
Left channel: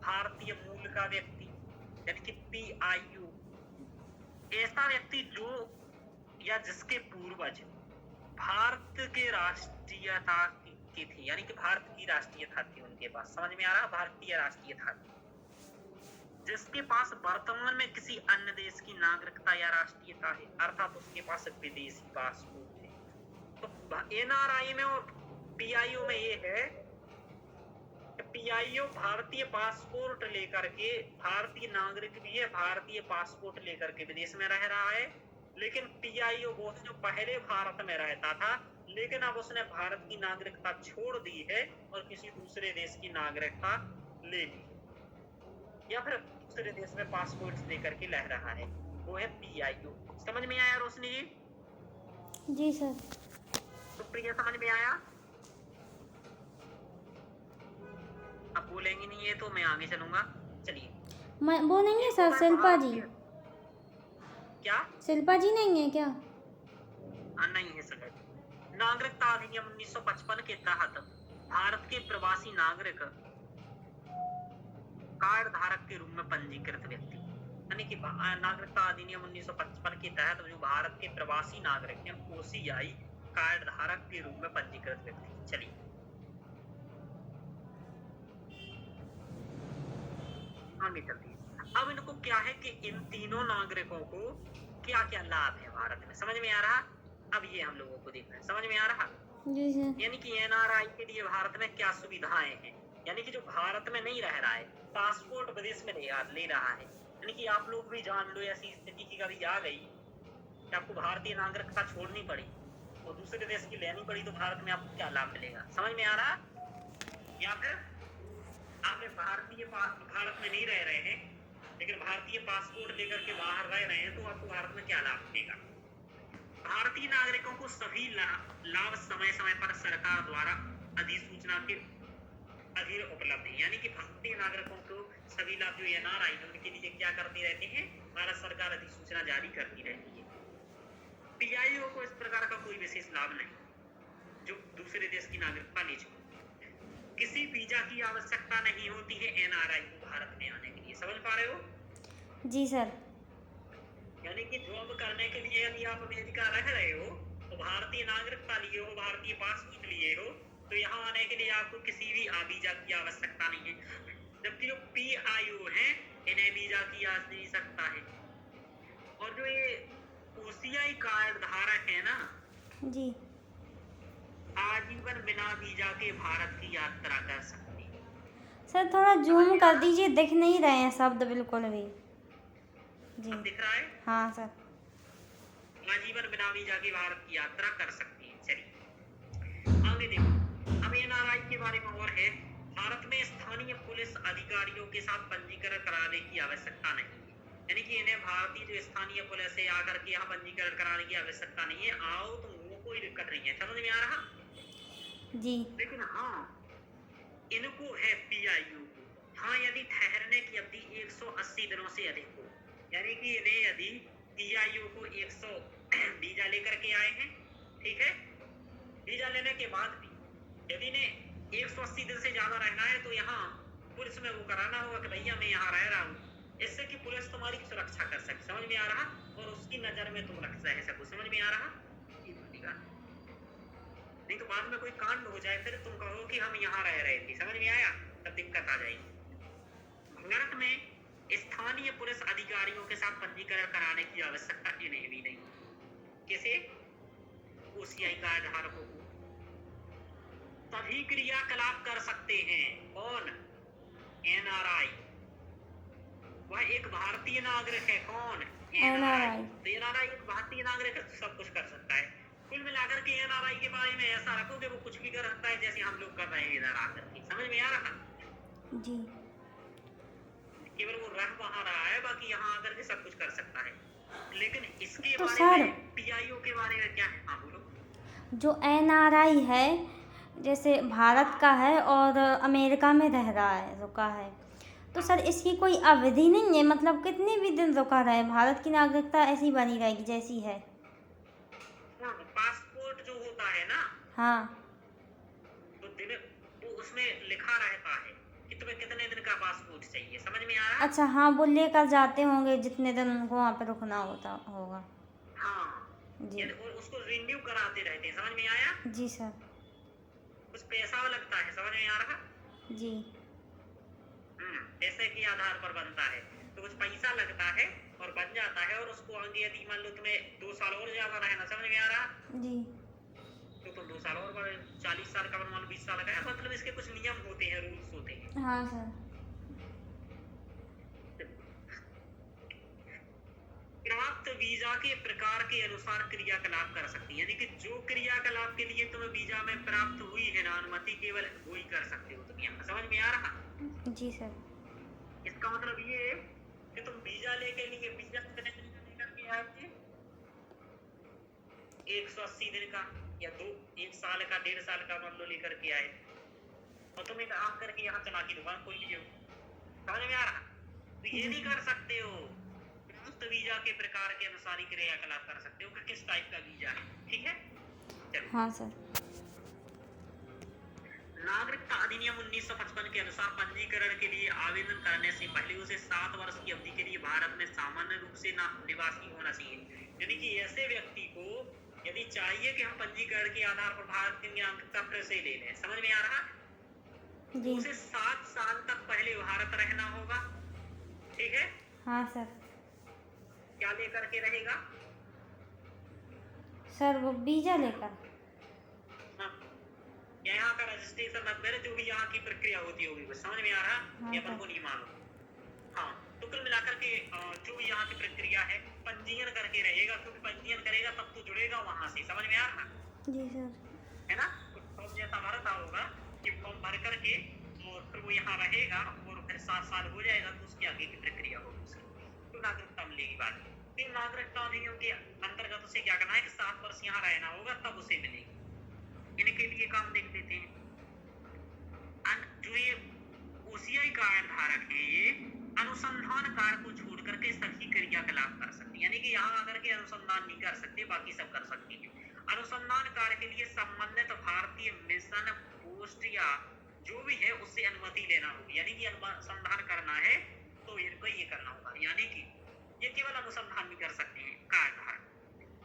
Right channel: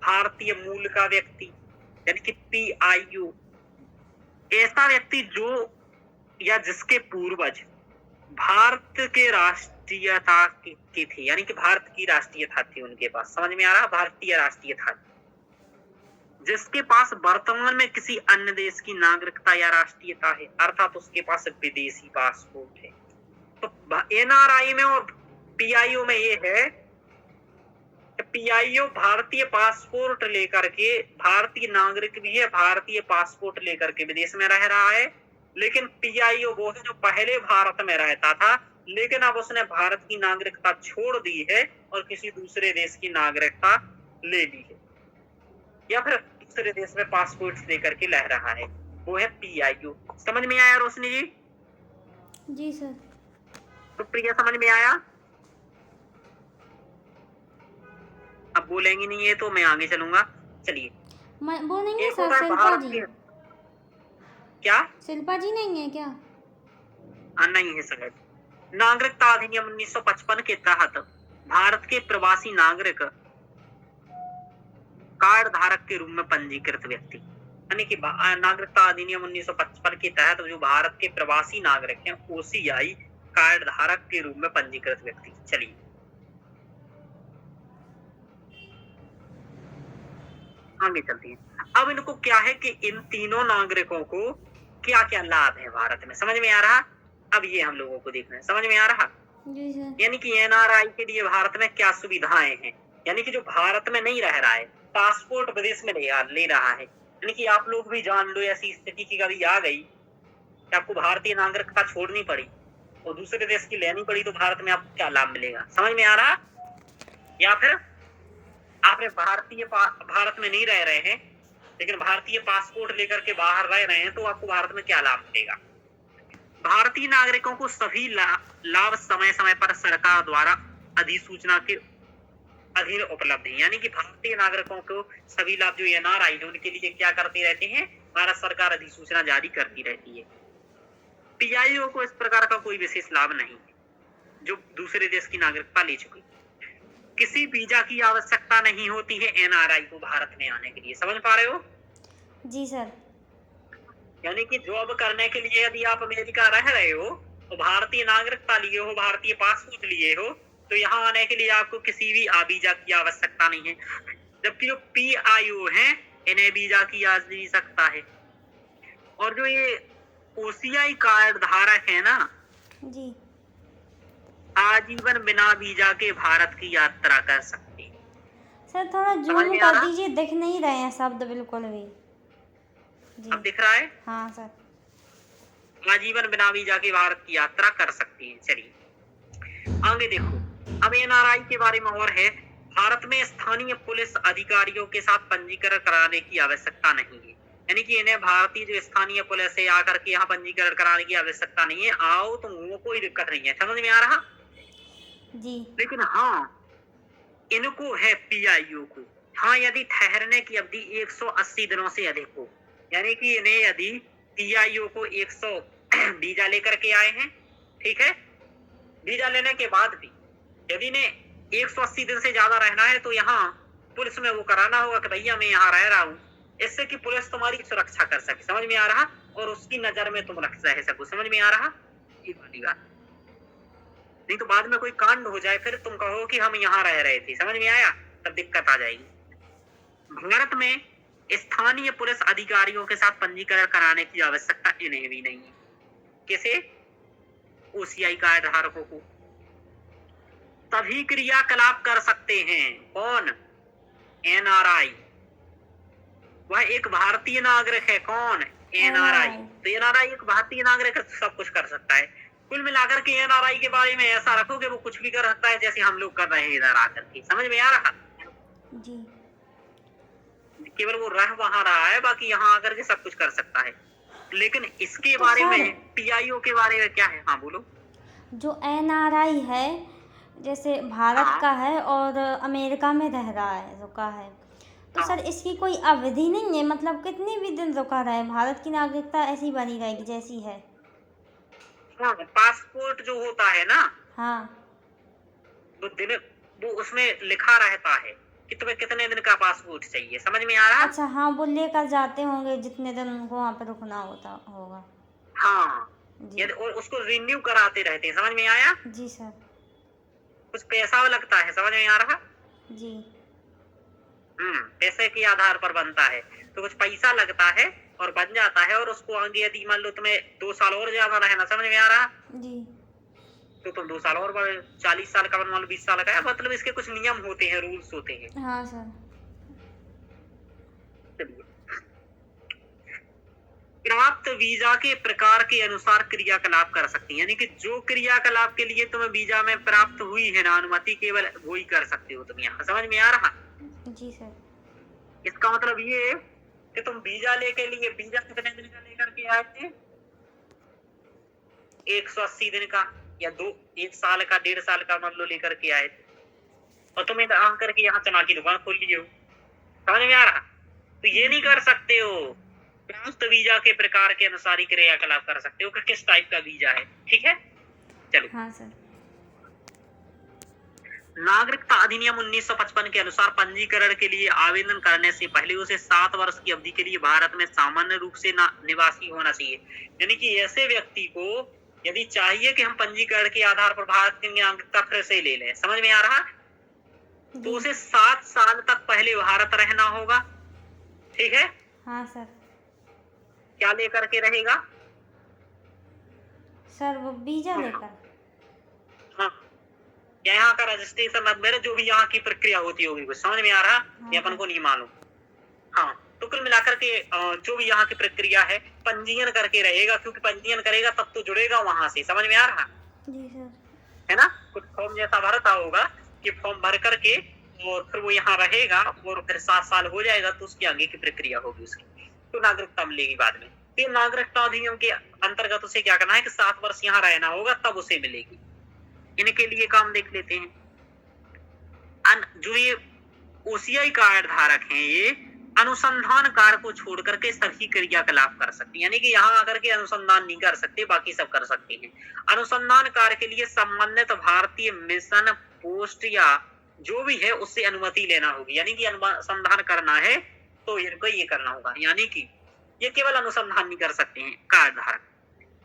भारतीय मूल का व्यक्ति, यानी कि PIO। ऐसा व्यक्ति जो या जिसके पूर्वज भारत के राष्ट्रीयता के थे, यानी कि भारत की राष्ट्रीयता थी उनके पास। समझ में आ रहा? भारतीय राष्ट्रीयता, जिसके पास वर्तमान में किसी अन्य देश की नागरिकता या राष्ट्रीयता है, अर्थात उसके पास विदेशी पासपोर्ट है। तो NRI में और PIO में ये है, PIO भारतीय पासपोर्ट लेकर के, भारतीय नागरिक भी है, भारतीय पासपोर्ट लेकर के विदेश में रह रहा है। लेकिन PIO वो है जो पहले भारत में रहता था, लेकिन अब उसने भारत की नागरिकता छोड़ दी है और किसी दूसरे देश की नागरिकता ले ली है, या फिर दूसरे देश में पासपोर्ट लेकर के रह रहा है, वो है PIO। समझ में आया रोशनी जी? जी सर। सुप्रिया समझ में आया? अब बोलेंगी नहीं है तो मैं आगे चलूंगा। चलिए, मैं वो नहीं है एक सर, होगा शिल्पा भारत जी। के, क्या? शिल्पा जी नहीं है क्या? नहीं है सर। नागरिकता अधिनियम 1955 के तहत भारत के प्रवासी नागरिक कार्ड धारक के रूप में पंजीकृत व्यक्ति, यानी कि नागरिकता अधिनियम 1955 के तहत जो भारत के प्रवासी नागरिक हैं, OCI कार्ड धारक के रूप में पंजीकृत व्यक्ति। चलिए आगे चलते हैं। अब इनको क्या है कि इन तीनों नागरिकों को क्या क्या लाभ है भारत में, समझ में आ रहा? अब ये हम लोगों को देखना है, समझ में आ रहा? जी सर। यानी कि NRI के लिए भारत में क्या सुविधाएं हैं, यानी कि जो भारत में नहीं रह रहा है, पासपोर्ट विदेश में ले रहा है, यानी कि आप लोग भी जान लो, ऐसी स्थिति की कभी आ गई कि आपको भारतीय नागरिकता छोड़नी पड़ी और दूसरे देश की लेनी पड़ी, तो भारत में आपको क्या लाभ मिलेगा? समझ में आ रहा? या फिर आपने भारत में नहीं रह रहे हैं लेकिन भारतीय पासपोर्ट लेकर के बाहर रह रहे हैं, तो आपको भारत में क्या लाभ मिलेगा? भारतीय नागरिकों को सभी लाभ समय समय पर सरकार द्वारा अधिसूचना के अधीन उपलब्ध है। यानी कि भारतीय नागरिकों को सभी लाभ जो NRI है उनके लिए क्या करते रहते हैं, भारत सरकार अधिसूचना जारी करती रहती है। PIO को इस प्रकार का कोई विशेष लाभ नहीं जो दूसरे देश की नागरिकता ले चुकी। किसी वीजा की आवश्यकता नहीं होती है NRI को भारत में आने के लिए। समझ पा रहे हो? जी सर। यानी कि जॉब करने के लिए यदि आप अमेरिका रह रहे हो तो भारतीय नागरिकता लिए हो, भारतीय पासपोर्ट लिए हो, तो यहाँ आने के लिए आपको किसी भी वीजा की आवश्यकता नहीं है। जबकि जो PIO है इन्हें वीजा की आवश्यकता है। और जो ये OCI कार्ड धारक है ना जी आजीवन बिना वीजा के भारत की यात्रा कर सकते हैं। सर, थोड़ा जूम में आ कर रहा? दीजिए, दिख नहीं रहे हैं शब्द बिल्कुल भी। अब जी दिख रहा है? हाँ सर। आजीवन बिना वीजा के भारत की यात्रा कर सकती है। चलिए आगे देखो, अब NRI के बारे में और है। भारत में स्थानीय पुलिस अधिकारियों के साथ पंजीकरण कराने की आवश्यकता नहीं है, यानी कि इन्हें भारतीय जो स्थानीय पुलिस है आकर के यहाँ पंजीकरण कराने की आवश्यकता नहीं है। आओ तो वो कोई दिक्कत नहीं है। समझ में आ रहा? जी लेकिन हाँ, इनको है PIO को, हाँ, यदि ठहरने की अवधि 180 दिनों से अधिक हो, यानी कि इन्हें यदि पीआईओ को 100 वीजा लेकर के आए हैं, ठीक है, वीजा लेने के बाद भी यदि इन्हें 180 दिन से ज्यादा रहना है तो यहाँ पुलिस में वो कराना होगा कि भैया मैं यहाँ रह रहा हूँ, इससे कि पुलिस तुम्हारी सुरक्षा कर सके, समझ में आ रहा, और उसकी नजर में तुम रह सको, समझ में आ रहा, ये वाली बात। नहीं तो बाद में कोई कांड हो जाए फिर तुम कहो कि हम यहाँ रह रहे थे, समझ में आया, तब दिक्कत आ जाएगी। भारत में स्थानीय पुलिस अधिकारियों के साथ पंजीकरण कराने की आवश्यकता इन्हें भी नहीं है। किसे? ओसीआई कार्ड धारकों को। तभी क्रियाकलाप कर सकते हैं कौन? एनआरआई। वह एक भारतीय नागरिक है। कौन? एनआरआई। तो एनआरआई एक भारतीय नागरिक है, सब कुछ कर सकता है। कुल मिलाकर के एनआरआई के बारे में ऐसा रखो कि वो कुछ भी कर सकता है, जैसे हम लोग कर रहे हैं इधर आकर के, समझ में आ रहा? जी। केवल वो रह वहां रहा है, बाकी यहाँ आकर के सब कुछ कर सकता है। लेकिन इसके तो बारे सर, में पीआईओ के बारे में क्या है? हाँ बोलो। जो एनआरआई है, जैसे भारत हाँ। का है और अमेरिका में रह रहा है, रुका है, तो हाँ। सर इसकी कोई अवधि नहीं है? मतलब कितने भी दिन रुका रहे, भारत की नागरिकता ऐसी बनी रहेगी जैसी है? हाँ, पासपोर्ट जो होता है ना, हाँ। तो दिन वो उसमें लिखा रहता है कि तुम्हें कितने दिन का पासपोर्ट चाहिए, समझ में आ रहा? अच्छा, हाँ, वो लेकर जाते होंगे जितने दिन उनको वहाँ पे रुकना होता होगा। हाँ, जी। और उसको रिन्यू कराते रहते हैं, समझ में आया? जी सर। कुछ पैसा लगता है, समझ में आ रहा? जी। पैसे के आधार पर बनता है, तो कुछ पैसा लगता है और बन जाता है, और उसको आगे यदि मान लो तुम्हें 2 साल और ज्यादा रहना, समझ में आ रहा? जी। तो तुम 2 साल और 40 साल का, मान लो 20 साल का है, मतलब इसके कुछ नियम होते हैं, रूल्स होते हैं। हाँ सर। प्राप्त वीजा के प्रकार के अनुसार क्रियाकलाप कर सकती है, यानी कि जो क्रियाकलाप के लिए तुम्हें वीजा में प्राप्त हुई है ना अनुमति, केवल वो ही कर सकते हो तुम यहाँ, समझ में आ रहा? जी सर। इसका मतलब ये है कि तुम वीजा लेके लिए, वीजा कितने दिन का लेकर के आए थे? 180 दिन का, या 1 साल का, 1.5 साल का मान लो लेकर के आए, और तुम आकर के यहाँ चना की दुकान खोल लिए हो, समझ में आ रहा? तो ये नहीं कर सकते हो। प्राप्त वीजा के प्रकार के अनुसार ही क्रियाकलाप कर सकते हो कि किस टाइप का वीजा है, ठीक है? चलो। हाँ सर। नागरिकता अधिनियम 1955 के अनुसार पंजीकरण के लिए आवेदन करने से पहले उसे 7 वर्ष की अवधि के लिए भारत में सामान्य रूप से निवासी होना चाहिए। यानी कि ऐसे व्यक्ति को यदि चाहिए कि हम पंजीकरण के आधार पर भारत की नागरिकता फिर से ले लें, समझ में आ रहा? तो उसे 7 साल तक पहले भारत रहना होगा, ठीक है? हाँ सर। क्या लेकर के रहेगा? सर वो वीजा लेकर। हाँ, यहाँ का रजिस्ट्रेशन नंबर, जो भी यहाँ की प्रक्रिया होती होगी, कुछ समझ में आ रहा? ये अपन को नहीं मालूम। हाँ, तो कुल मिलाकर के जो भी यहाँ की प्रक्रिया है, पंजीयन करके रहेगा, क्योंकि पंजीयन करेगा तब तो जुड़ेगा वहां से, समझ में आ रहा? जी सर। है ना? कुछ फॉर्म जैसा भरता होगा कि फॉर्म भर करके और फिर वो यहाँ रहेगा, और फिर 7 साल हो जाएगा तो उसकी आगे की प्रक्रिया होगी उसकी, तो नागरिकता मिलेगी बाद में। तो नागरिकता अधिनियम के अंतर्गत उसे क्या करना है कि 7 वर्ष यहाँ रहना होगा, तब उसे मिलेगी। इनके लिए काम देख लेते हैं। जो ये ओसीआई कार्ड धारक हैं, ये अनुसंधान कार्य को छोड़ करके सभी क्रियाकलाप कर सकते हैं, यानी कि यहाँ आकर के अनुसंधान नहीं कर सकते, बाकी सब कर सकते हैं। अनुसंधान कार्य के लिए संबंधित भारतीय मिशन, पोस्ट या जो भी है उससे अनुमति लेना होगी, यानी कि अनुसंधान करना है तो इनको ये करना होगा, यानी कि ये केवल अनुसंधान नहीं कर सकते हैं कार्ड धारक।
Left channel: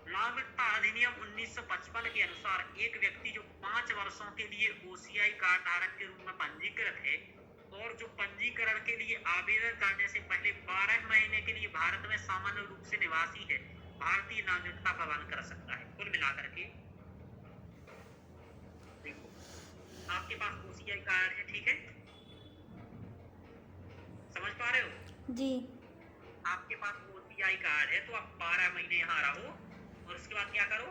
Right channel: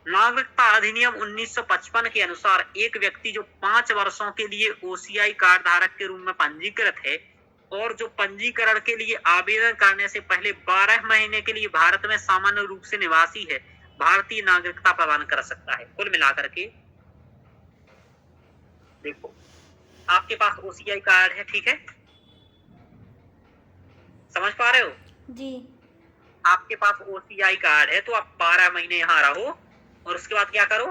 नागरिकता अधिनियम 1955 के अनुसार एक व्यक्ति जो 5 वर्षों के लिए ओसीआई कार्ड धारक के रूप में पंजीकृत है और जो पंजीकरण के लिए आवेदन करने से पहले 12 महीने के लिए भारत में सामान्य रूप से निवासी है, भारतीय नागरिकता प्रदान कर सकता है। कुल मिलाकर के देखो, आपके पास ओसीआई कार्ड है, ठीक है, समझ पा रहे हो? जी। आपके पास ओसीआई कार्ड है तो आप 12 महीने यहाँ रहो और उसके बाद क्या करो?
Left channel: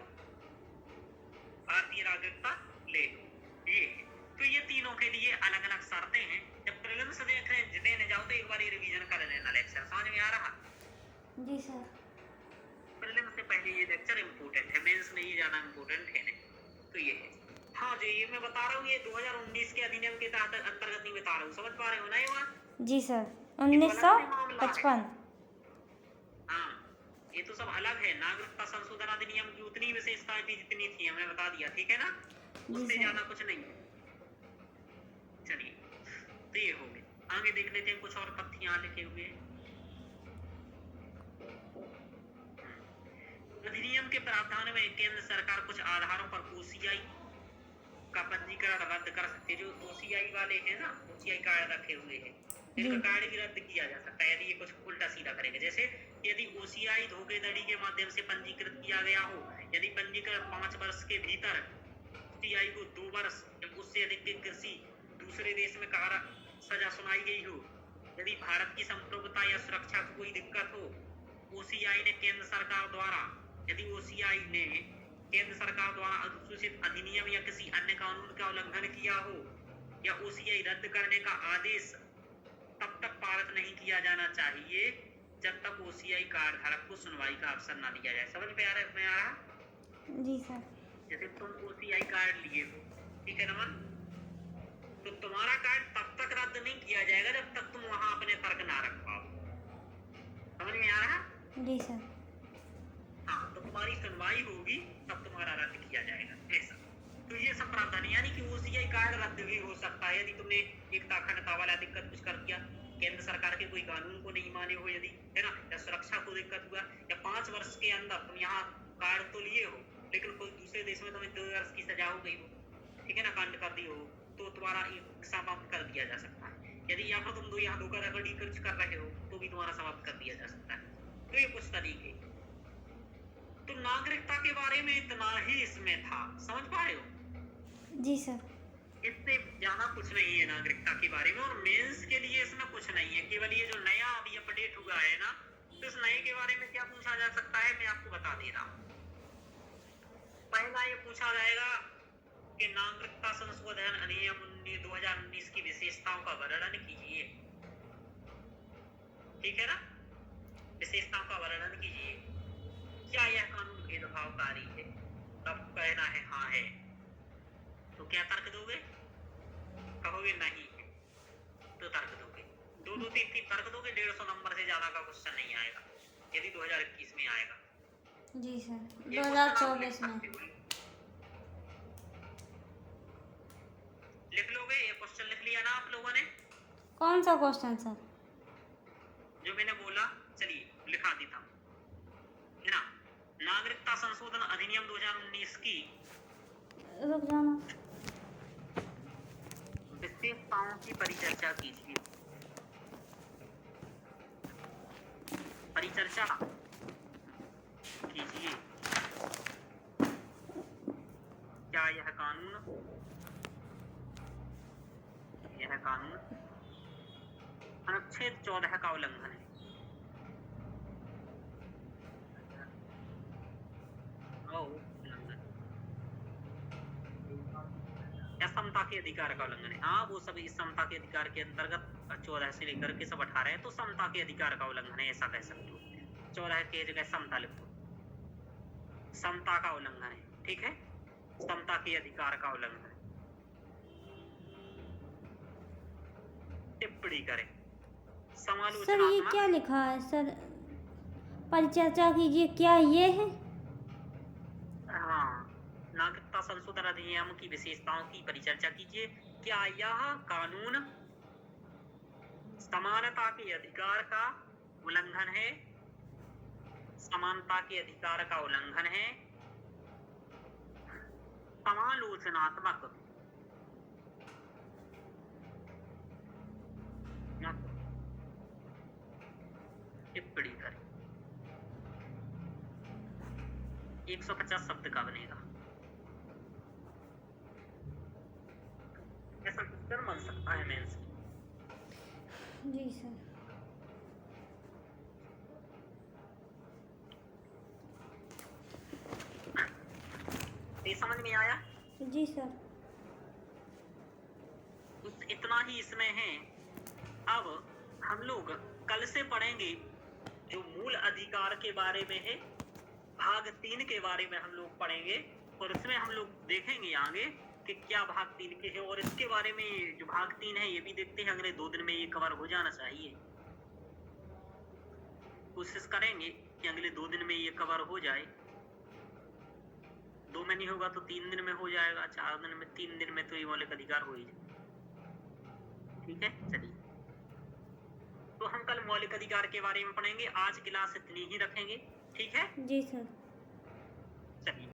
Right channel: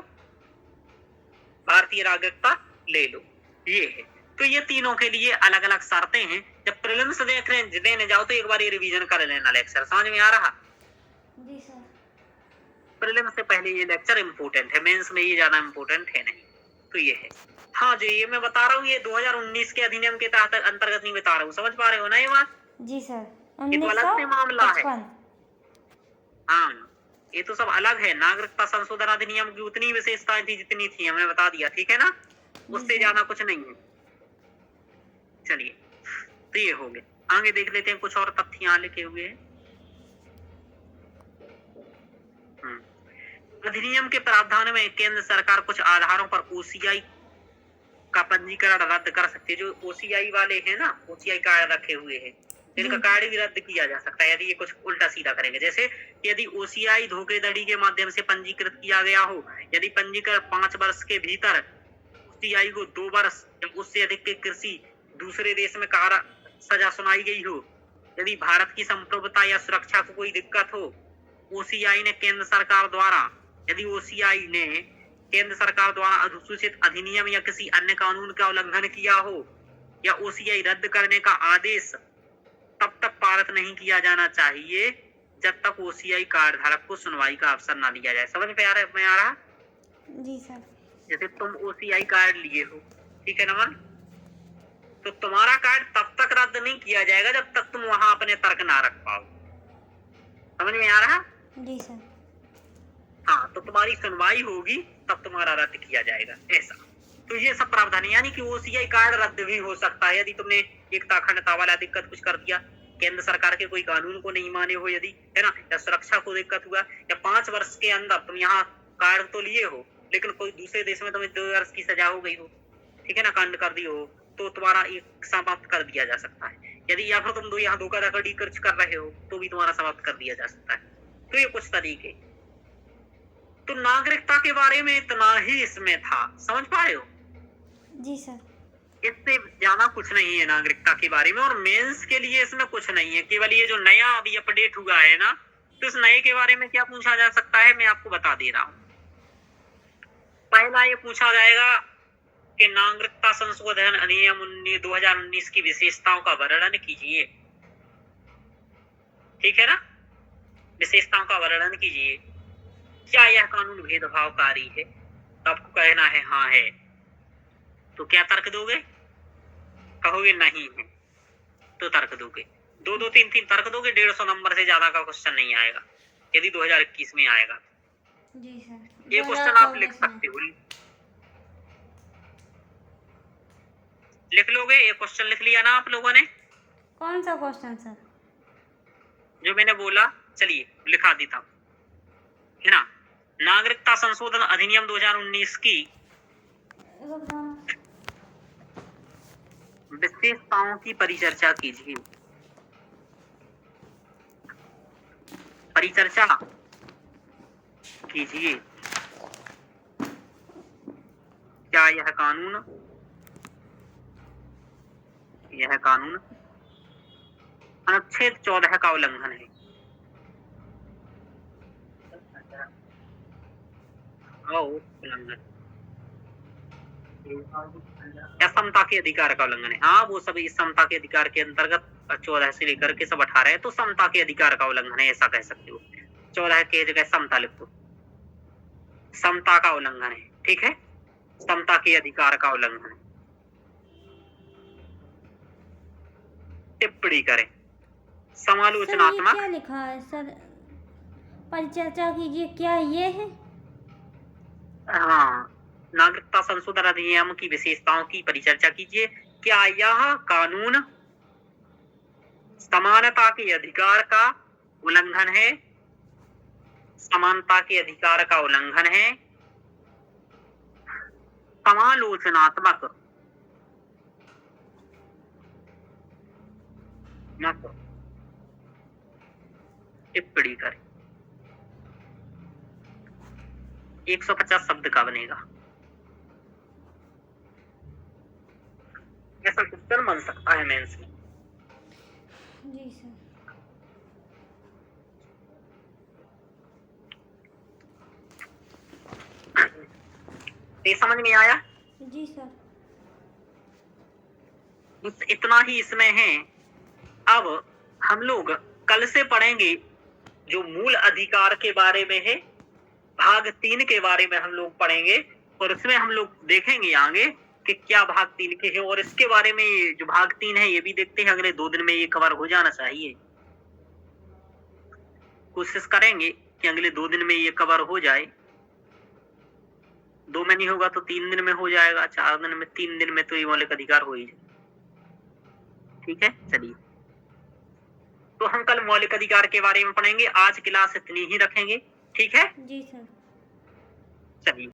भारतीय नागरिकता ले लो, ये है। तो ये तीनों के लिए अलग अलग शर्तें हैं। जब प्रीलिम्स देने जाओ तो एक बार ये रिवीजन कर लेना लेक्चर, समझ में आ रहा? जी सर। प्रीलिम्स से पहले ये लेक्चर इम्पोर्टेंट है, मेंस में ये ज्यादा इम्पोर्टेंट है नहीं। तो ये है। हाँ, जो ये मैं बता रहा हूँ ये 2019 के अधिनियम के तहत अंतर्गत नहीं बता रहा हूँ, समझ पा रहे हो ना ये बात? जी सर, ये तो अलग से मामला है। 1955। हाँ, ये तो सब अलग है। नागरिकता संशोधन अधिनियम की उतनी विशेषताएं थी जितनी थी, हमने बता दिया, ठीक है ना? जी उससे सर। ज्यादा कुछ नहीं है। चलिए, तो ये हो गए। आगे देख लेते हैं, कुछ और तथ्य यहाँ लिखे हुए हैं। अधिनियम के प्रावधान में केंद्र सरकार कुछ आधारों पर ओसीआई का पंजीकरण रद्द कर सकती है। जो ओसीआई वाले हैं ना, ओसीआई कार्ड रखे हुए हैं, इनका जी। कार्ड भी रद्द किया जा सकता है यदि ये कुछ उल्टा सीधा करेंगे। जैसे यदि ओसीआई धोखाधड़ी के माध्यम से पंजीकृत किया गया हो, यदि पंजीकरण 5 वर्ष के भीतर ओसीआई को 2 वर्ष या उससे अधिक के कृषि दूसरे देश में सजा सुनाई गई हो, यदि भारत की संप्रभुता या सुरक्षा को कोई दिक्कत हो, ओसीआई ने केंद्र सरकार द्वारा यदि ओसीआई ने केंद्र सरकार द्वारा अधिसूचित अधिनियम या किसी अन्य कानून का उल्लंघन किया हो, या ओसीआई रद्द करने का आदेश तब तक पारित नहीं किया जाना चाहिए जब तक ओसीआई कार्ड धारक को सुनवाई का अवसर ना दिया जाए। समझ में आ रहा? जी सर। जैसे तुम ओसीआई कार्ड लिए हो, ठीक है ना मन, तो तुम्हारा कार्ड तब तक रद्द नहीं किया जाएगा जब तक तुम वहां अपने तर्क ना रख पाओ। समझ में आ रहा? जी सर। हाँ, तो तुम्हारी सुनवाई होगी तब तुम्हारा रद्द किया जाएगा, ऐसा। तो ये सब प्रावधान है, यानी कि ओसीआई कार्ड रद्द भी हो सकता है यदि तुमने एकता अखंडता वाला दिक्कत कुछ कर दिया, केंद्र सरकार के कोई कानून को नहीं माने हो यदि, है ना, या सुरक्षा को दिक्कत हुआ, या 5 वर्ष के अंदर तुम यहाँ कार्ड तो लिए हो लेकिन कोई दूसरे देश में तुम्हें 2 वर्ष की सजा हो गई हो, ठीक है ना, कांड कर दी हो, तो तुम्हारा एक समाप्त कर दिया जा सकता है। यदि या फिर तुम यहाँ धोखाधड़ी कुछ कर रहे हो तो भी तुम्हारा समाप्त कर दिया जा सकता है। तो ये कुछ तरीके। तो नागरिकता के बारे में इतना ही इसमें था, समझ पा रहे हो? जी सर। इससे ज्यादा कुछ नहीं है नागरिकता के बारे में, और मेंस के लिए इसमें कुछ नहीं है। केवल ये जो नया अभी अपडेट हुआ है ना, तो इस नए के बारे में क्या पूछा जा सकता है, मैं आपको बता दे रहा हूँ। पहला ये पूछा जाएगा कि नागरिकता संशोधन अधिनियम 2019 की विशेषताओं का वर्णन कीजिए, ठीक है ना, विशेषताओं का वर्णन कीजिए। क्या यह कानून भेदभावकारी है? तो आपको कहना है हाँ है। तो क्या तर्क दोगे? कहोगे नहीं है तो तर्क दोगे। 2-2, 3-3 तर्क दोगे, 150 नंबर से ज्यादा का क्वेश्चन नहीं आएगा यदि 2021 में आएगा। जी सर। ये क्वेश्चन आप लिख सकते हो, लिख लोगे? ये क्वेश्चन लिख लिया ना आप लोगों ने? कौन सा क्वेश्चन सर? जो मैंने बोला, चलिए लिखा देता हूँ, है ना। नागरिकता संशोधन अधिनियम 2019 की विशेषताओं की परिचर्चा कीजिए। परिचर्चा कीजिए। क्या यह कानून अनुच्छेद 14 का उल्लंघन है? उल्लंघन या समता के अधिकार का उल्लंघन है? हाँ, वो सभी समता के अधिकार के अंतर्गत 14 से लेकर के सब 18 है, तो समता के अधिकार का उल्लंघन है, ऐसा कह सकते हो। 14 के जगह समता लिखो, समता का उल्लंघन है, ठीक है, समता के अधिकार का उल्लंघन। टिप्पणी करें, समालोचनात्मक। सर ये क्या लिखा है सर? परिचर्चा कीजिए, क्या ये है? हाँ, नागरिकता संशोधन अधिनियम की विशेषताओं की परिचर्चा कीजिए। क्या यह कानून समानता के अधिकार का उल्लंघन है? समानता के अधिकार का उल्लंघन है। समालोचनात्मक टिप्पणी करें। 150 शब्द का बनेगा, ऐसा क्वेश्चन बन सकता है मेंस में। जी सर। ये समझ में आया? जी सर। इतना ही इसमें है। अब हम लोग कल से पढ़ेंगे जो मूल अधिकार के बारे में है, भाग 3 के बारे में हम लोग पढ़ेंगे, और इसमें हम लोग देखेंगे आगे इसके क्या भाग 3 के हैं, और इसके बारे में जो भाग 3 है ये भी देखते हैं, अगले 2 दिन में ये कवर हो जाना चाहिए। कोशिश करेंगे कि अगले 2 दिन में ये कवर हो जाए। 2 में नहीं होगा तो 3 दिन में हो जाएगा, 4 दिन में, 3 दिन में तो ये मौलिक अधिकार हो ही जाए। ठीक है, चलिए। तो हम कल मौलिक अधिकार के बारे में पढ़ेंगे। आज क्लास इतनी ही रखेंगे, ठीक है? जी सर। चलिए।